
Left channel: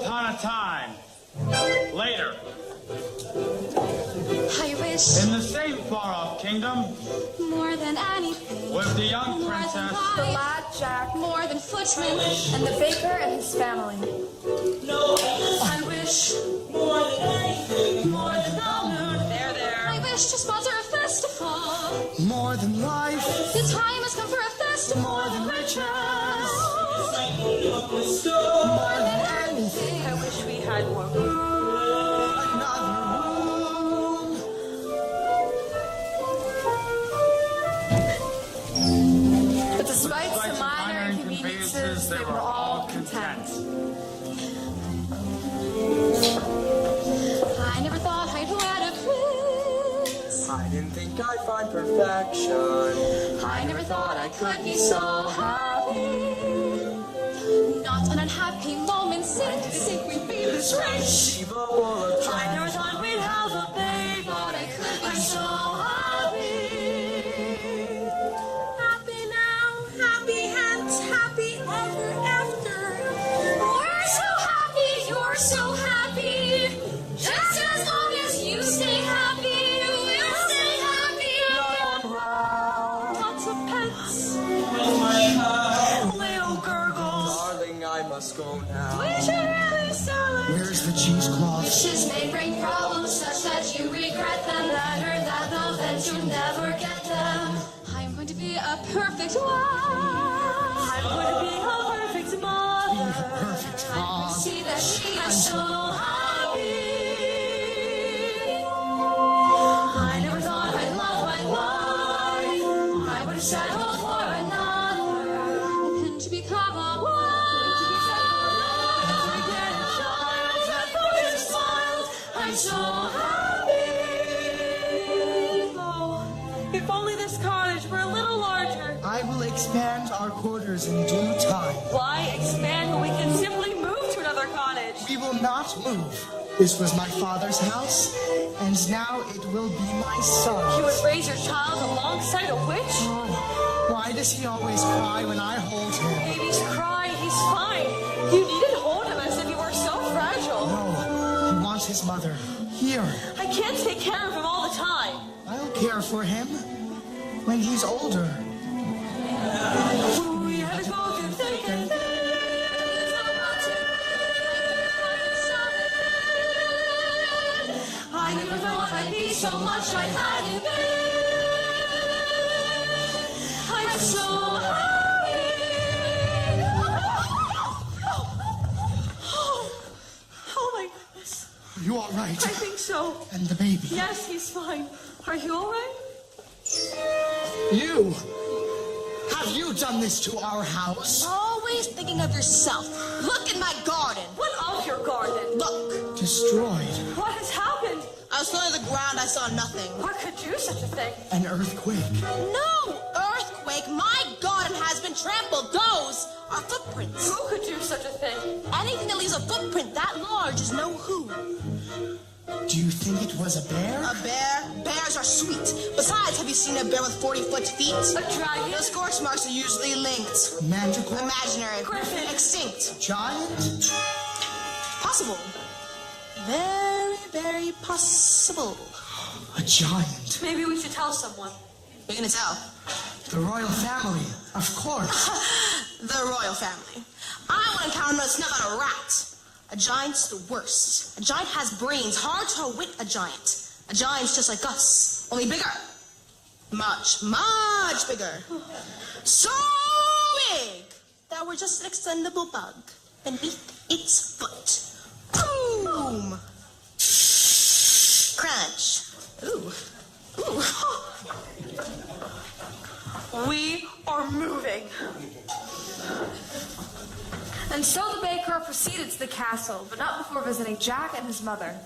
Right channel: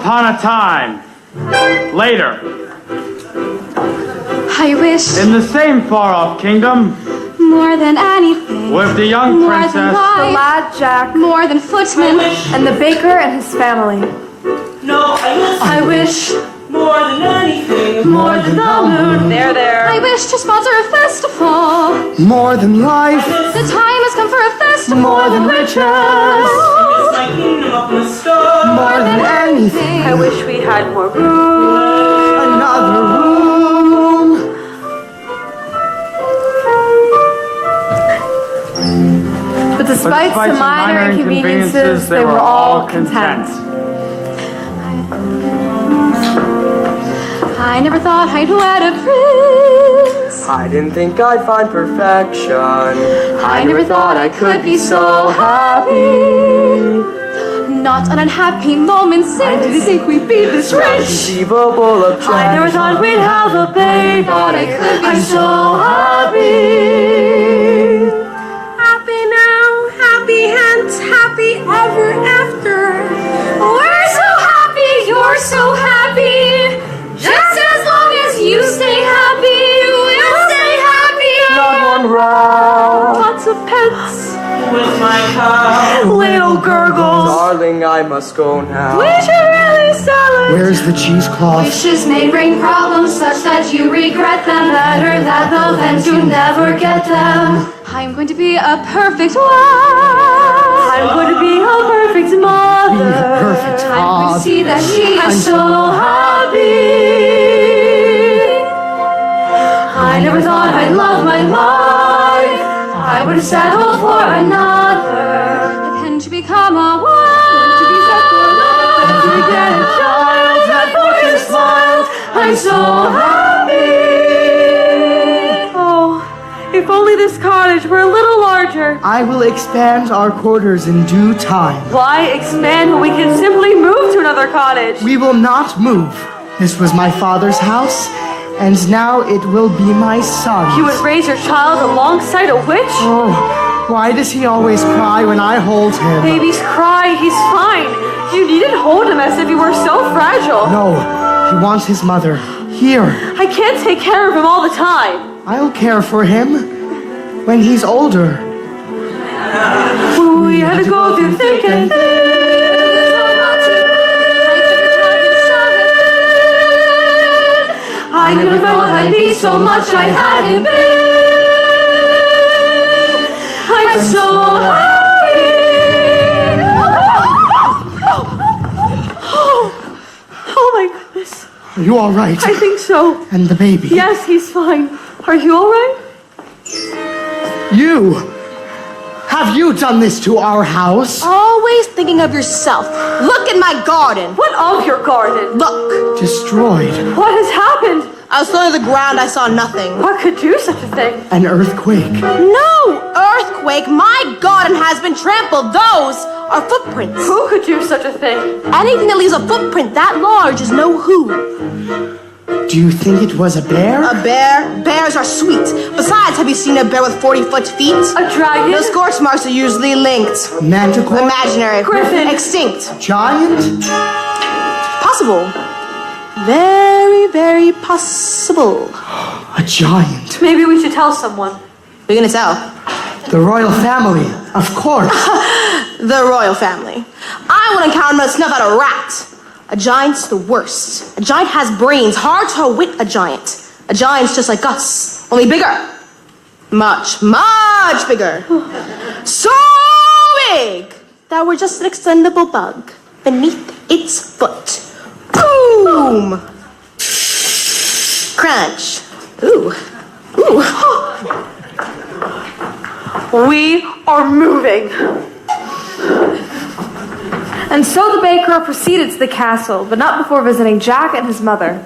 upon a time, later, I wish in the same far-off kingdom, more than anything. with the young More princess, than The life, lad Jack, more than footmen. and the baker and his family. No, I wish more than anything. More than the moon. There. I wish to sponsor a festival. More than life. The time has come for a festival. More than riches. It's like kingdom up in the stars. More than anything. I wish we had more room. Another room. But despite some minor inconveniences, they were all content. I never thought I'd wed a prince. I didn't think I'd find perfection. I never thought I could be so happy. Not an unhappy moment since. I didn't think we'd be this rich. Conceivable objection. I never thought we'd have a baby. Thought I could be so happy. Happy now, happy hence, happy ever after. We're so happy, you're so happy. Just as long as you stay happy, we'll stay happy. Not one round. Lots of pets. With my cow. Little gurgles. Darling, I must go now. We should really sell it. Where's the cheesecloth? Wishes may bring problems such that you regret them. Better that though than to never get them. I'm going to be a perfect wife. I'm going to be a perfect mother. Perfect I'm going to hog. see that she I'm is so happy. I never thought I'd love my life. I would have settled for another than to become a wife. To get a child, that fortune smiles. I'm so happy. Oh, if only this cottage were a little larger. I will expand our quarters in due time. Why expand when we can simply move to another cottage? We will not move. This was my father's house, and now it will be my son's. You would raise your child alongside a witch? Oh, why does he always cry when I hold him? Babies cry, he's fine. You needn't hold him as if he were so fragile. No, he wants his mother. Here. I can't take care of him all the time. I'll care for him when he's older. We had to go through thick and thin. I never thought I'd be so much I hadn't been. I'm so happy. Oh my goodness. Are you all right? I think so. And the baby? Yes, he's fine. Are you all right? You! Have you done this to our house? Always thinking of yourself. Look at my garden. What of your garden? Look. Destroyed. What has happened? I was looking at the ground. I saw nothing. What could do such a thing? An earthquake. No earthquake. My garden has been trampled. Those are footprints. Who could do such a thing? Anything that leaves a footprint that large is no who. Do you think it was a bear? A bear? Bears are sweet. Besides, have you seen a bear with 40-foot feet? A dragon? Those scorch marks are usually linked. Manticore? Imaginary. Griffin? Extinct. Giant? Possible. Very, very possible. A giant. Maybe we should tell someone. Who are you gonna tell? The royal family, of course. The royal family. I wouldn't count him to snuff out a rat. A giant's the worst. A giant has brains. Hard to outwit a giant. A giant's just like us, only bigger. Much, much bigger. So big that we're just an extendable bug beneath its foot. Boom! Crunch. Ooh. Ooh. We are moving. And so the baker proceeded to the castle, but not before visiting Jack and his mother.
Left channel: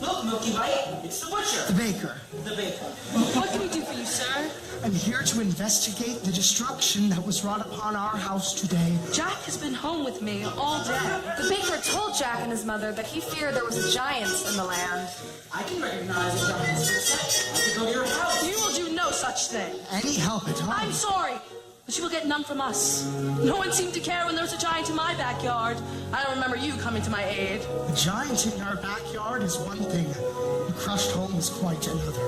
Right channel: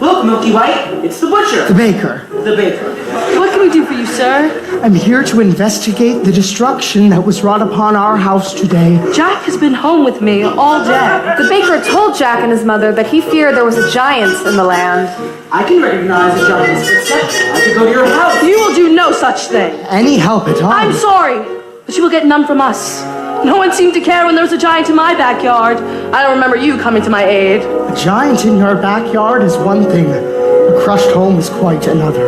Look, Milky White, it's the butcher. The baker. The baker. What can we do for you, sir? I'm here to investigate the destruction that was wrought upon our house today. Jack has been home with me all day. The baker told Jack and his mother that he feared there was a giant in the land. I can recognize a giant's footsteps. I could go to your house. You will do no such thing. Any help at all? I'm sorry, but you will get none from us. No one seemed to care when there was a giant in my backyard. I don't remember you coming to my aid. A giant in your backyard is one thing. A crushed home is quite another.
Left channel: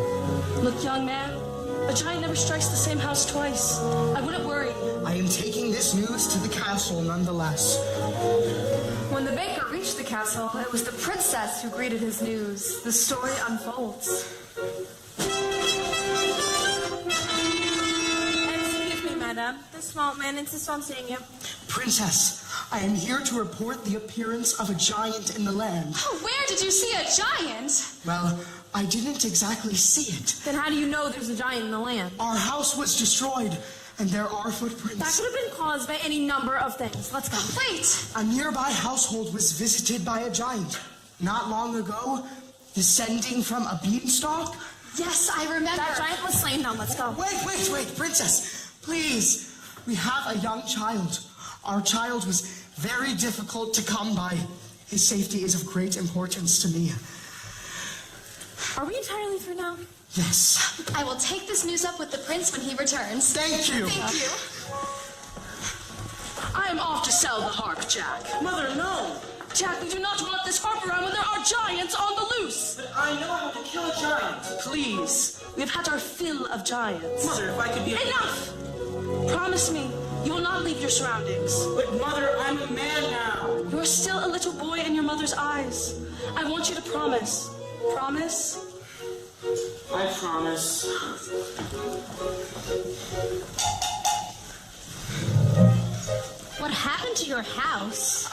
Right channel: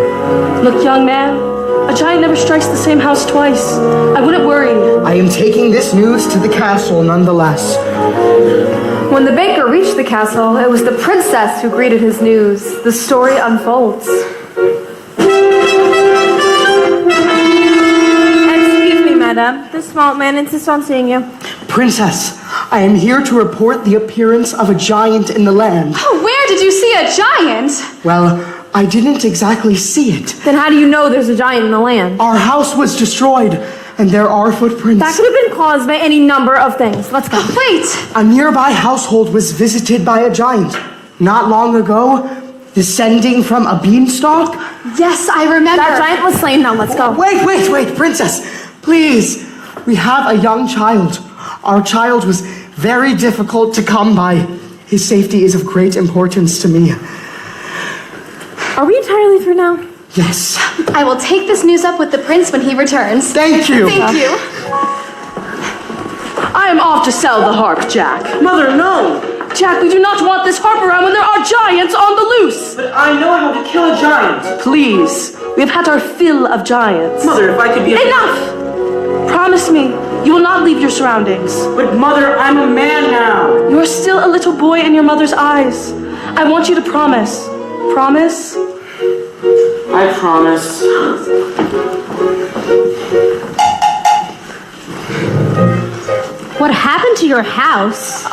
Look, young man, a giant never strikes the same house twice. I wouldn't worry. I am taking this news to the castle nonetheless. When the baker reached the castle, it was the princess who greeted his news. The story unfolds. Excuse me, madame. The small man insists on seeing you. Princess, I am here to report the appearance of a giant in the land. Oh, where did you see a giant? Well, I didn't exactly see it. Then how do you know there's a giant in the land? Our house was destroyed, and there are footprints. That could have been caused by any number of things. Let's go. Wait! A nearby household was visited by a giant not long ago, descending from a beanstalk. Yes, I remember. That giant was slain. Now let's go. Wait, Princess. Please. We have a young child. Our child was very difficult to come by. His safety is of great importance to me. Are we entirely through now? Yes. I will take this news up with the prince when he returns. Thank you. Thank you. I am off to sell the harp, Jack. Mother, no! Jack, we do not want this harp around when there are giants on the loose. But I know how to kill a giant. Please, we have had our fill of giants. Mother, if I could be Enough! Promise me, you will not leave your surroundings. But Mother, I'm a man now. You are still a little boy in your mother's eyes. I want you to promise. Promise? I promise. What happened to your house?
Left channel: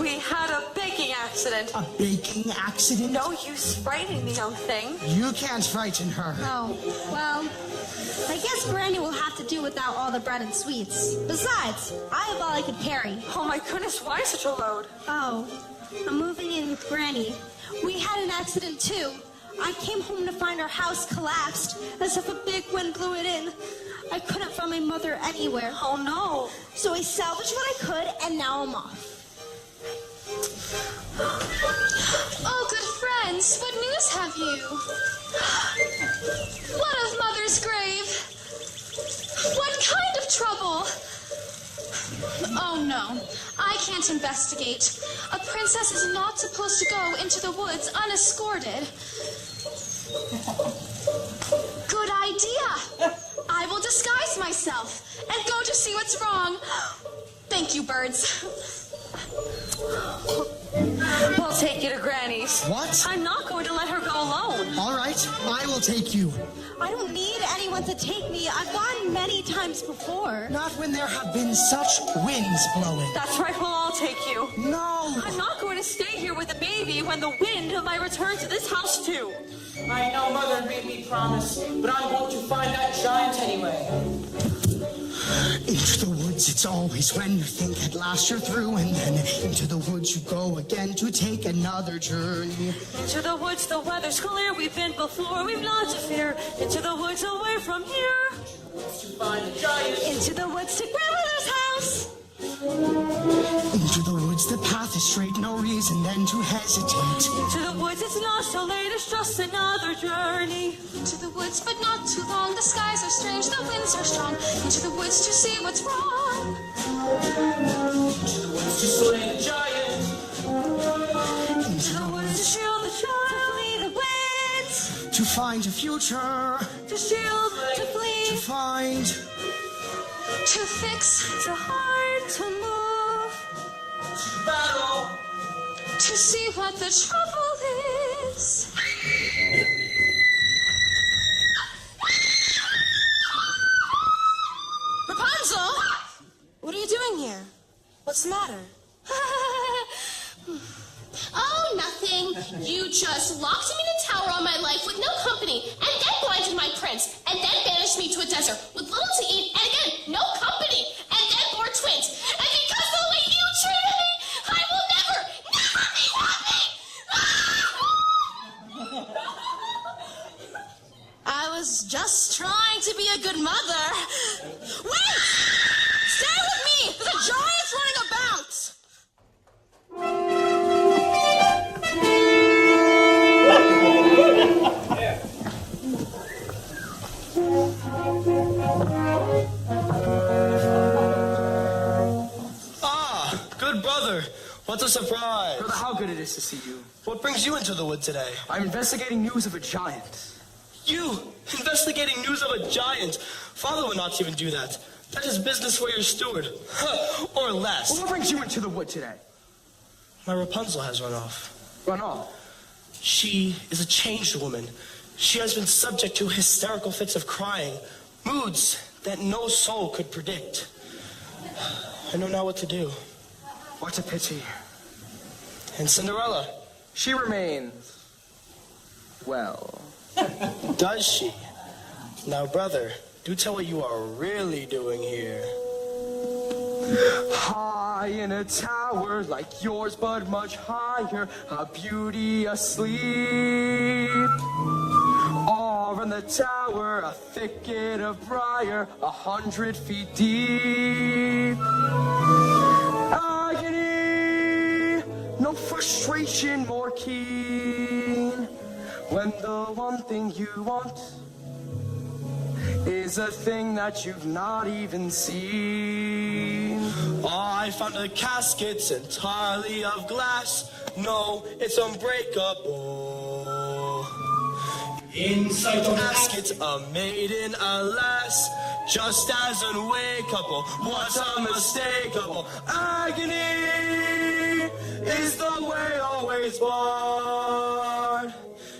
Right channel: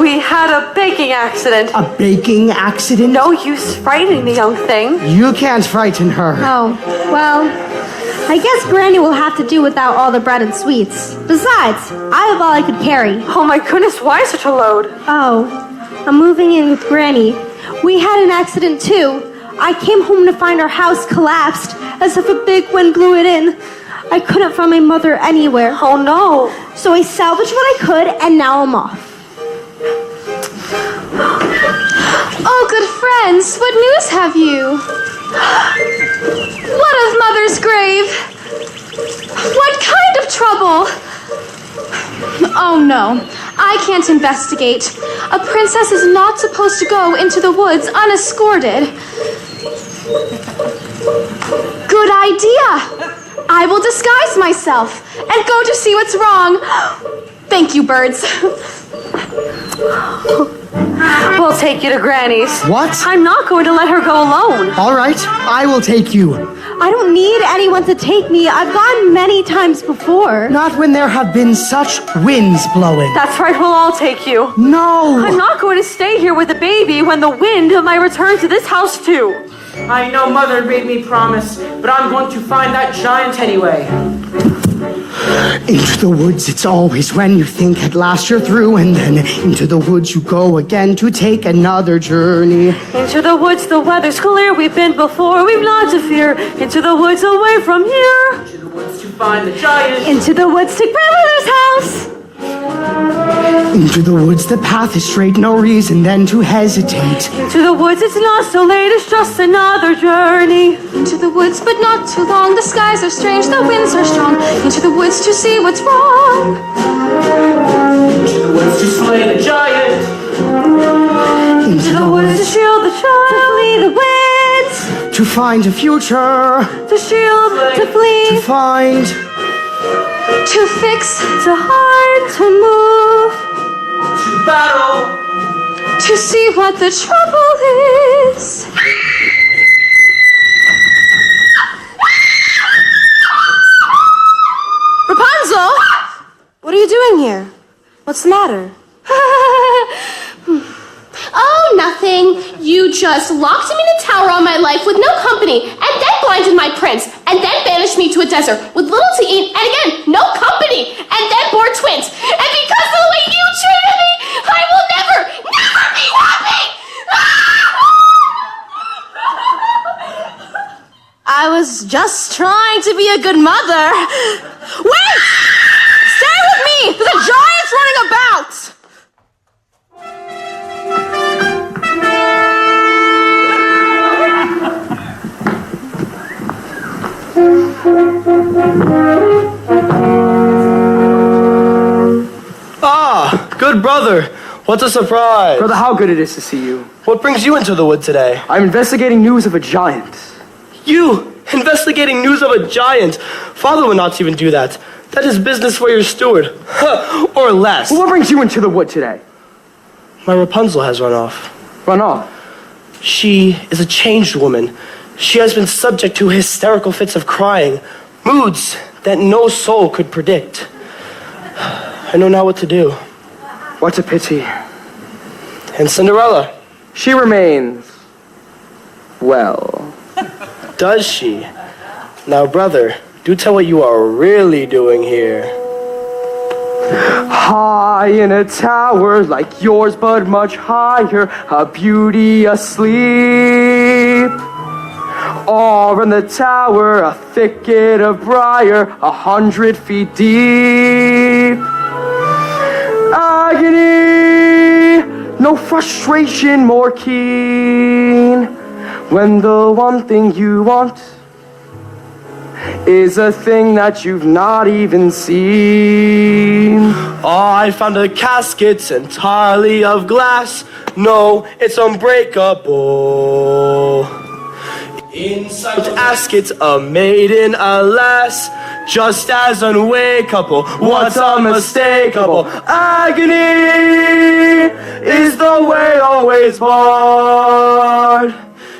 We had a baking accident. A baking accident? No use frightening the young thing. You can't frighten her. Oh, well, I guess Granny will have to do without all the bread and sweets. Besides, I have all I could carry. Oh my goodness, why such a load? Oh, I'm moving in with Granny. We had an accident too. I came home to find our house collapsed, as if a big wind blew it in. I couldn't find my mother anywhere. Oh no. So I salvaged what I could, and now I'm off. Oh, good friends, what news have you? What of Mother's grave? What kind of trouble? Oh no, I can't investigate. A princess is not supposed to go into the woods unescorted. Good idea. I will disguise myself and go to see what's wrong. Thank you, birds. We'll take you to Granny's. What? I'm not going to let her go alone. All right, I will take you. I don't need anyone to take me. I've gone many times before. Not when there have been such winds blowing. That's right, we'll all take you. No! I'm not going to stay here with the baby when the wind might return to this house too. I know Mother made me promise, but I'm going to find that giant anyway. Into the woods it's always when you think at last you're through, and then into the woods you go again to take another journey. Into the woods, the weather's clear. We've been before, we've not to fear. Into the woods, away from here. Into the woods to find the giant. Into the woods to grandmother's house. Into the woods the path is straight, no reason then to hesitate. Into the woods, it's not so late, it's just another journey. Into the woods, but not too long. The skies are strange, the winds are strong. Into the woods to see what's wrong. Into the woods to slay the giant. Into the woods To shield the child. To flee the winds. to find a future. To shield, To flee. To find. To fix, to hide, To move. To battle. to see what the trouble is. Rapunzel! What are you doing here? What's the matter? Oh, nothing. You just locked him in a tower all my life with no company, and then blinded my prince, and then banished me to a desert with little to eat, and again, no company, and then bore twins. And because of the way you treated me, I will never be happy! I was just trying to be a good mother. Wait! Stay with me! There's a giant running about! brother, what a surprise. Brother, how good it is to see you. What brings you into the wood today? I'm investigating news of a giant. You, investigating news of a giant. Father would not even do that. That is business for your steward. Or less. Well, what brings you into the wood today? My Rapunzel has run off. Run off? She is a changed woman. She has been subject to hysterical fits of crying, moods that no soul could predict. I know not what to do. What a pity. And Cinderella? She remains well. Does she? Now, brother, do tell what you are really doing here. High in a tower like yours, but much higher, a beauty asleep. Or in the tower, a thicket of briar, 100 feet deep. Agony, no frustration more keen, when the one thing you want is a thing that you've not even seen. Oh, I found a casket entirely of glass. No, it's unbreakable. Inside the casket, a maiden, alas, just as unwakeable. What's unmistakable? Agony is the way always barred.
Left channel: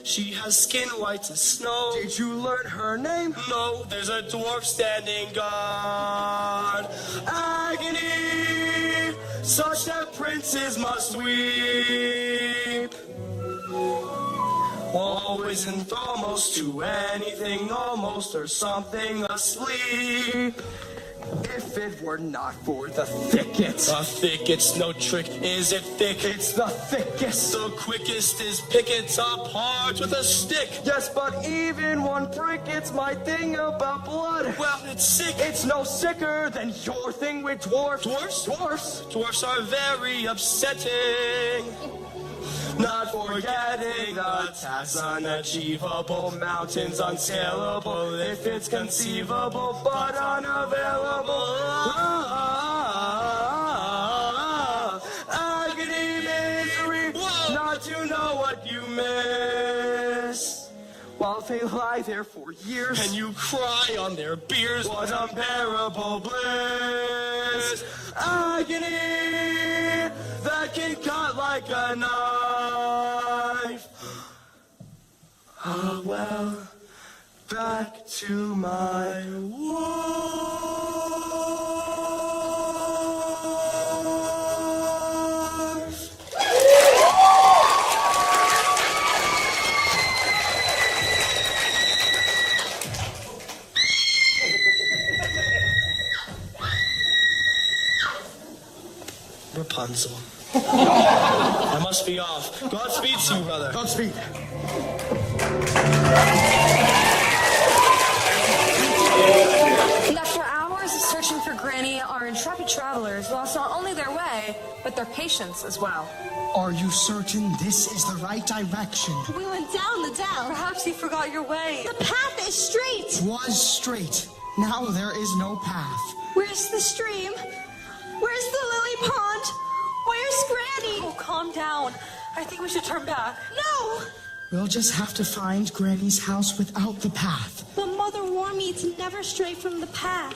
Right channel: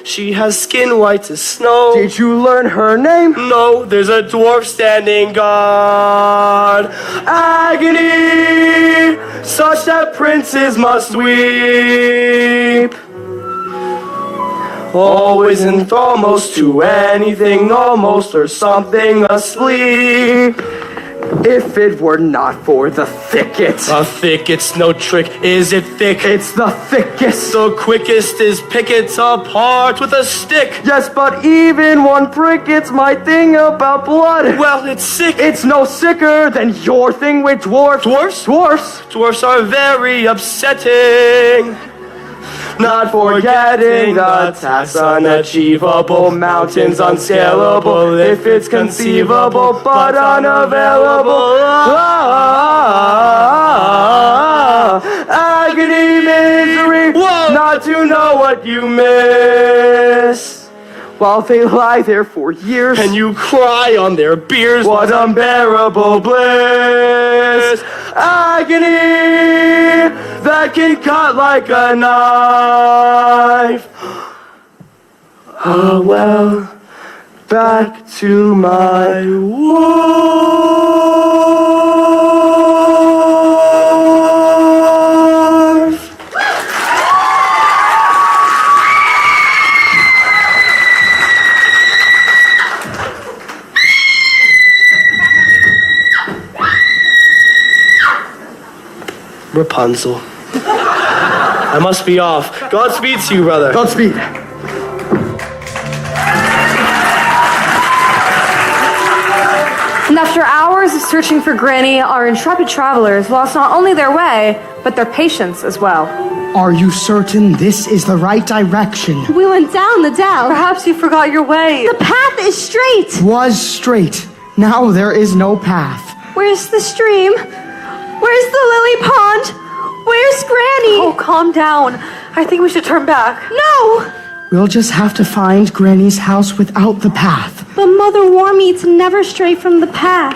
She has skin white as snow. Did you learn her name? No, there's a dwarf standing guard. Agony, such that princes must weep. Always and almost to anything almost or something asleep. If it were not for the thicket. A thicket's no trick, is it thick? It's the thickest. The quickest is pick it apart with a stick. Yes, but even one prick, it's my thing about blood. Well, it's sick. It's no sicker than your thing with dwarfs. Dwarfs? Dwarfs. Dwarfs are very upsetting. Not forgetting the task unachievable, mountains unscalable, if it's conceivable, but unavailable. Agony, misery, not to know what you miss. While they lie there for years, and you cry on their biers, what unbearable bliss. Agony that can cut like a knife. Ah, well, back to my wharf. Rapunzel. I must be off. Godspeed to you, brother. Godspeed. And after hours of searching for Granny, our intrepid travelers lost not only their way, but their patience as well. Are you certain this is the right direction? We went down the dell. Perhaps you forgot your way. The path is straight. Was straight. Now there is no path. Where's the stream? Where's the lily pond? Where's Granny? Oh, calm down. I think we should turn back. No! We'll just have to find Granny's house without the path. But Mother warned me to never stray from the path.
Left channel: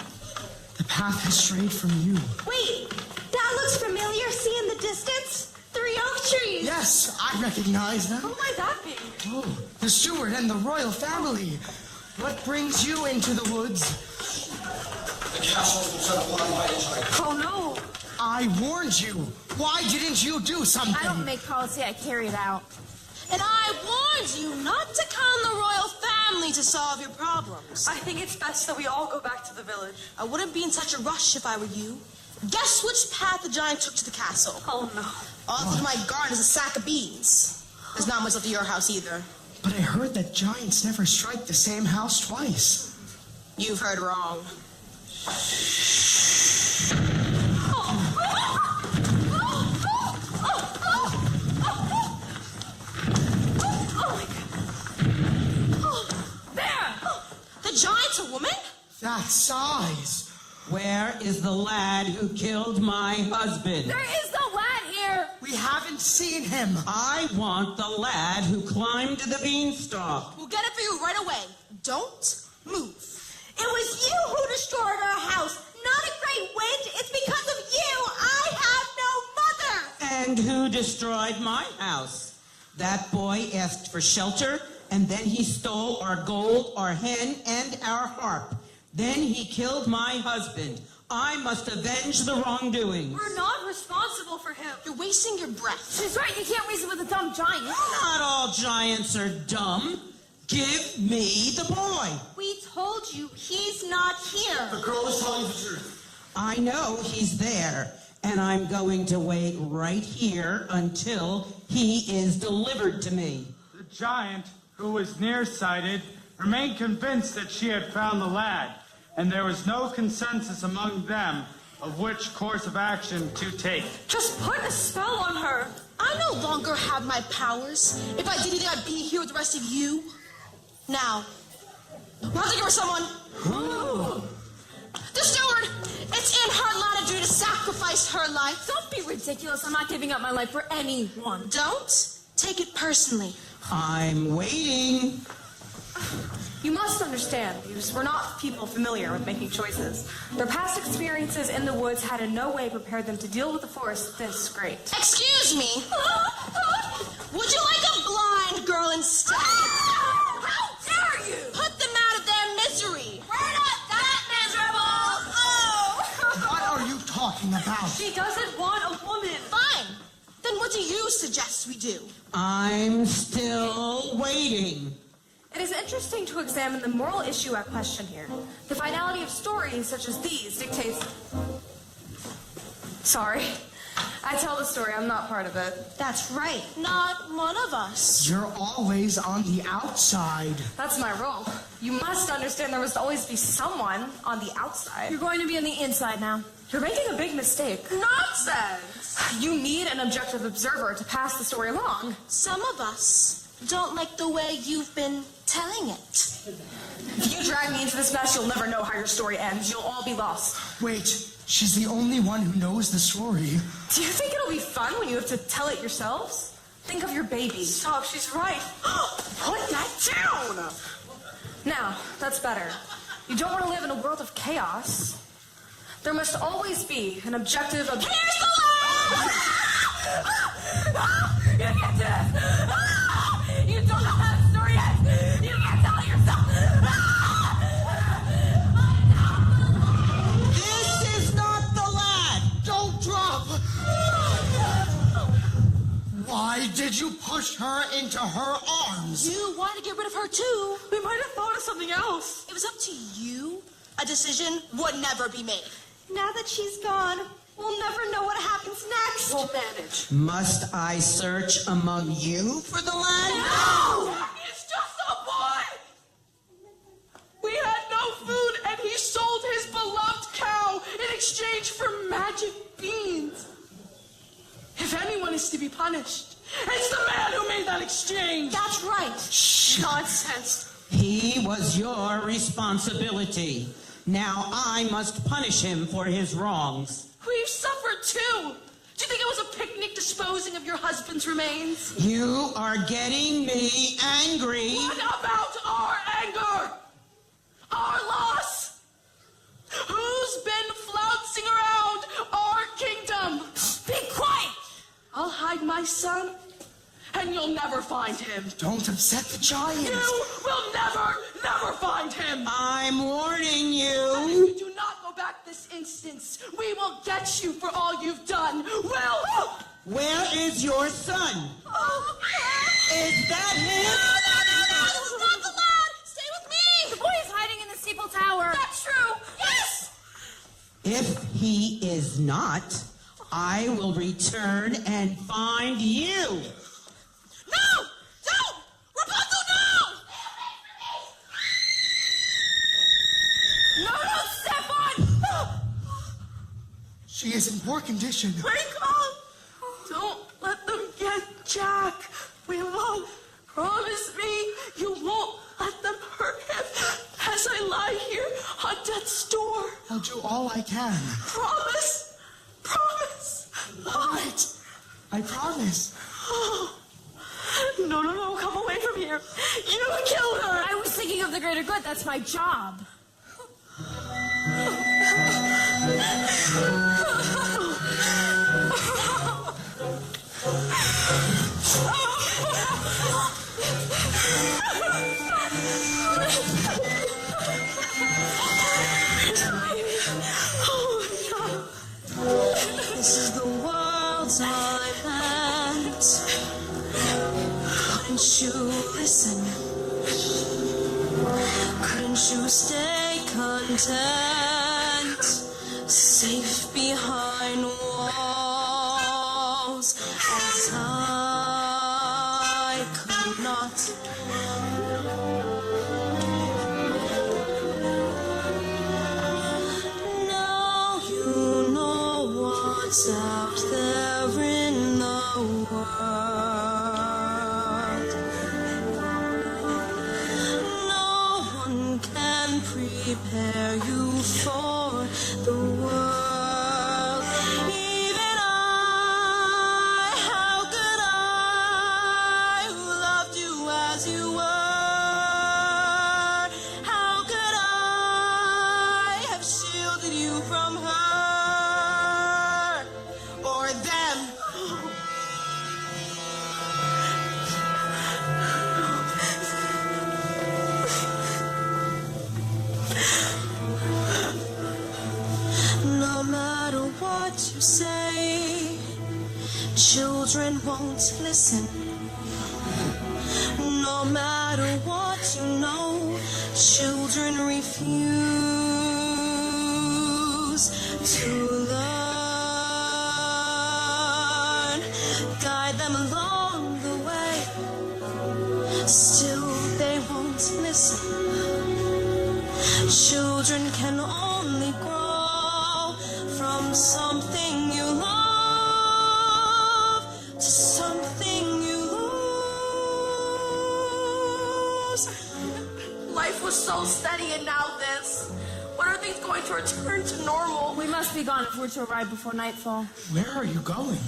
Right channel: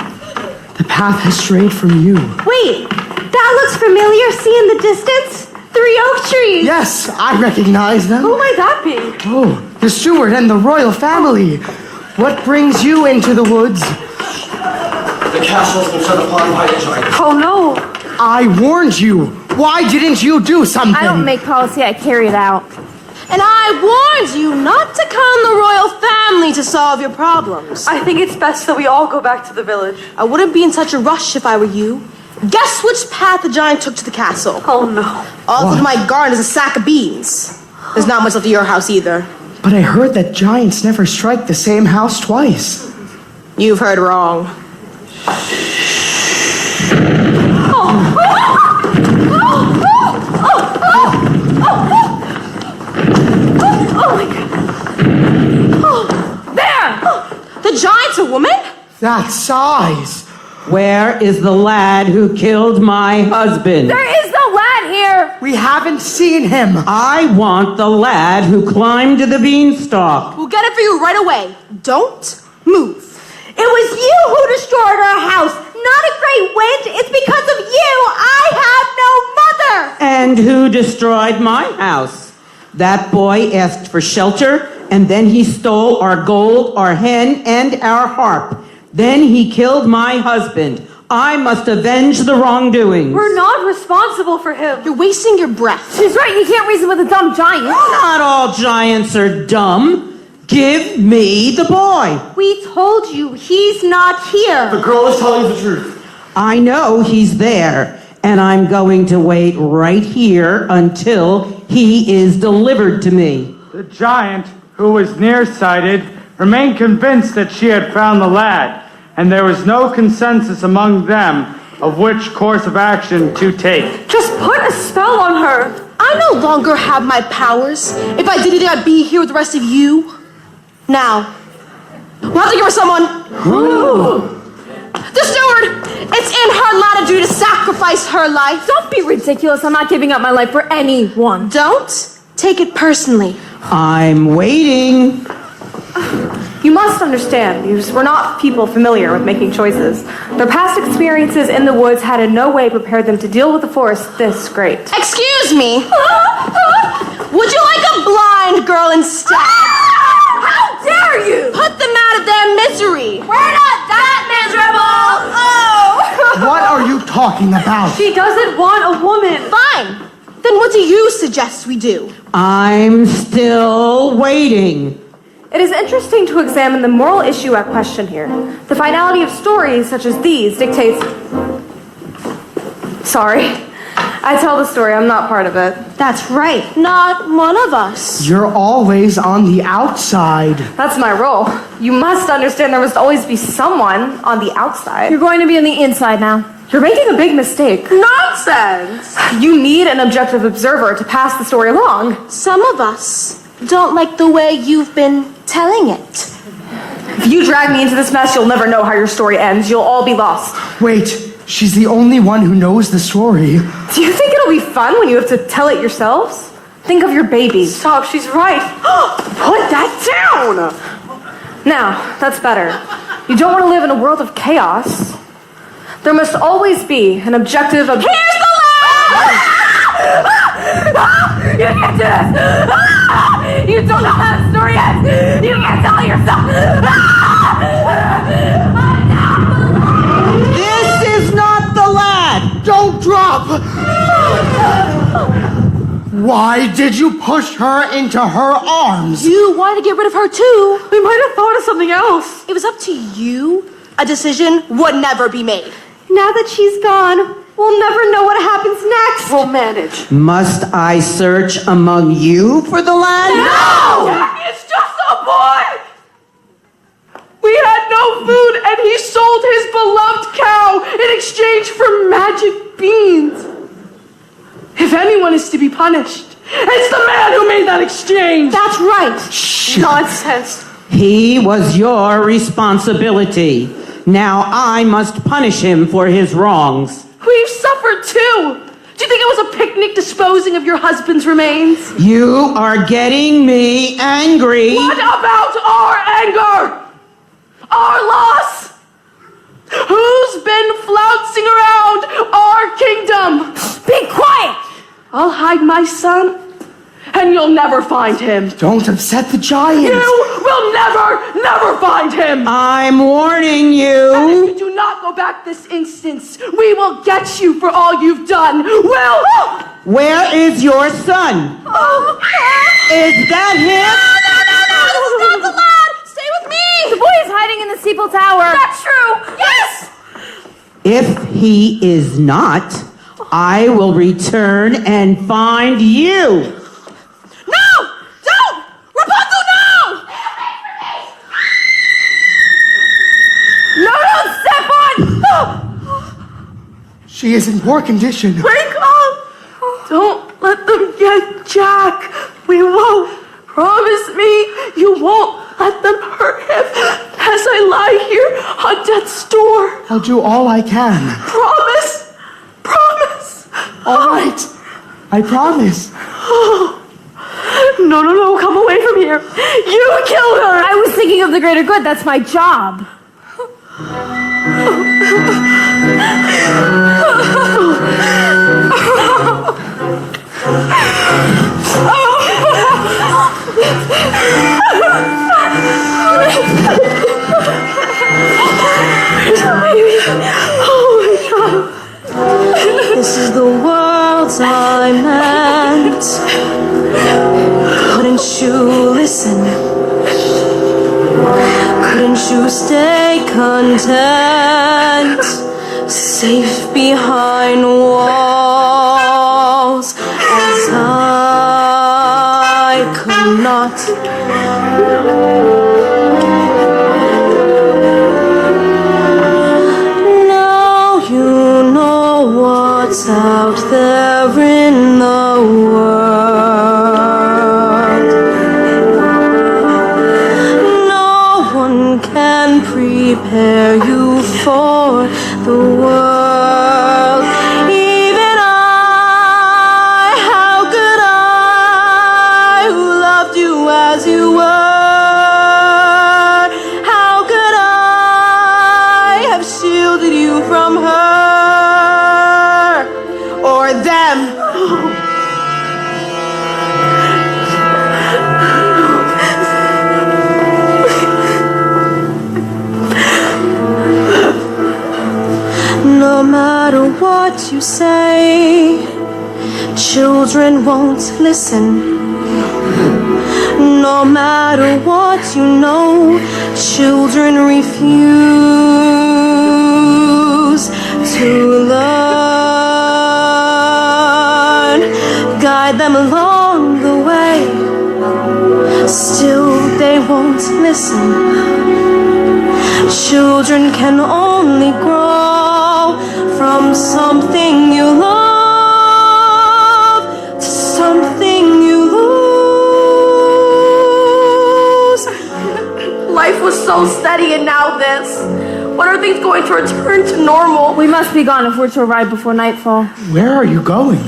The path has strayed from you. Wait, that looks familiar. See in the distance? 3 oak trees. Yes, I recognize them. Who might that be? Oh, the steward and the royal family. What brings you into the woods? The castle's been set upon by a giant. Oh, no. I warned you. Why didn't you do something? I don't make policy, I carry it out. And I warned you not to count on the royal family to solve your problems. I think it's best that we all go back to the village. I wouldn't be in such a rush if I were you. Guess which path the giant took to the castle? Oh, no. All through my garden is a sack of beans. There's not much left of your house either. But I heard that giants never strike the same house twice. You've heard wrong. The giant's a woman? That size. Where is the lad who killed my husband? There is no lad We haven't seen him. I want the lad who climbed the beanstalk. We'll get it for you right away. Don't move. It was you who destroyed our house, not a great wind. It's because of you. I have no mother. And who destroyed my house? That boy asked for shelter, and then he stole our gold, our hen, and our harp. Then he killed my husband. I must avenge the wrongdoings. We're not responsible for him. You're wasting your breath. She's right. You can't reason with a dumb giant. Not all giants are dumb. Give me the boy. We told you he's not here. The girl is telling the truth. I know he's there, and I'm going to wait right here until he is delivered to me. The giant, who was nearsighted, remained convinced that she had found the lad, and there was no consensus among them of which course of action to take. Just put a spell on her. I no longer have my powers. If I did it, I'd be here with the rest of you. Now, we'll have to give her someone. Ooh. The steward! It's in her latitude to sacrifice her life. Don't be ridiculous. I'm not giving up my life for anyone. Don't take it personally. I'm waiting. You must understand, because we're not people familiar with making choices. Their past experiences in the woods had in no way prepared them to deal with a forest this great. Excuse me. Would you like a blind girl instead? How dare you! Put them out of their misery. We're not that miserable! Oh! What are you talking about? She doesn't want a woman. Fine. Then what do you suggest we do? I'm still waiting. It is interesting to examine the moral issue at question here. The finality of stories such as these dictates... Sorry. I tell the story, I'm not part of it. That's right. Not one of us. You're always on the outside. That's my role. You must understand there must always be someone on the outside. You're going to be on the inside now. You're making a big mistake. Nonsense. You need an objective observer to pass the story along. Some of us don't like the way you've been telling it. If you drag me into this mess, you'll never know how your story ends. You'll all be lost. Wait, she's the only one who knows the story. Do you think it'll be fun when you have to tell it yourselves? Think of your baby. Stop, she's right. Put that down! Now, that's better. You don't want to live in a world of chaos. There must always be an objective... Here's the lad! You can't do this! You don't know how the story ends! You can't tell yourself! This is not the lad! Don't drop! Why did you push her into her arms? You wanted to get rid of her too. We might have thought of something else. It was up to you. A decision would never be made. Now that she's gone, we'll never know what happens next. We'll manage. Must I search among you for the lad? No! It's just a boy! We had no food, and he sold his beloved cow in exchange for magic beans. If anyone is to be punished, it's the man who made that exchange. That's right. Shh. Nonsense. He was your responsibility. Now I must punish him for his wrongs. We've suffered too. Do you think it was a picnic disposing of your husband's remains? You are getting me angry. What about our anger? Our loss? Who's been flouncing around our kingdom? Be quiet! I'll hide my son, and you'll never find him. Don't upset the giant. You will never find him. I'm warning you. And if you do not go back this instance, we will get you for all you've done. We'll... Where is your son? Is that him? No! Stop the lad! Stay with me! The boy is hiding in the steeple tower. That's true! Yes! If he is not, I will return and find you. No! Don't! Rapunzel, no! No, don't step on! She is in poor condition. Wake up! Don't let them get Jack. We won't. Promise me you won't let them hurt him as I lie here on death's door. I'll do all I can. Promise? Promise? All right. I promise. No, come away from here. You killed her. I was thinking of the greater good. That's my job. This is the world I meant. Couldn't you listen? Couldn't you stay content? Safe behind walls as I could not. What's out there in the world? No one can prepare you for the world. Even I, how could I, who loved you as you were, how could I have shielded you from her? Or them. No matter what you say, children won't listen. No matter what you know, children refuse to learn. Guide them along the way, still they won't listen. Children can only grow from something you love to something you lose. Life was so steady and now this. When are things going to return to normal? We must be gone if we're to arrive before nightfall. Where are you going?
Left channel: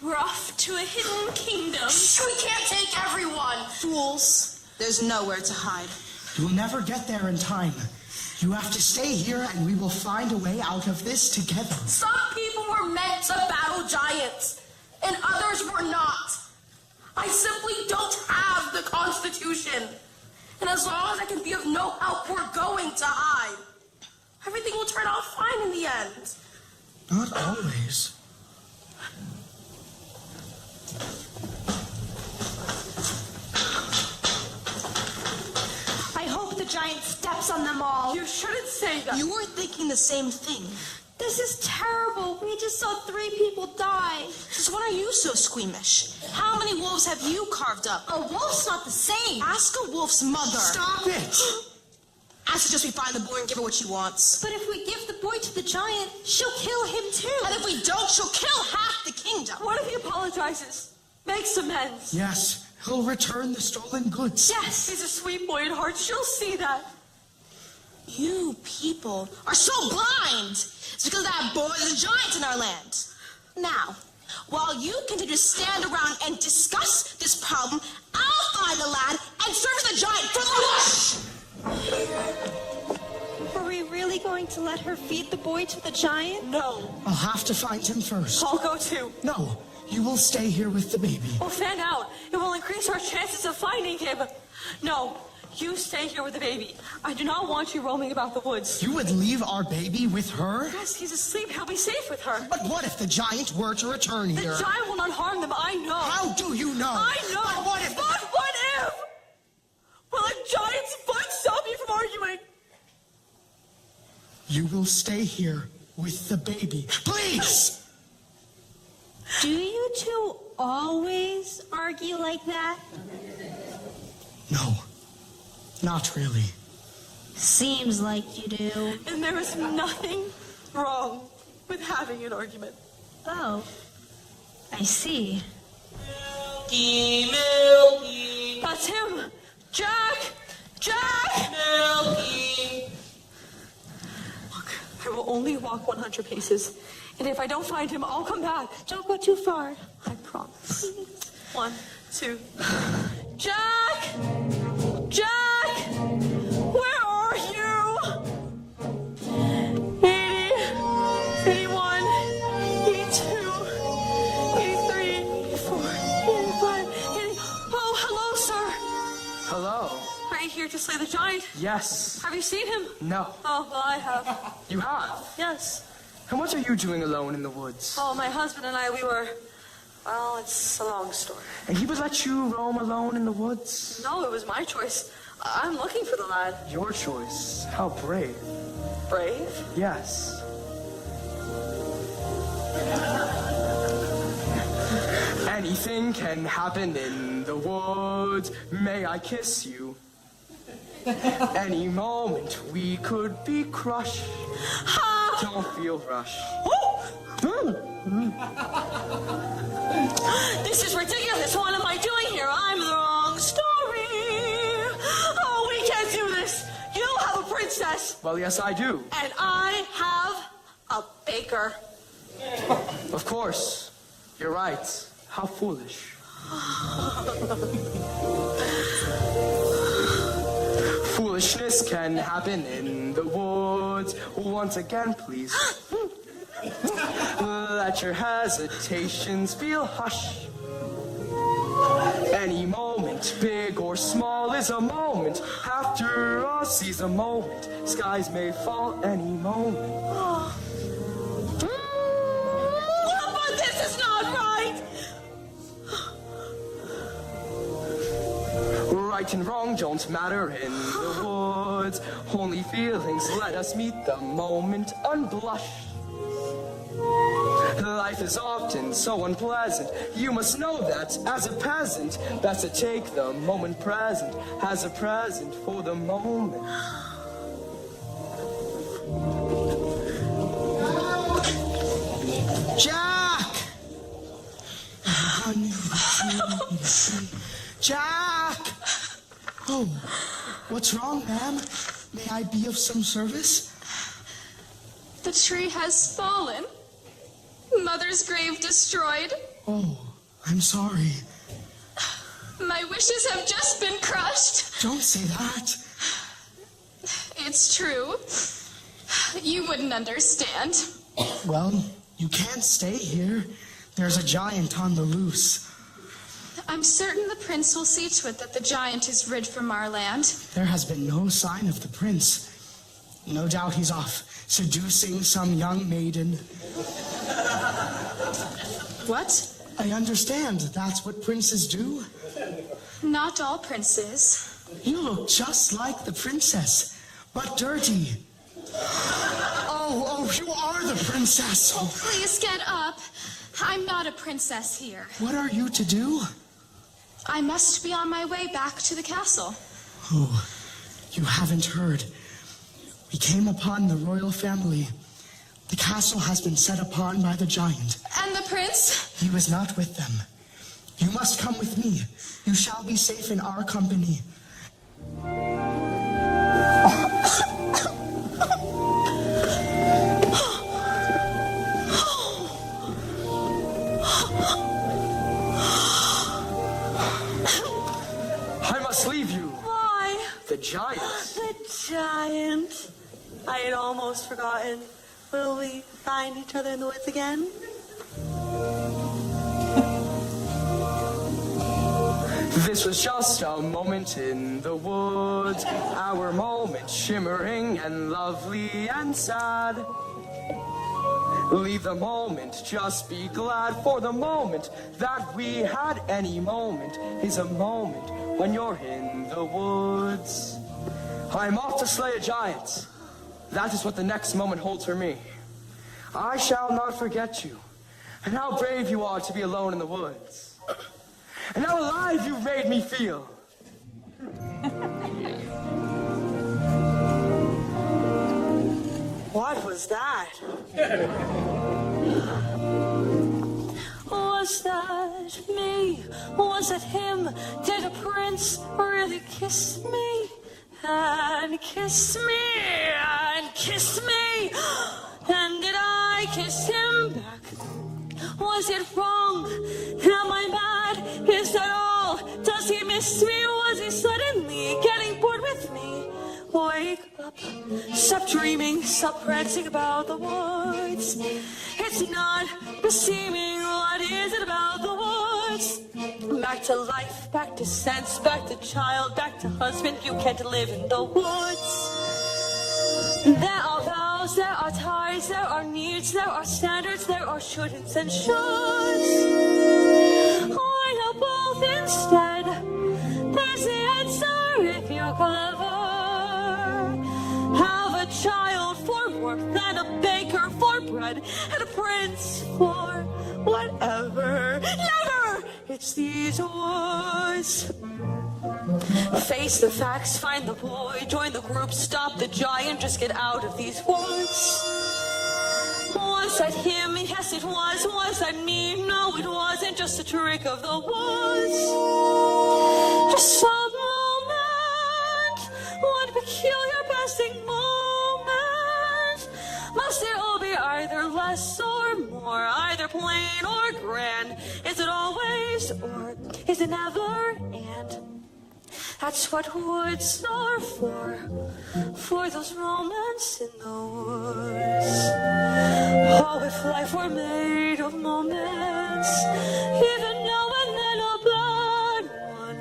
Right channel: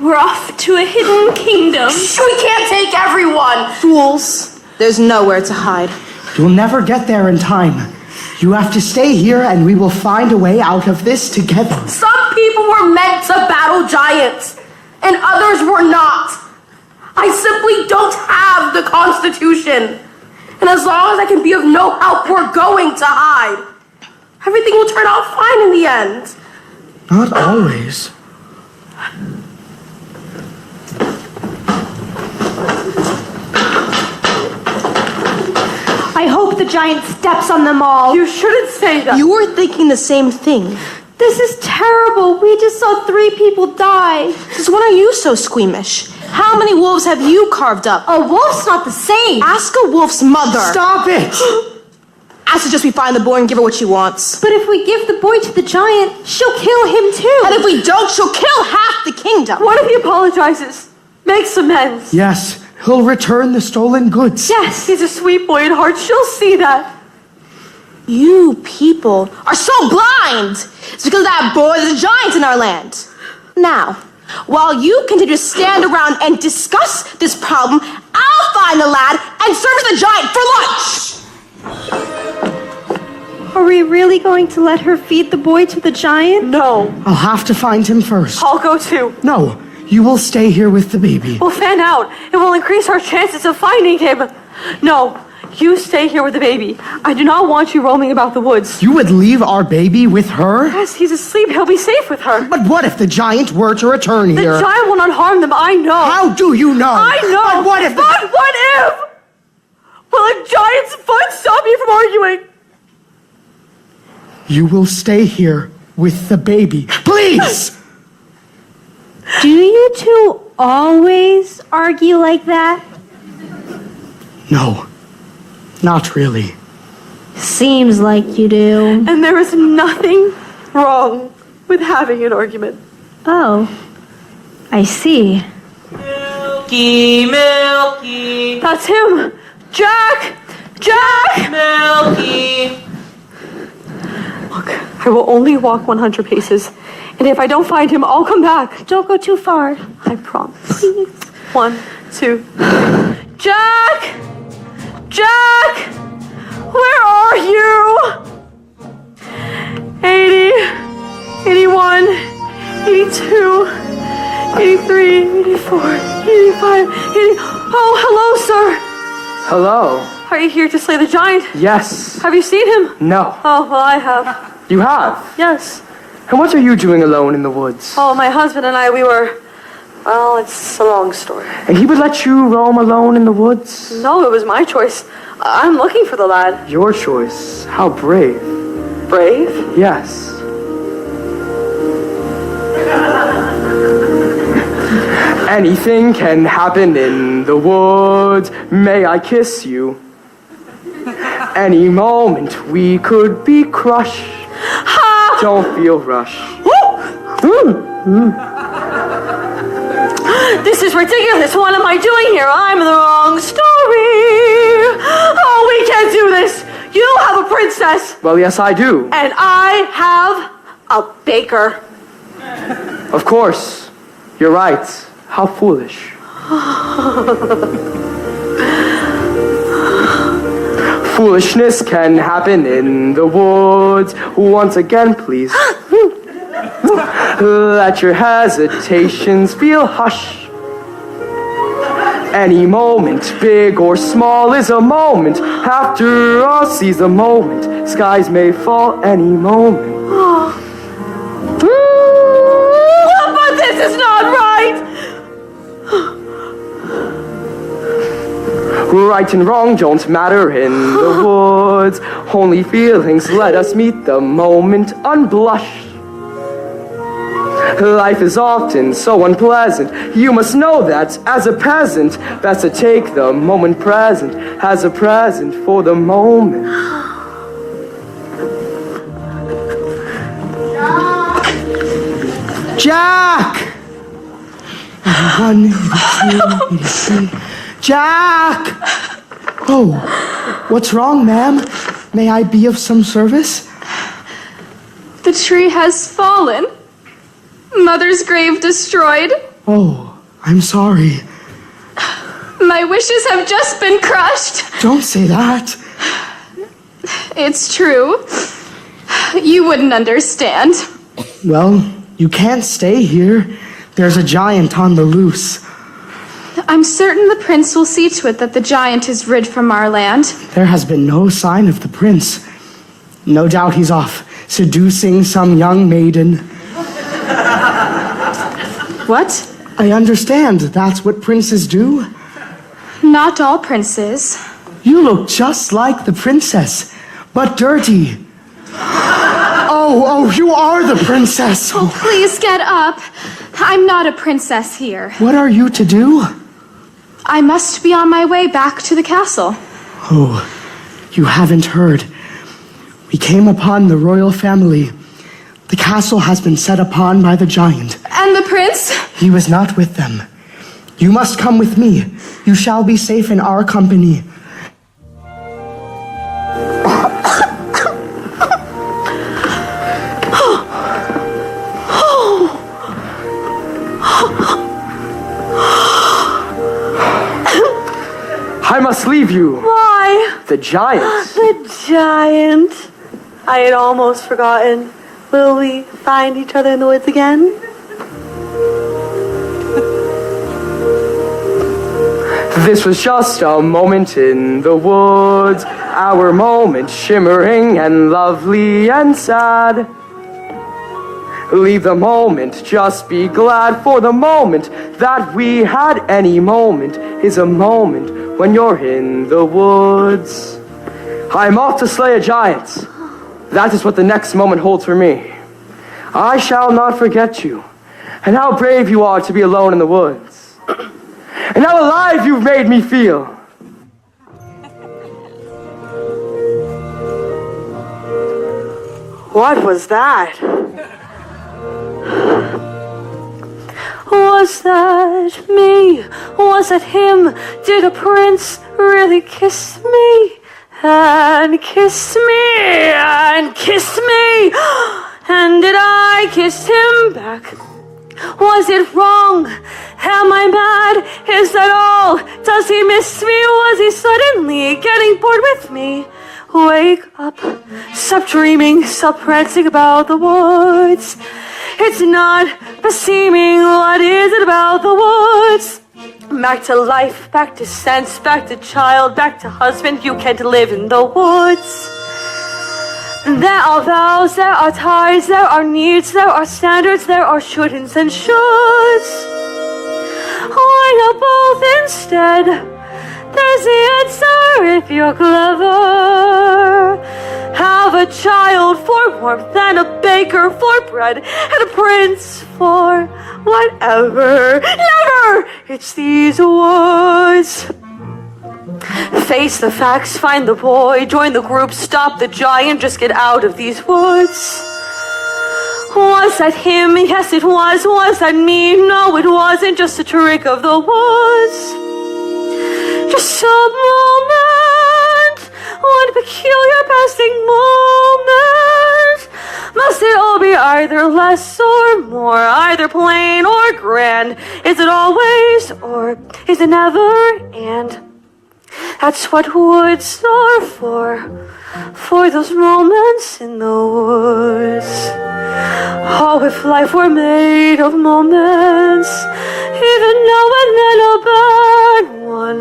We're off to a hidden kingdom. We can't take everyone. Fools. There's nowhere to hide. You'll never get there in time. You have to stay here and we will find a way out of this together. Some people were meant to battle giants, and others were not. I simply don't have the Constitution. And as long as I can be of no help, we're going to hide. Everything will turn out fine in the end. Not always. I hope the giant steps on them all. You shouldn't say that. You were thinking the same thing. This is terrible. We just saw 3 people die. Since when are you so squeamish? How many wolves have you carved up? A wolf's not the same. Ask a wolf's mother. Stop it! I suggest we find the boy and give her what she wants. But if we give the boy to the giant, she'll kill him too. And if we don't, she'll kill half the kingdom. What if he apologizes? Makes amends. Yes, he'll return the stolen goods. Yes, he's a sweet boy at heart. She'll see that. You people are so blind. It's because of that boy there's a giant in our land. Now, while you continue to stand around and discuss this problem, I'll find the lad and serve the giant for lunch. Are we really going to let her feed the boy to the giant? No. I'll have to find him first. I'll go too. No, you will stay here with the baby. We'll fan out. It will increase our chances of finding him. No, you stay here with the baby. I do not want you roaming about the woods. You would leave our baby with her? Yes, he's asleep. He'll be safe with her. But what if the giant were to return here? The giant will not harm them. I know. How do you know? I know. But what if... But what if? Will a giant's foot stop you from arguing? You will stay here with the baby. Please! Do you two always argue like that? No, not really. Seems like you do. And there is nothing wrong with having an argument. Oh, I see. Milky, Milky. That's him. Jack! Jack! Milky. Look, I will only walk 100 paces. And if I don't find him, I'll come back. Don't go too far. I promise. Please. 1, 2. Jack! Jack! Where are you? 80, 81, 82, 83, 84, 85, 80. Oh, hello, sir. Hello. Are you here to slay the giant? Yes. Have you seen him? No. Oh, well, I have. You have? Yes. And what are you doing alone in the woods? Oh, my husband and I, we were... Well, it's a long story. And he would let you roam alone in the woods? No, it was my choice. I'm looking for the lad. Your choice. How brave. Brave? Yes. Anything can happen in the woods. May I kiss you? Any moment we could be crushed. Ha! Don't feel rushed. This is ridiculous. What am I doing here? I'm in the wrong story. Oh, we can't do this. You have a princess. Well, yes, I do. And I have a baker. Of course. You're right. How foolish. Foolishness can happen in the woods. Once again, please. Let your hesitations feel hush. Any moment, big or small, is a moment. After all, seize a moment. Skies may fall any moment. But this is not right. Right and wrong don't matter in the woods. Only feelings let us meet the moment unblushed. Life is often so unpleasant. You must know that as a peasant, best to take the moment present as a present for the moment. Jack! 81, 82, 83. Jack! Oh, what's wrong, ma'am? May I be of some service? The tree has fallen. Mother's grave destroyed. Oh, I'm sorry. My wishes have just been crushed. Don't say that. It's true. You wouldn't understand. Well, you can't stay here. There's a giant on the loose. I'm certain the prince will see to it that the giant is rid from our land. There has been no sign of the prince. No doubt he's off seducing some young maiden. What? I understand that's what princes do. Not all princes. You look just like the princess, but dirty. Oh, you are the princess. Oh, please get up. I'm not a princess here. What are you to do? I must be on my way back to the castle. Oh, you haven't heard. We came upon the royal family. The castle has been set upon by the giant. And the prince? He was not with them. You must come with me. You shall be safe in our company. I must leave you. Why? The giant. The giant. I had almost forgotten. Will we find each other in the woods again? This was just a moment in the woods. Our moment, shimmering and lovely and sad. Leave the moment, just be glad for the moment that we had. Any moment is a moment when you're in the woods. I'm off to slay a giant. That is what the next moment holds for me. I shall not forget you, and how brave you are to be alone in the woods, and how alive you've made me feel. What was that? Was that me? Was it him? Did a prince really kiss me? And kiss me? And kiss me? And did I kiss him back? Was it wrong? Am I mad? Is that all? Does he miss me? Was he suddenly getting bored with me? Wake up, stop dreaming, stop prancing about the woods. It's not beseeming, what is it about the woods? Back to life, back to sense, back to child, back to husband, you can't live in the woods. There are vows, there are ties, there are needs, there are standards, there are shouldn'ts and shoulds. Why not both instead? There's the answer if you're clever. Have a child for warmth and a baker for bread and a prince for whatever. Never! It's these woods. Face the facts, find the boy, join the group, stop the giant, just get out of these woods. Was that him? Yes, it was. Was that me? No, it wasn't. Just a trick of the woods. Just a moment, one peculiar passing moment. Must it all be either less or more, either plain or grand? Is it always or is it never? And that's what woods are for those moments in the woods. Oh, if life were made of moments, even now and then a bad one.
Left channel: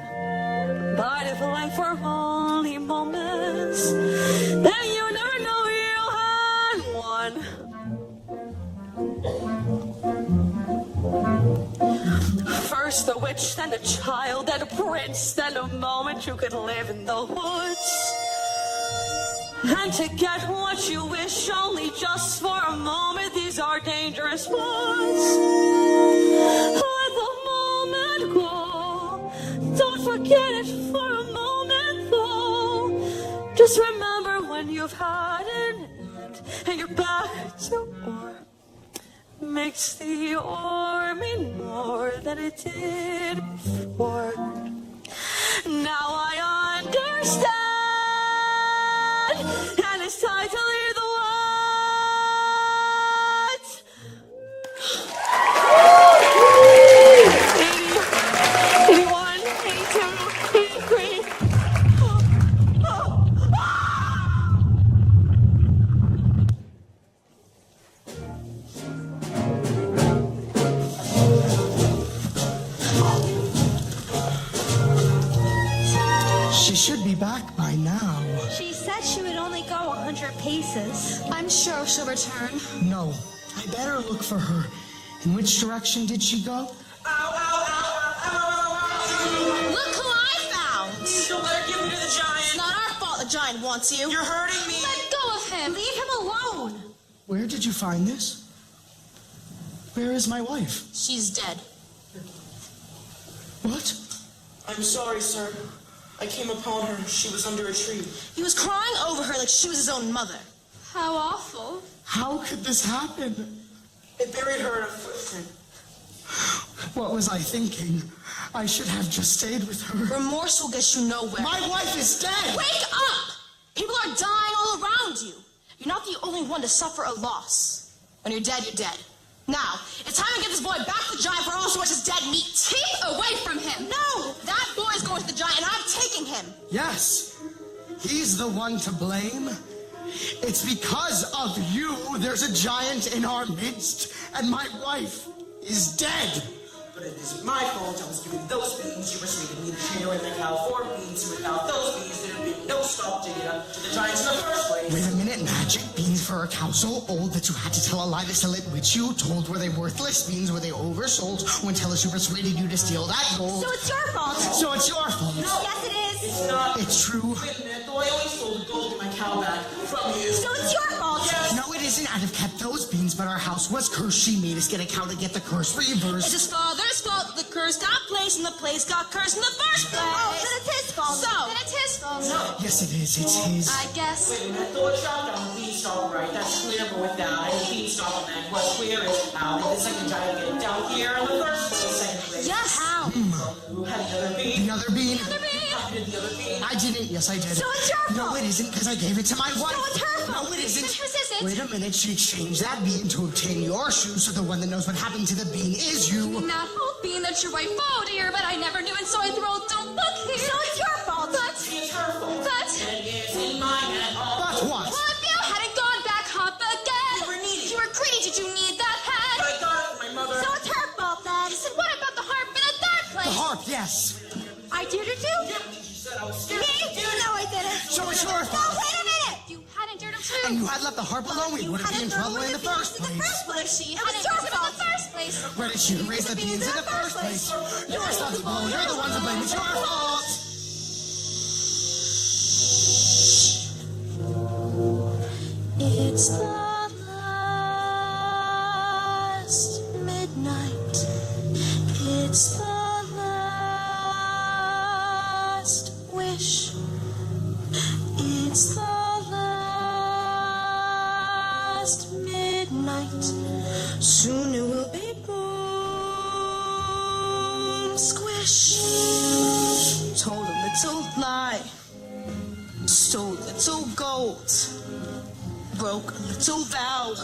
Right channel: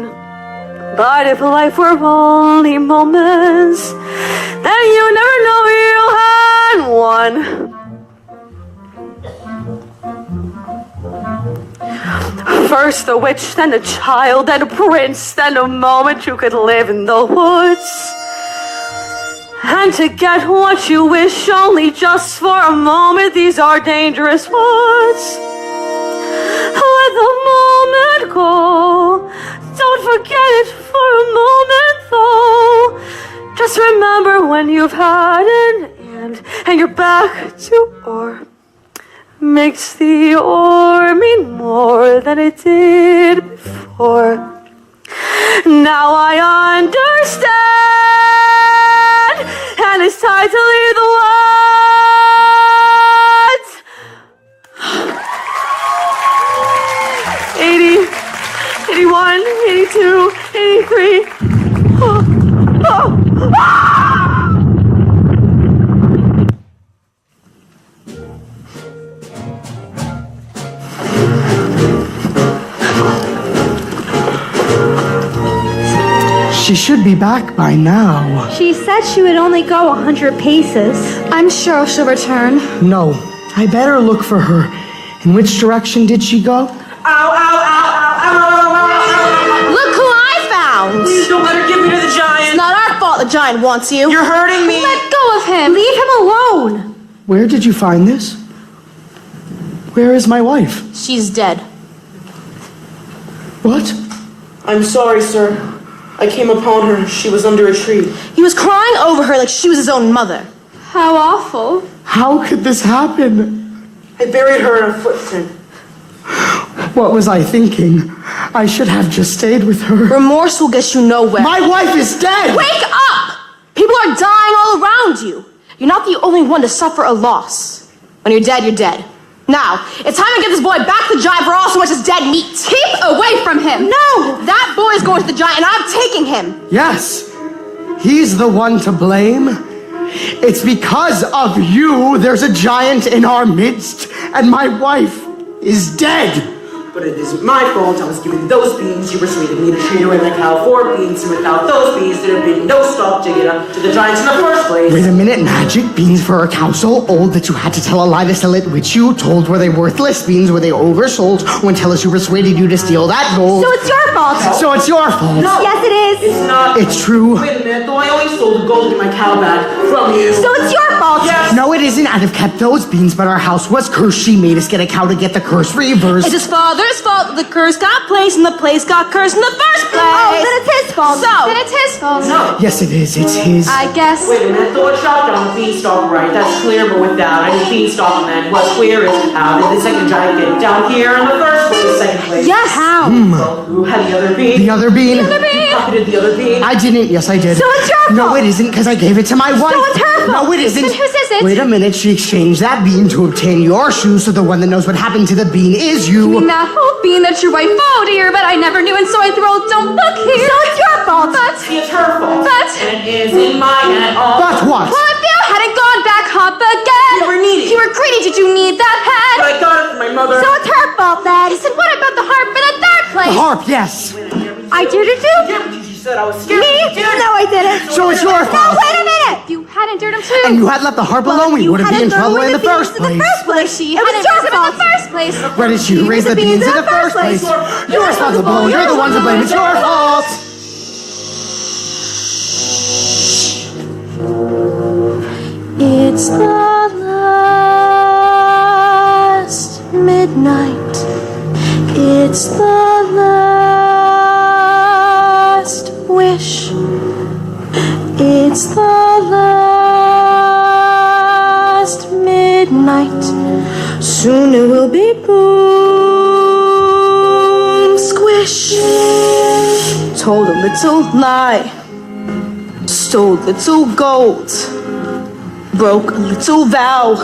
But if life were only moments, then you never know you had one. First the witch, then a child, then a prince, then a moment you could live in the woods. And to get what you wish only just for a moment, these are dangerous woods. Let the moment go, don't forget it for a moment though. Just remember when you've had an and you're back to or. Makes the or mean more than it did before. Now I understand, and it's time to leave the woods. 80, 81, 82, 83. She should be back by now. She said she would only go 100 paces. I'm sure she'll return. No, I better look for her. In which direction did she go? Look who I found! Please don't let her give me to the giant. It's not our fault the giant wants you. You're hurting me. Let go of him. Leave him alone. Where did you find this? Where is my wife? She's dead. What? I'm sorry, sir. I came upon her. She was under a tree. He was crying over her like she was his own mother. How awful. How could this happen? I buried her in a footprint. What was I thinking? I should have just stayed with her. Remorse will get you nowhere. My wife is dead! Wake up! People are dying all around you. You're not the only one to suffer a loss. When you're dead, you're dead. Now, it's time to get this boy back to the giant for all so much as dead meat. Keep away from him. No! That boy is going to the giant and I'm taking him. Yes, he's the one to blame. It's because of you there's a giant in our midst, and my wife is dead. But it isn't my fault. I was given those beans. You persuaded me to treat her like cow for beans, and without those beans, there'd be no stop to get up to the giants in the first place. Wait a minute, magic beans for a cow so old that you had to tell a lie to sell it, which you told were they worthless beans, were they oversold, when tell us who persuaded you to steal that gold. So it's your fault. So it's your fault. No, Yes, it is. it's not. It's true. Wait a minute, though I only stole the gold in my cow bag from you. So it's your fault. Yes. No, it isn't. I'd have kept those beans, but our house was cursed. She made us get a cow to get the curse reversed. It's his father's fault that the curse got placed and the place got cursed in the first place. Oh, then it's his fault. Then it's his fault. No. Yes, it is. It's his. I guess. Wait a minute, though it chopped down beanstalk right. That's clear, but without any beanstalk, then what's clear is how did the second giant get down here in the first place, second place? Yes. How? now. Well, who had the other bean? The other bean? The other bean. You pocketed the other bean. I didn't. Yes, I did. So it's your fault. No, it isn't, because I gave it to my wife. So it's her fault. No, it isn't. Then whose is it? Wait a minute. She exchanged that bean to obtain your shoes, so the one that knows what happened to the bean is you. I mean, that whole bean that your wife, oh dear, but I never knew, and so I threw out, don't look here. So it's your fault. See, it's her fault. But And it isn't mine at all. But what? well, if you hadn't gone back up again. You were needy. You were greedy. Did you need that pen? But I got it from my mother. So it's her fault then. I said, what about the harp in the third place? The harp, yes. I did it too. Yeah, because you said I was scared. Me? No, I didn't. So it's your No, fault. wait a minute. If you hadn't dared him too. And you had left the harp alone, we You wouldn't be hadn't in trouble thrown in away the first beans in place. the first place. She It was hadn't your raised him in fault. the first place. Where did you raise the beans in the first place? You're responsible. You're the one to blame. It's your fault. It's the last midnight. It's the last wish. It's the last midnight. Soon it will be boom, squish. Told a little lie, stole little gold, broke a little vow.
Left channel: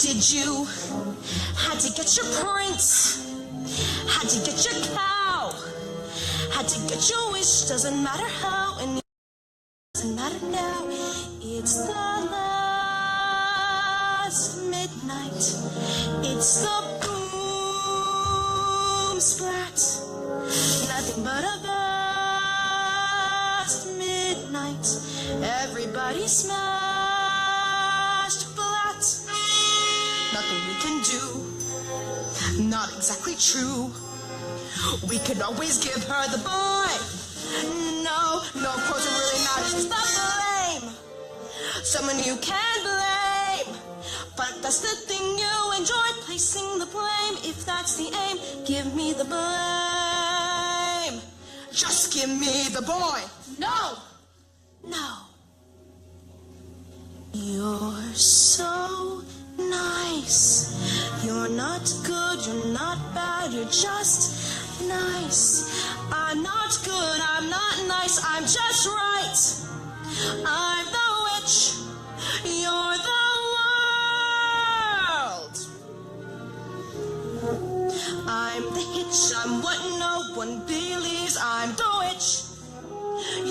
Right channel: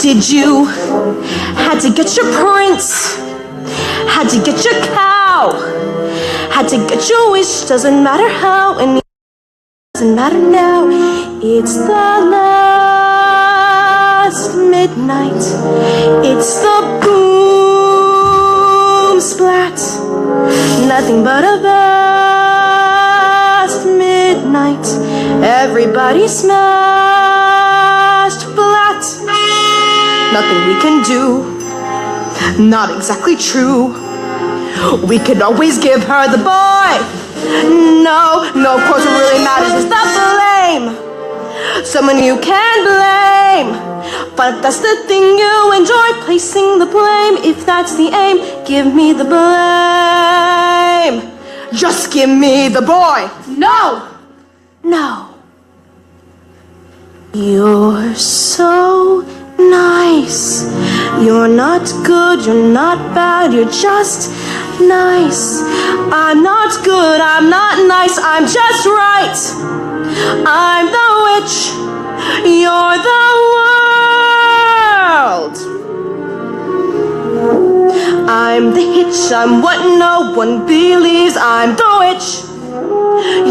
Did you? Had to get your prince, had to get your cow, had to get your wish. Doesn't matter how, and it doesn't matter now. It's the last midnight. It's the boom splat. Nothing but a vast midnight. Everybody smashed flat. Nothing we can do. Not exactly true. We could always give her the boy. No, of course what really matters is the blame. Someone you can blame. But if that's the thing you enjoy, placing the blame. If that's the aim, give me the blame. Just give me the boy. No. You're so nice. You're not good, you're not bad, you're just nice. I'm not good, I'm not nice, I'm just right. I'm the witch, you're the world. I'm the hitch, I'm what no one believes. I'm the witch.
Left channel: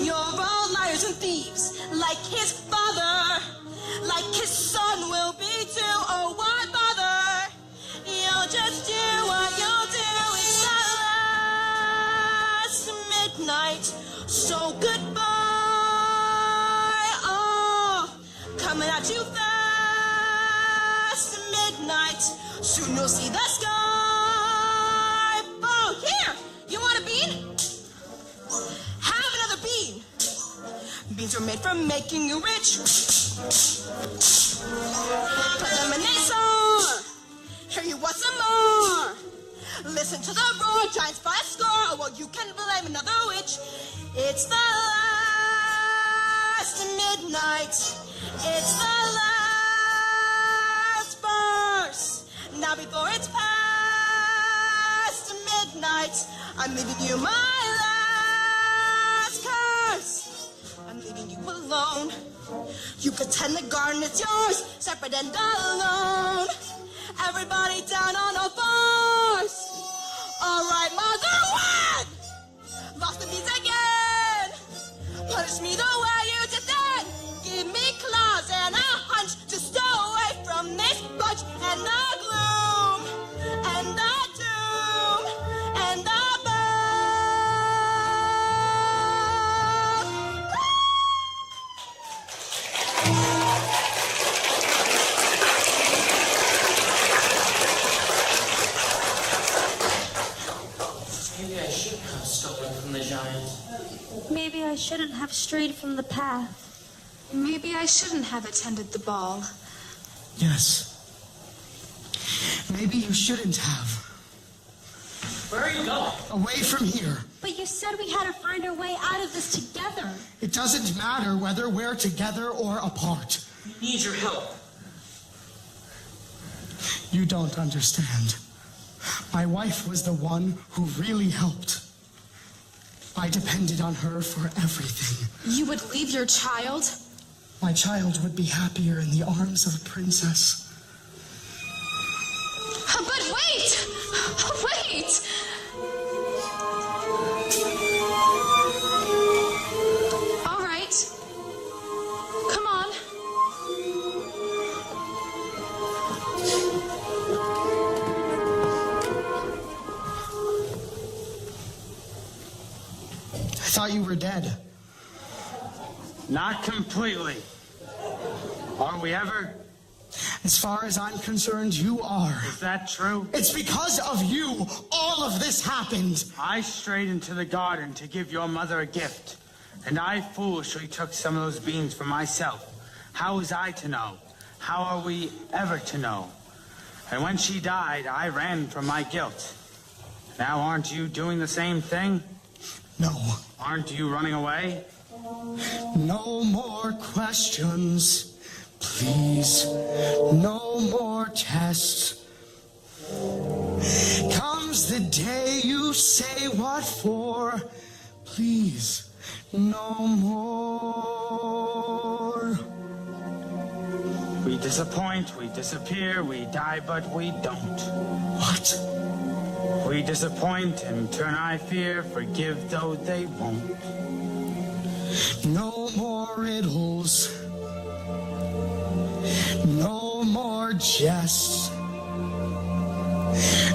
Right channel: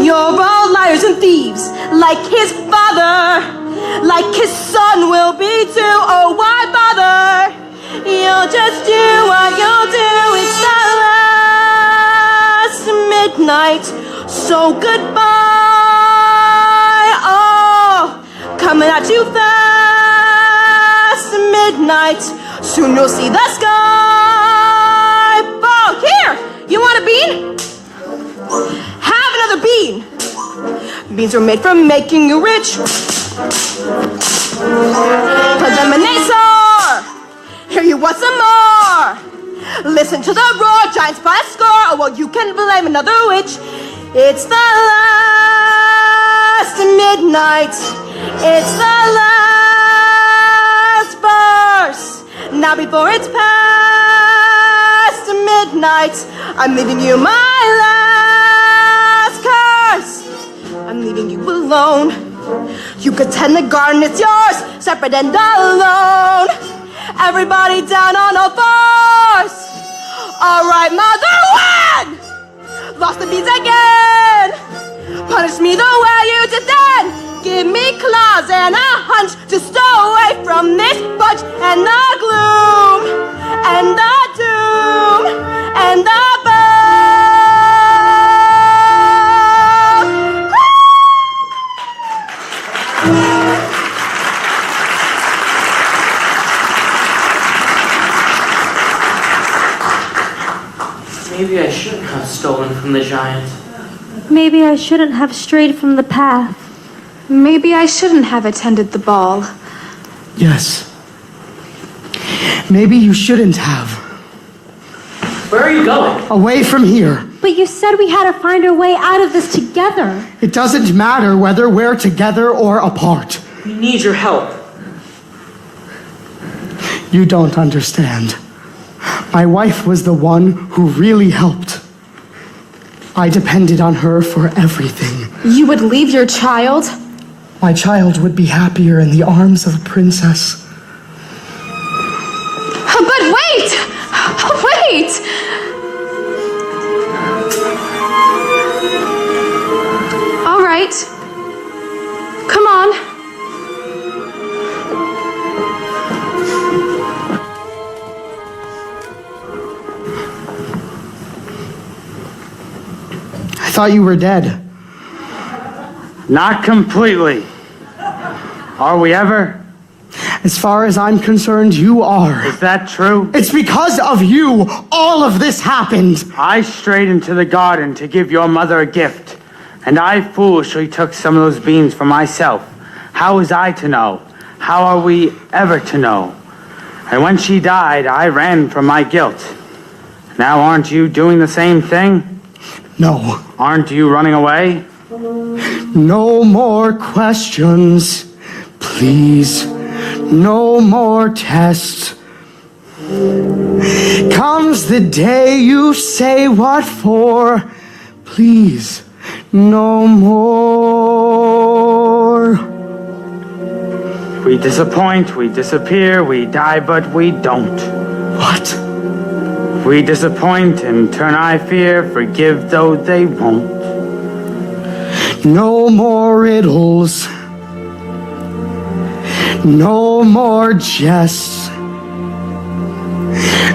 You're all liars and thieves, like his father, like his son will be too. Oh, why bother? You'll just do what you'll do. It's the last midnight, so goodbye. Oh, coming at you fast, midnight. Soon you'll see the sky. Oh, here, you want a bean? Have another bean. Beans are made for making you rich. Preliminator, here you want some more. Listen to the roar, giants by a score. Oh, well, you can blame another witch. It's the last midnight. It's the last verse. Now before it's past midnight, I'm leaving you my last curse. I'm leaving you alone. You could tend the garden, it's yours, separate and alone. Everybody down on all fours. All right, mother, win! Lost the beans again. Punish me the way you did then. Give me claws and a hunch to stow away from this bunch and the gloom and the doom and the Maybe I shouldn't have stolen from the giant. Maybe I shouldn't have strayed from the path. Maybe I shouldn't have attended the ball. Yes. Maybe you shouldn't have. Where are you going? Away from here. But you said we had to find our way out of this together. It doesn't matter whether we're together or apart. We need your help. You don't understand. My wife was the one who really helped. I depended on her for everything. You would leave your child? My child would be happier in the arms of a princess. But wait! Wait! All right. Come on. I thought you were dead. Not completely. Are we ever? As far as I'm concerned, you are. Is that true? It's because of you all of this happened. I strayed into the garden to give your mother a gift, and I foolishly took some of those beans for myself. How was I to know? How are we ever to know? And when she died, I ran from my guilt. Now aren't you doing the same thing? No. Aren't you running away? No more questions, please. No more tests. Comes the day you say what for. Please, no more. We disappoint, we disappear, we die, but we don't. What? We disappoint and turn eye fear, forgive though they won't. No more riddles. No more jests.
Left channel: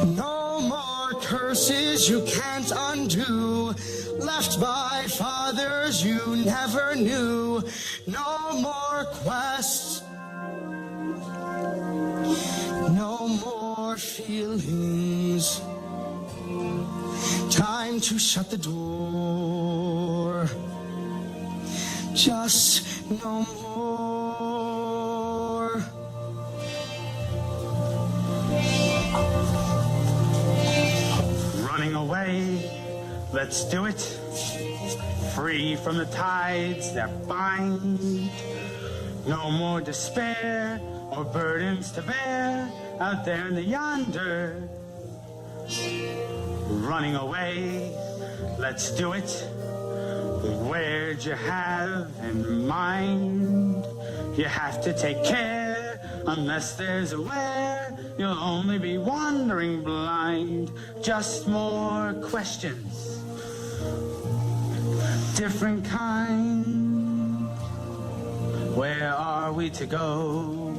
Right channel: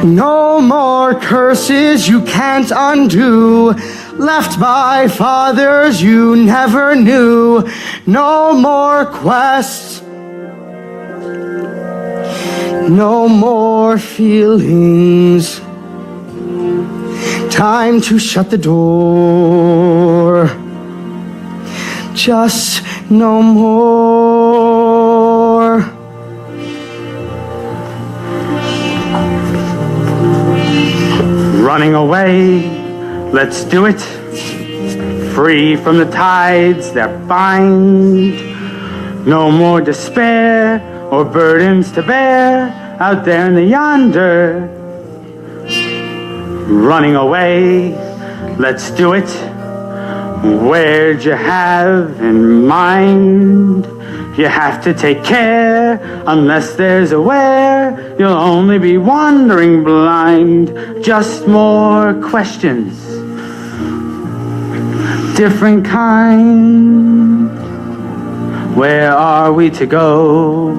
No more curses you can't undo. Left by fathers you never knew. No more quests. No more feelings. Time to shut the door. Just no more. Running away, let's do it. Free from the tides that bind. No more despair or burdens to bear out there in the yonder. Running away, let's do it. Where'd you have in mind? You have to take care, unless there's a where. You'll only be wandering blind. Just more questions, different kind. Where are we to go?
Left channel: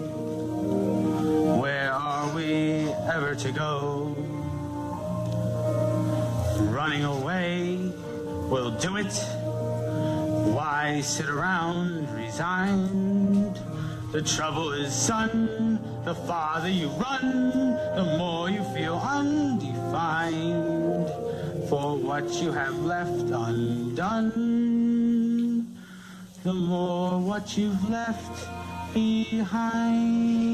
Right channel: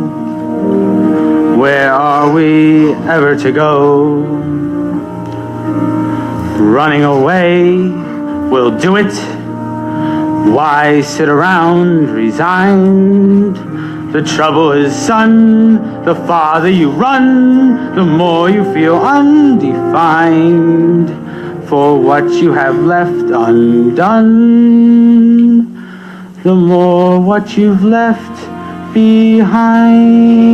Where are we ever to go? Running away, we'll do it. Why sit around resigned? The trouble is, son, the farther you run, the more you feel undefined for what you have left undone, the more what you've left behind.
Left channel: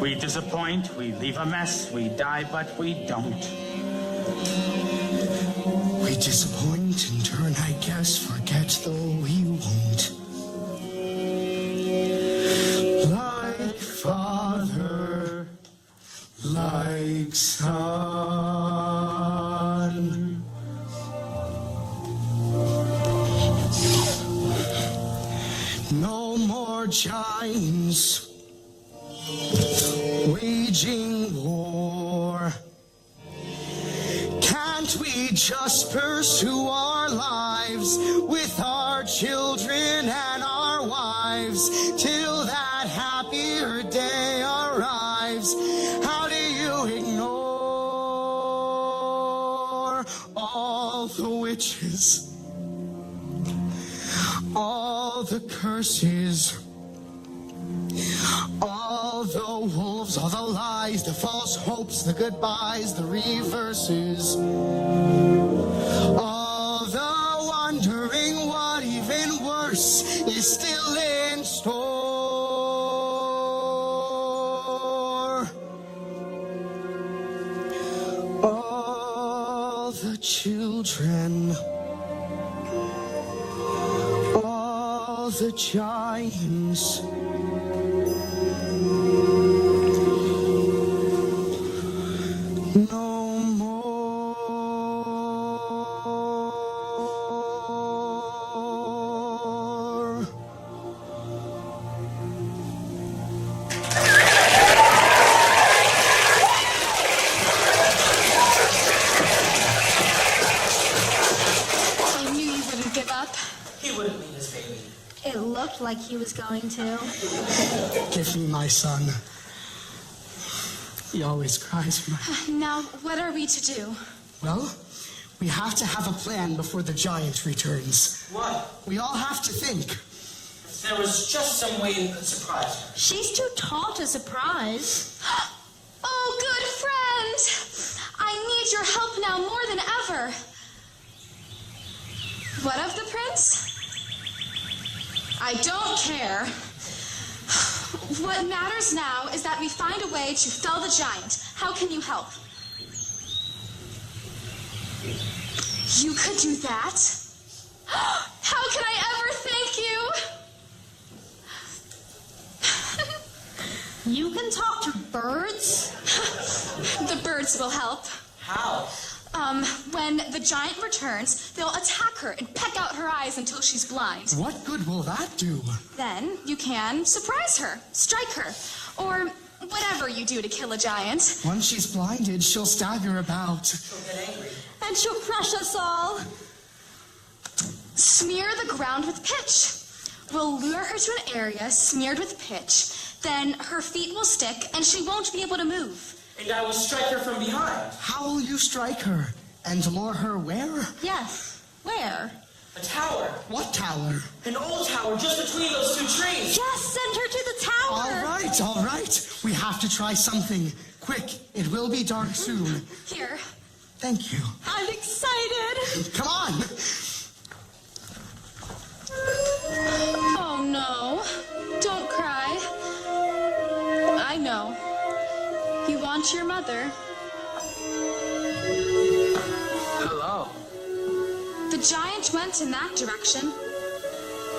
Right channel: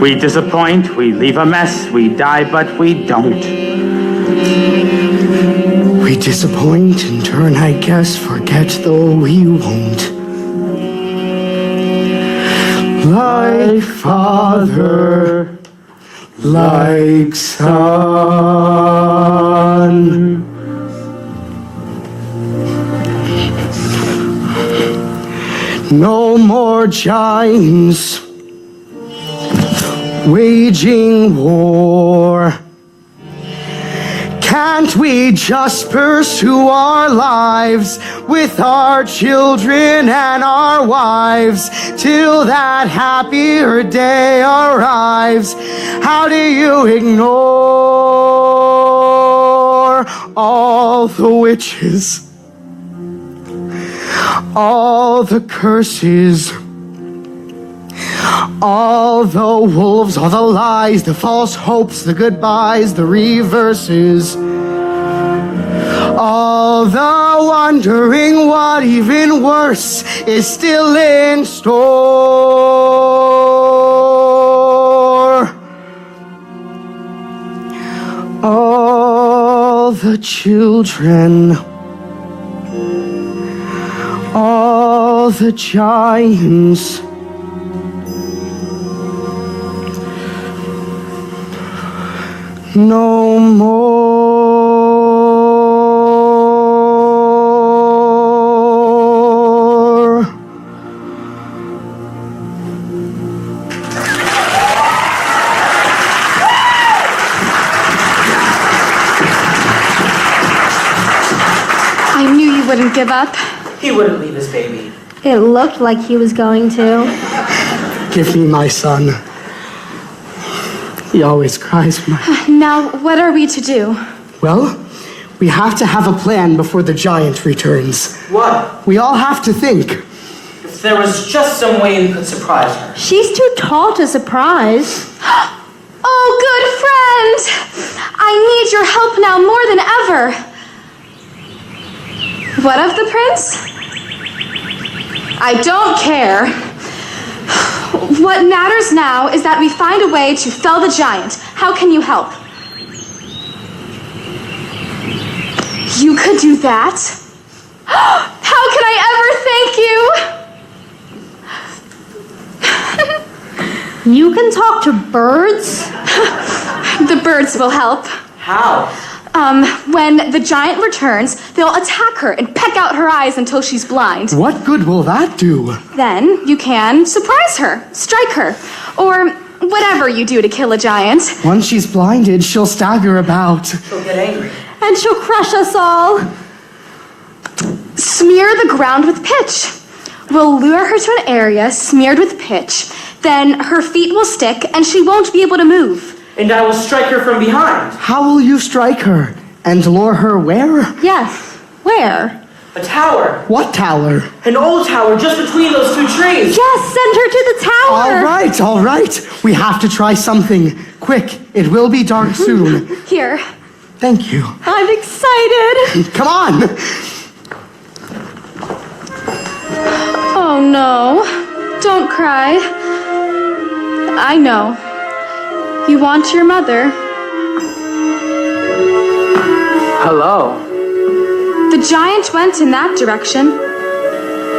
We disappoint, we leave a mess, we die but we don't. We disappoint in turn, I guess, forget though we won't. Like father, like son. No more giants waging war. Can't we just pursue our lives with our children and our wives till that happier day arrives? How do you ignore all the witches, all the curses, all the wolves, all the lies, the false hopes, the goodbyes, the reverses, all the wondering what even worse is still in store? All the children, all the giants, no more. I knew you wouldn't give up. He wouldn't leave his baby. It looked like he was going to. Give me my son. He always cries when I... Now, what are we to do? Well, we have to have a plan before the giant returns. What? We all have to think. If there was just some way you could surprise her. She's too tall to surprise. Oh, good friend! I need your help now more than ever. What of the prince? I don't care. What matters now is that we find a way to fell the giant. How can you help? You could do that? How can I ever thank you? You can talk to birds? The birds will help. How? When the giant returns, they'll attack her and peck out her eyes until she's blind. What good will that do? Then you can surprise her, strike her, or whatever you do to kill a giant. Once she's blinded, she'll stagger about. She'll get angry. And she'll crush us all. Smear the ground with pitch. We'll lure her to an area smeared with pitch. Then her feet will stick and she won't be able to move. And I will strike her from behind. How will you strike her? And lure her where? Yes. Where? A tower. What tower? An old tower just between those two trees. Yes, send her to the tower. All right. We have to try something. Quick, it will be dark soon. Here. Thank you. I'm excited. Come on. Oh no. Don't cry. I know. You want your mother. Hello. The giant went in that direction.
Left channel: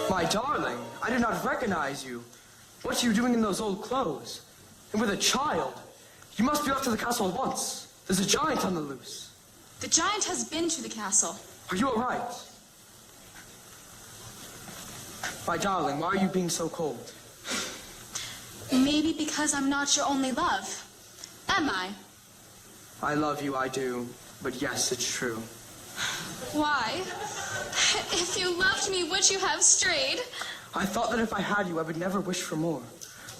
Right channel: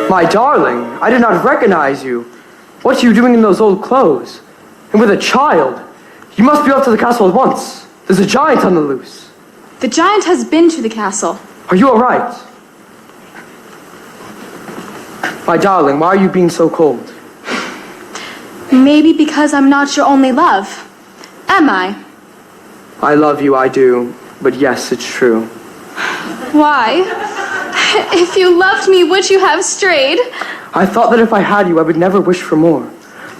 My darling, I did not recognize you. What are you doing in those old clothes? And with a child? You must be off to the castle at once. There's a giant on the loose. The giant has been to the castle. Are you all right? My darling, why are you being so cold? Maybe because I'm not your only love. Am I? I love you, I do. But yes, it's true. Why? If you loved me, would you have strayed? I thought that if I had you, I would never wish for more.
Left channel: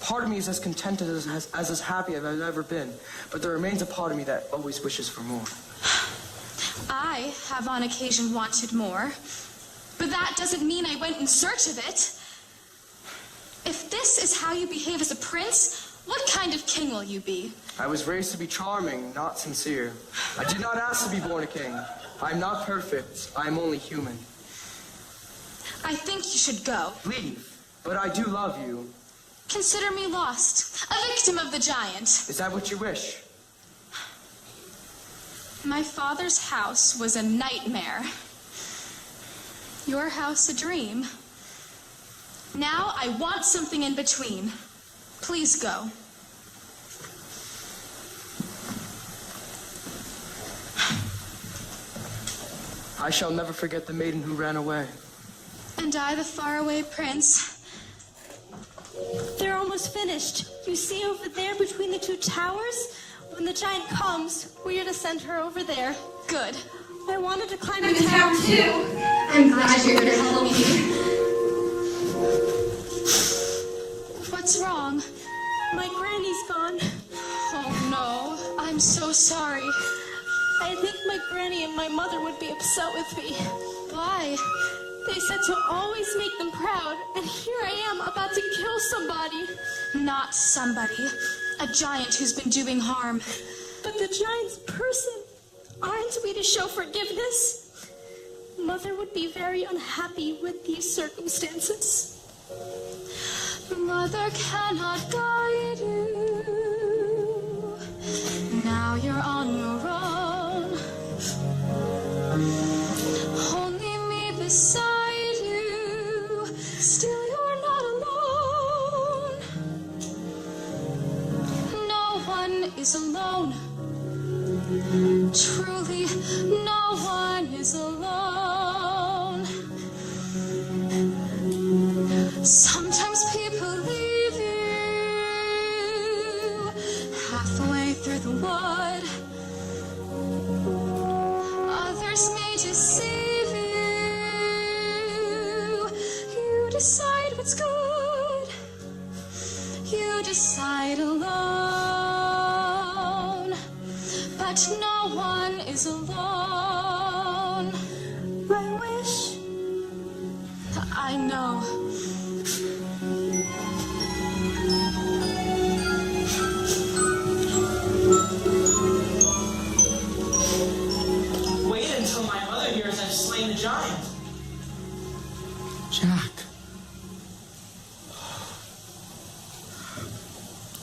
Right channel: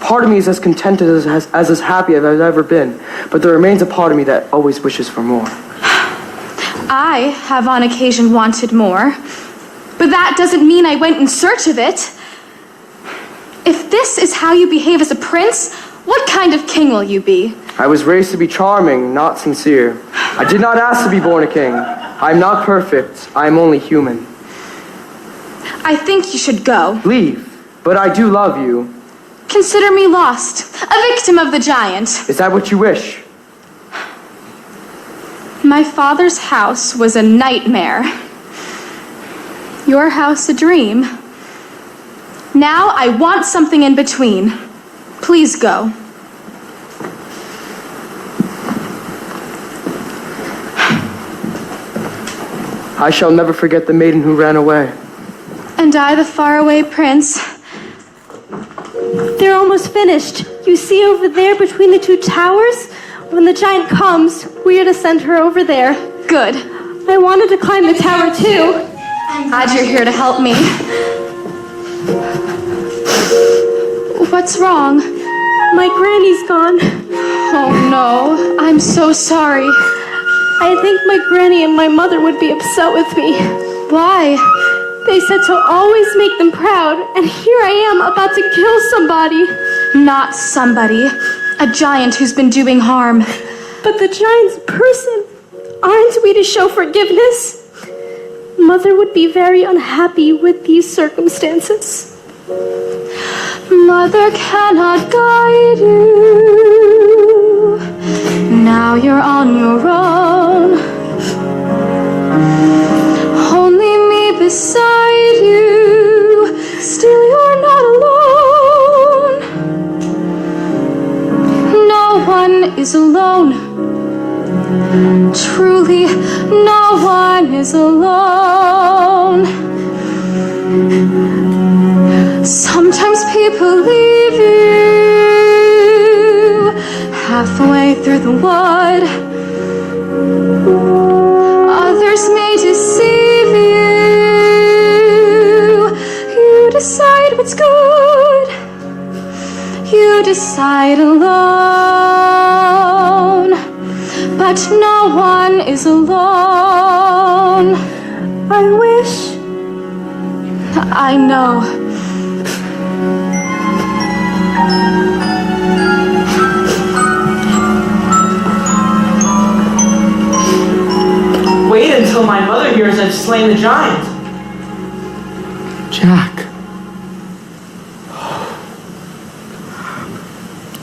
Part of me is as contented as happy as I've ever been. But there remains a part of me that always wishes for more. I have on occasion wanted more. But that doesn't mean I went in search of it. If this is how you behave as a prince, what kind of king will you be? I was raised to be charming, not sincere. I did not ask to be born a king. I am not perfect. I am only human. I think you should go. Leave. But I do love you. Consider me lost, a victim of the giant. Is that what you wish? My father's house was a nightmare. Your house a dream. Now I want something in between. Please go. I shall never forget the maiden who ran away. And I, the faraway prince. They're almost finished. You see over there between the two towers? When the giant comes, we are to send her over there. Good. I wanted to climb the tower too. I'm glad you're here to help me. What's wrong? My granny's gone. Oh no, I'm so sorry. I think my granny and my mother would be upset with me. Why? They said to always make them proud, and here I am about to kill somebody. Not somebody. A giant who's been doing harm. But the giant's a person. Aren't we to show forgiveness? Mother would be very unhappy with these circumstances. Mother cannot guide you. Now you're on your own. Only me beside you. Still you're not alone. No one is alone. is alone. Sometimes people leave you halfway through the wood. Others may deceive you. You decide what's good. You decide alone. But no one is alone. I wish. I know. Wait until my mother hears I've slain the giant. Jack.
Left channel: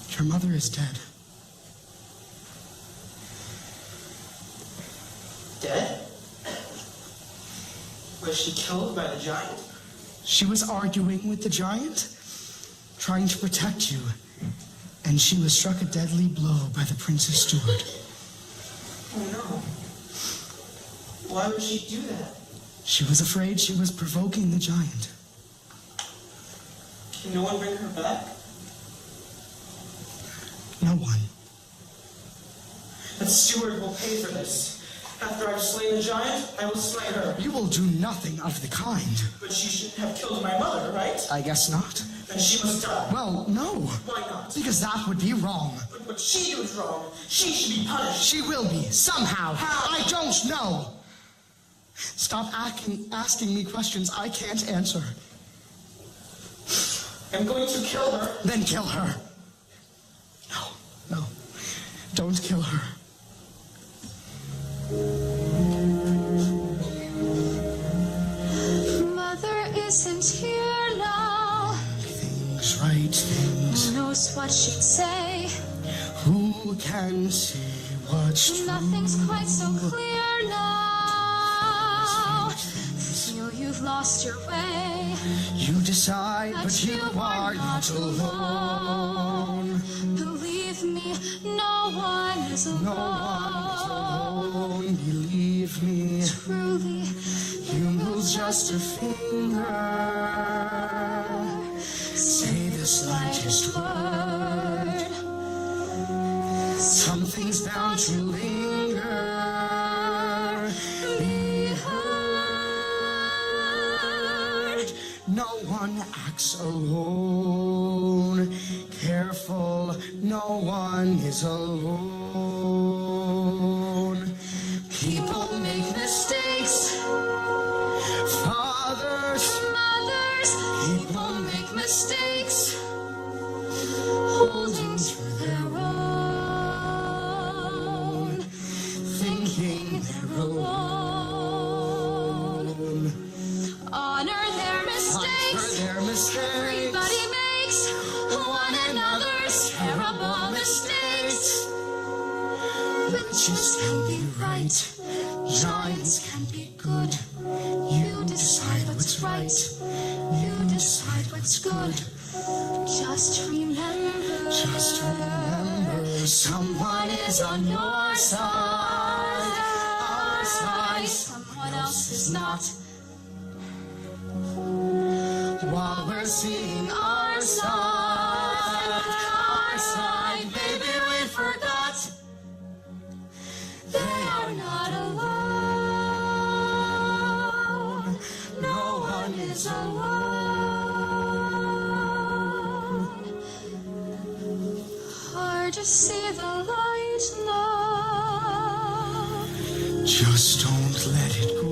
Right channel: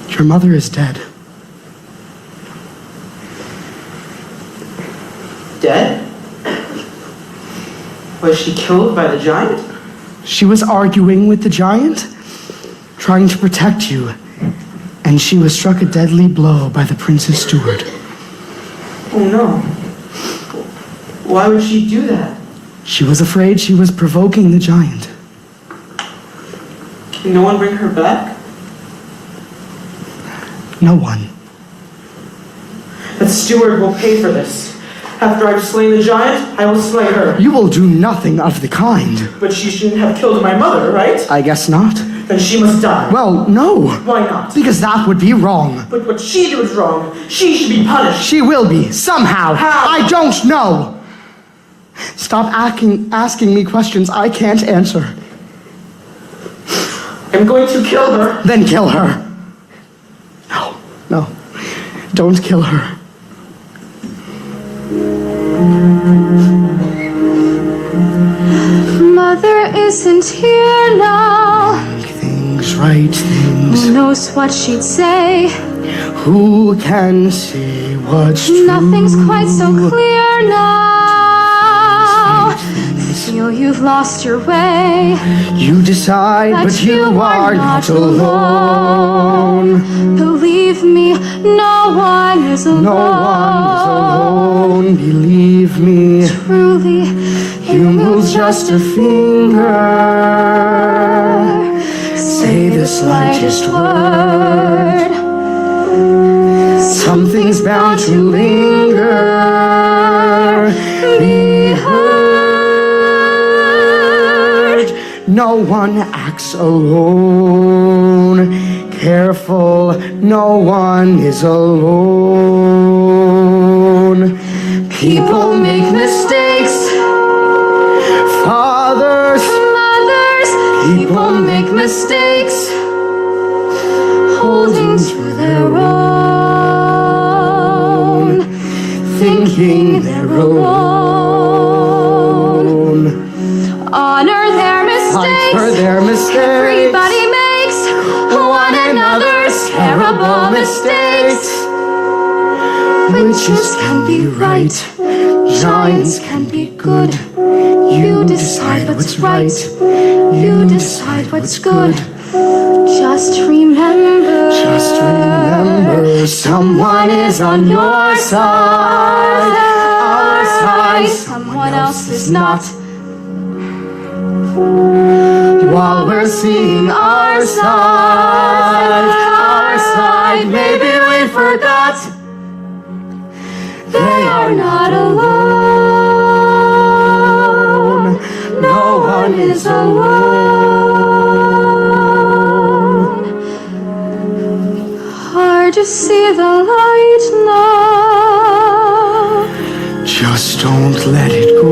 Your mother is dead. Dead? Was she killed by the giant? She was arguing with the giant, trying to protect you, and she was struck a deadly blow by the prince's steward. Oh no. Why would she do that? She was afraid she was provoking the giant. Can no one bring her back? No one. The steward will pay for this. After I've slain the giant, I will slay her. You will do nothing of the kind. But she shouldn't have killed my mother, right? I guess not. Then she must die. Well, no. Why not? Because that would be wrong. But what she did was wrong. She should be punished. She will be, somehow. How? I don't know. Stop asking me questions I can't answer. I'm going to kill her. Then kill her. No. Don't kill her. Mother isn't here now. Things, right things. Who knows what she'd say? Who can say what's true? Nothing's quite so clear now. Feel you've lost your way. You decide, but you are not alone. Believe me, no one is alone. No one is alone, believe me. Truly, you move just a finger. Say the slightest word. Something's bound to linger. Be heard. No one acts alone. Careful, no one is alone. People make mistakes. Fathers, mothers, people make mistakes. holding to their own, Thinking they're alone. honor their mistakes. Fight for their mistakes. Everybody makes one another's terrible mistakes. Witches can be right, giants can be good. You decide what's right. You decide what's good. Just remember. Just remember, someone is on your side. Our side, someone else is not. While we're seeing our side, maybe we forgot. They are not alone. No one is alone. Hard to see the light now. Just don't let it go.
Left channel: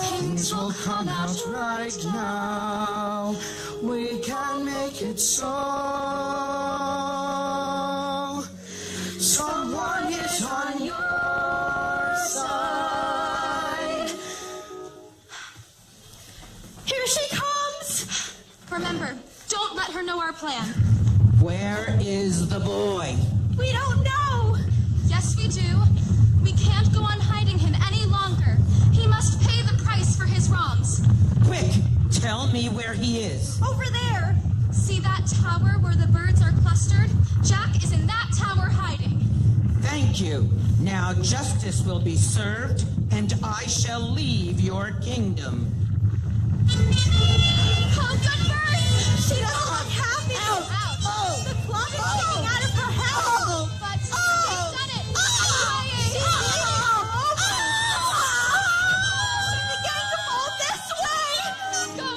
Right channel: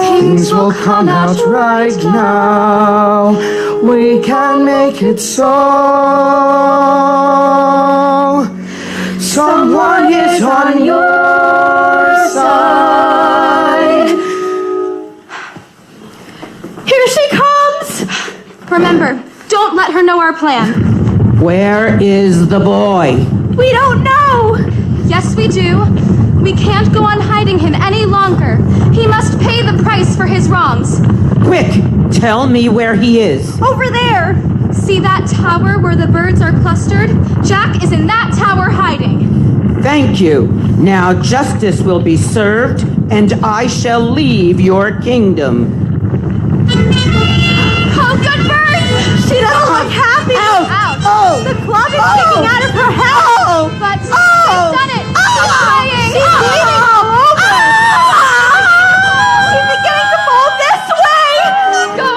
Things will come out right now. We can make it so. Someone is on your side. Here she comes! Remember, don't let her know our plan. Where is the boy? We don't know! Yes, we do. We can't go on hiding him any longer. He must pay the price for his wrongs. Quick, tell me where he is. Over there! See that tower where the birds are clustered? Jack is in that tower hiding. Thank you. Now justice will be served, and I shall leave your kingdom. Oh, good bird! She doesn't look happy. Ouch. Oh. The club is sticking out of her head. Oh. But she's done it. Stop crying. She's bleeding all over. She's beginning to fall this way. Go.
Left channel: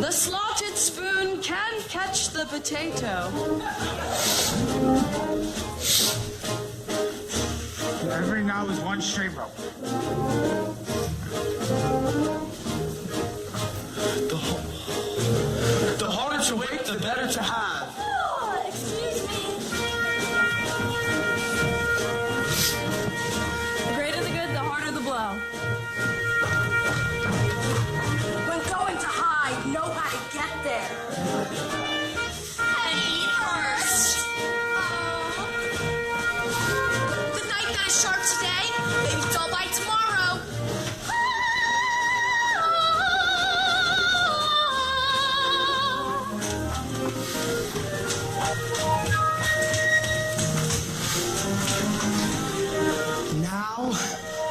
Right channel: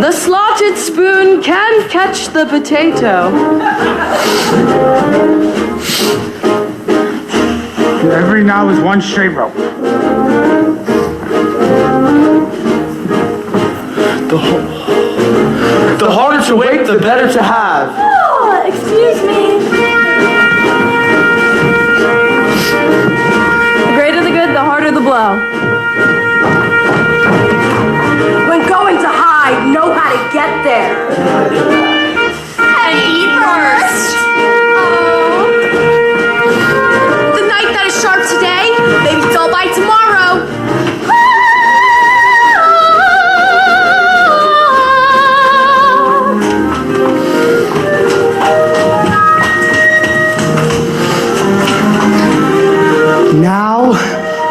The slotted spoon can catch the potato. Every now is one straight rope. The harder to wait, the better to have. Oh, excuse me. The greater the good, the harder the blow. When going to hide, know how to get there. And eat first. The knife that is sharp today may be dull by tomorrow.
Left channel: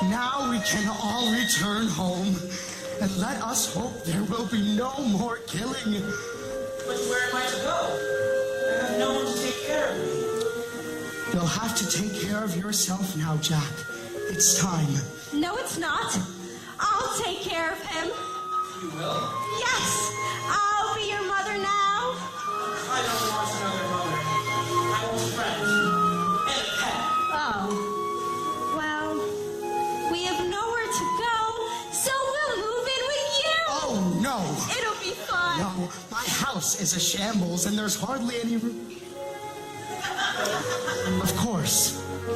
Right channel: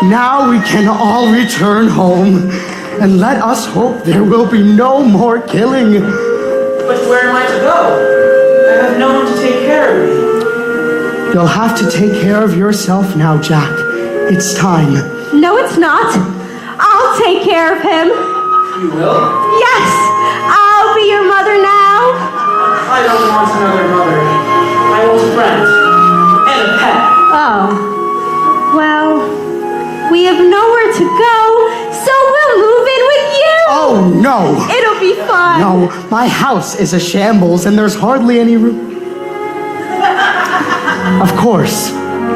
Now we can all return home, and let us hope there will be no more killing. But where am I to go? I have no one to take care of me. You'll have to take care of yourself now, Jack. It's time. No, it's not. I'll take care of him. You will? Yes, I'll be your mother now. I don't want another mother. I want a friend. And a pet. Oh, well, we have nowhere to go, so we'll move in with you. Oh, no. It'll be fun. No, my house is a shambles, and there's hardly any room. Of course,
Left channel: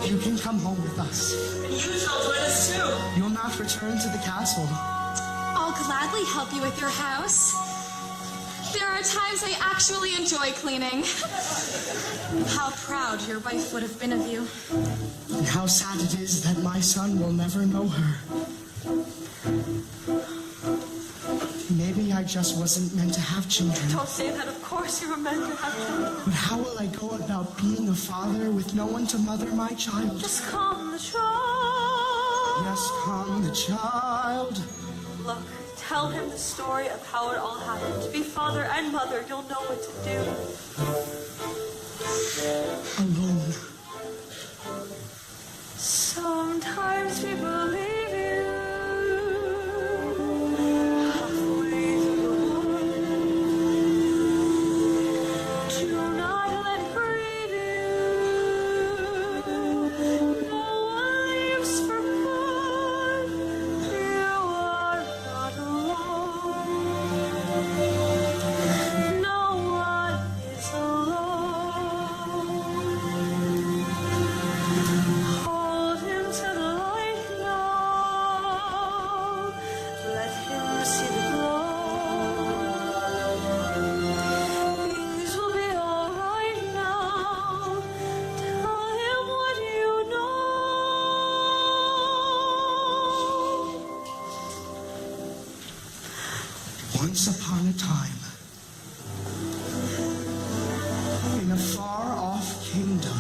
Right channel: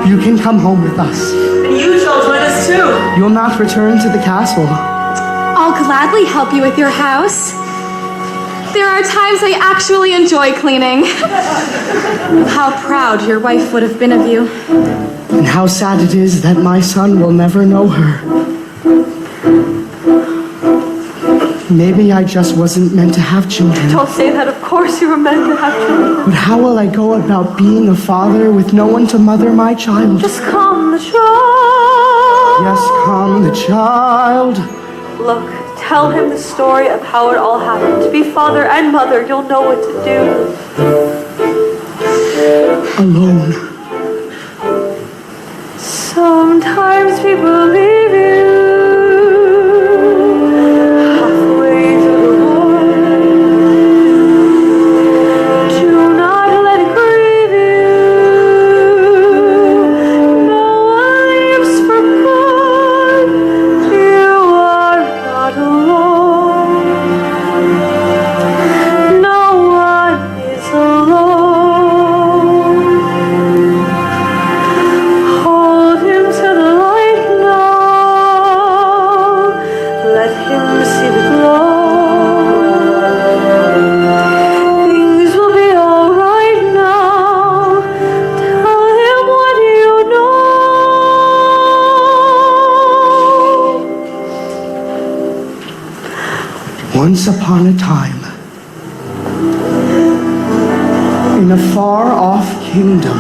you can come home with us. And you shall join us too. You'll not return to the castle. I'll gladly help you with your house. There are times I actually enjoy cleaning. How proud your wife would have been of you. And how sad it is that my son will never know her. Maybe I just wasn't meant to have children. Don't say that. Of course you were meant to have children. But how will I go about being a father with no one to mother my child? Just calm the child. Yes, calm the child. Look, tell him the story of how it all happened. To be father and mother, you'll know what to do. Alone. Sometimes people leave you halfway through the world. Do not let it grieve you. No one leaves for good. You are not alone. No one is alone. Hold him to the light now. Let him see the glow. Things will be alright now. Tell him what you know. Once upon a time, in a far-off kingdom,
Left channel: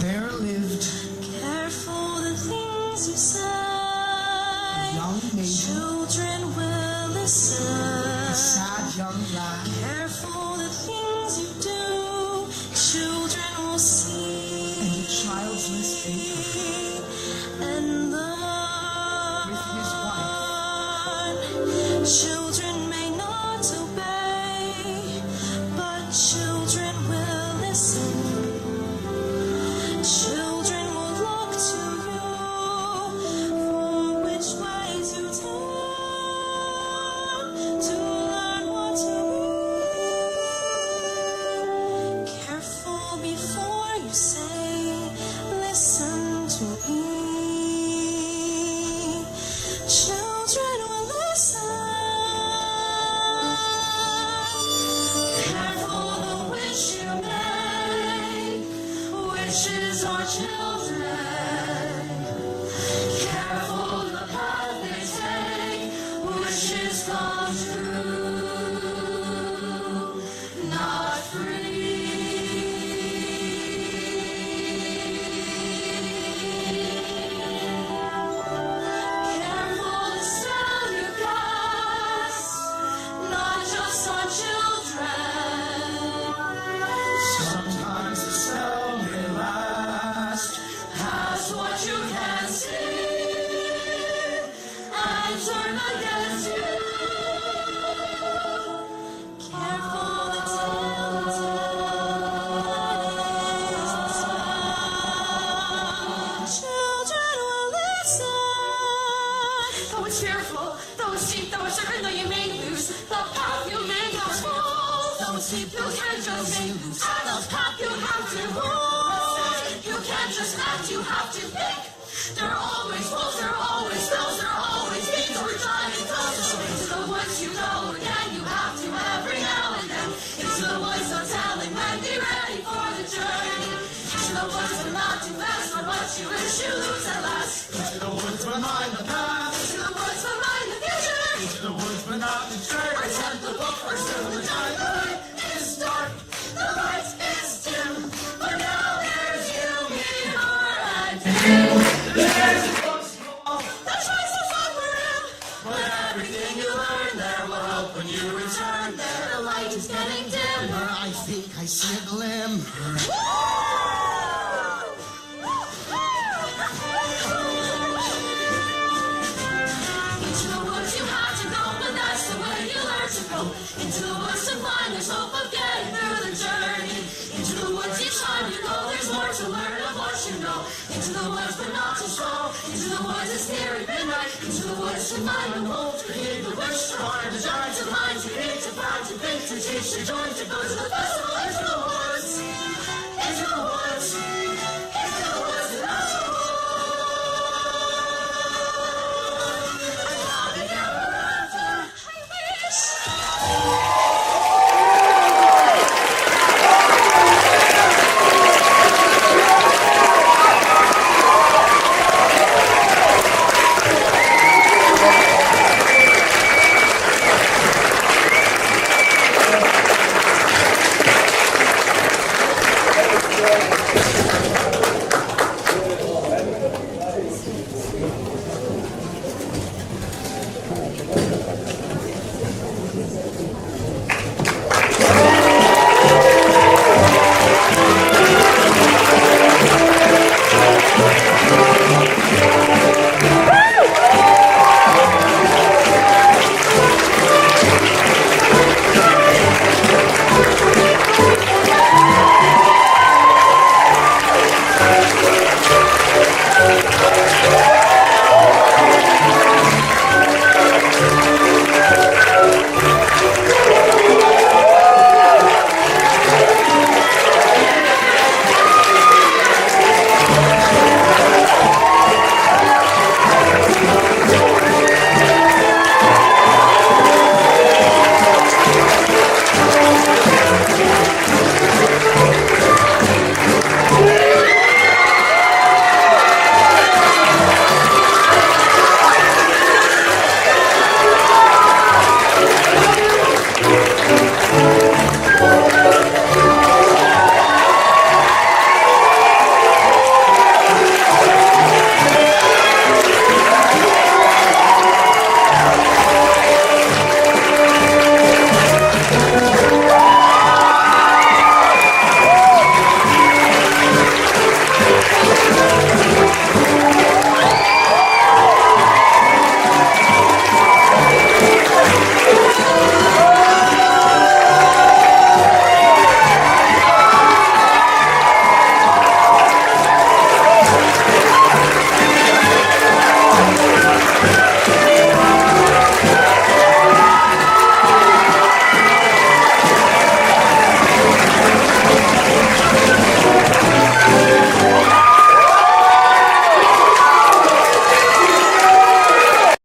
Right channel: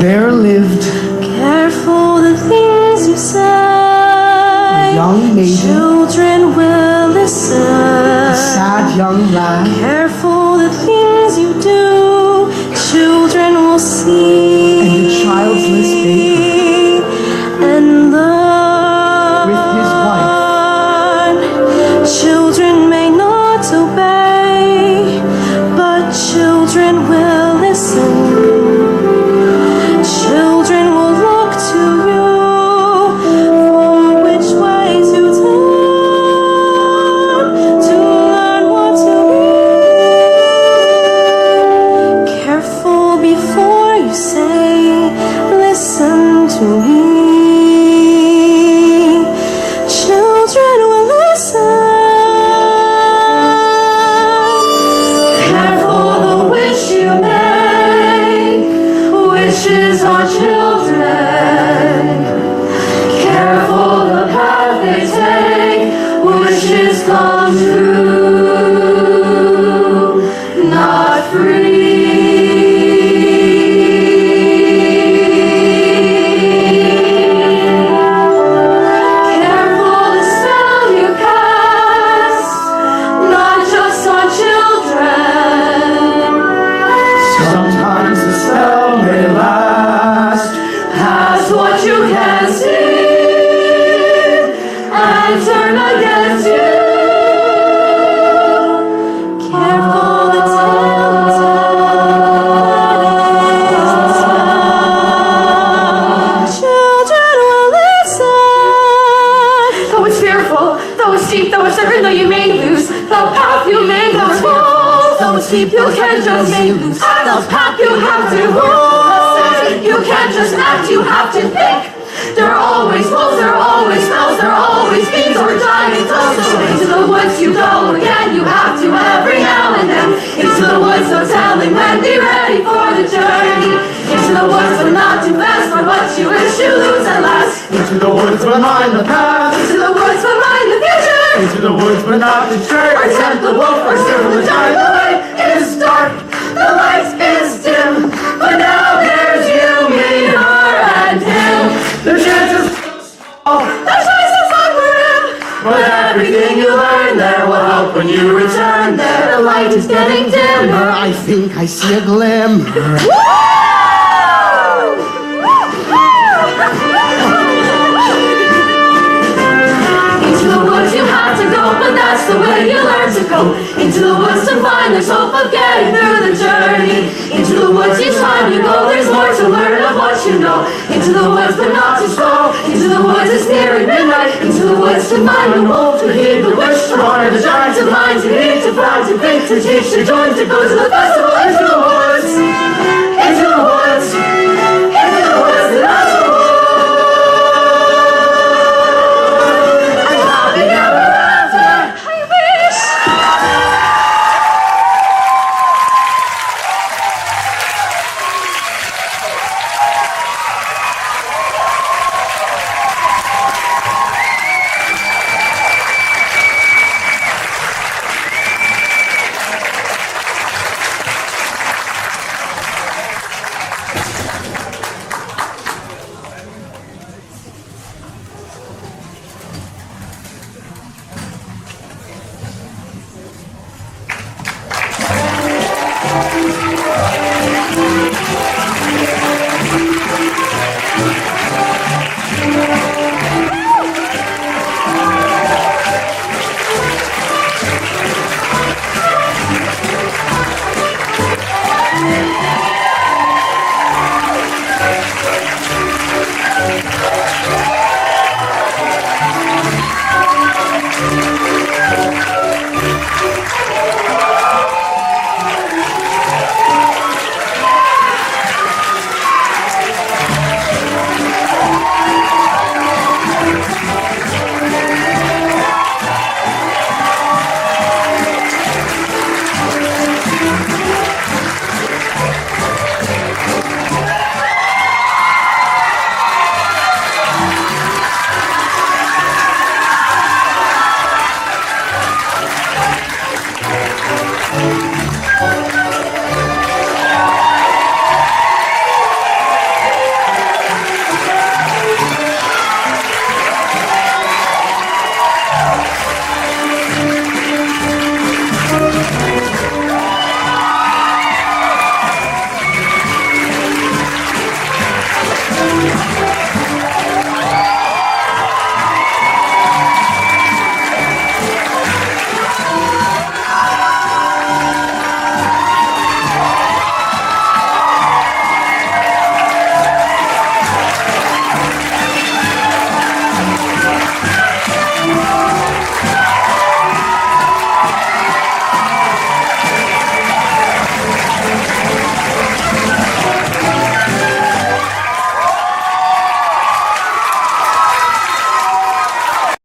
there lived Careful the things you say. a young maiden, Children will listen. a sad young lad, Careful the things you do. Children will see. and a childless baker And with his wife. children may not obey, but children will listen. Children will look to you for which way to turn to learn what to be. keep, you can't just make loose. Those pack you have to move. You can't just act, you have to think. There are always wolves, there are always smells, there are always beams or giant toes. So into the woods you go again, you have to every now and then. Into the woods, no telling when, be ready for the journey. Into the woods, but not too fast, for what you wish you lose at last. Into the woods, but mind the past. Into the woods, but mind the future. Into the woods, but not the church. Or tempt the wolf, or serve the giant. The light is dark, the light is dim, but now there's you, me, her, and him. The chances are small, the choices are grim, but everything you learn there will help when you return there. the light is getting dimmer. I think I see a glimmer. Into the woods you have to go, but that's the way you learn to go. Into the woods to find there's hope of getting through the journey. Into the woods each time you go, there's more to learn of what you know. Into the woods, but not too slow. Into the woods it's nearing midnight. Into the woods to find the wolf, to heed the wish, to honor the giants of minds you need, to find, to think, to teach, to join, to go to the festival. Into the woods, into the woods, into the woods, and out of the woods. And happy ever after. I wish.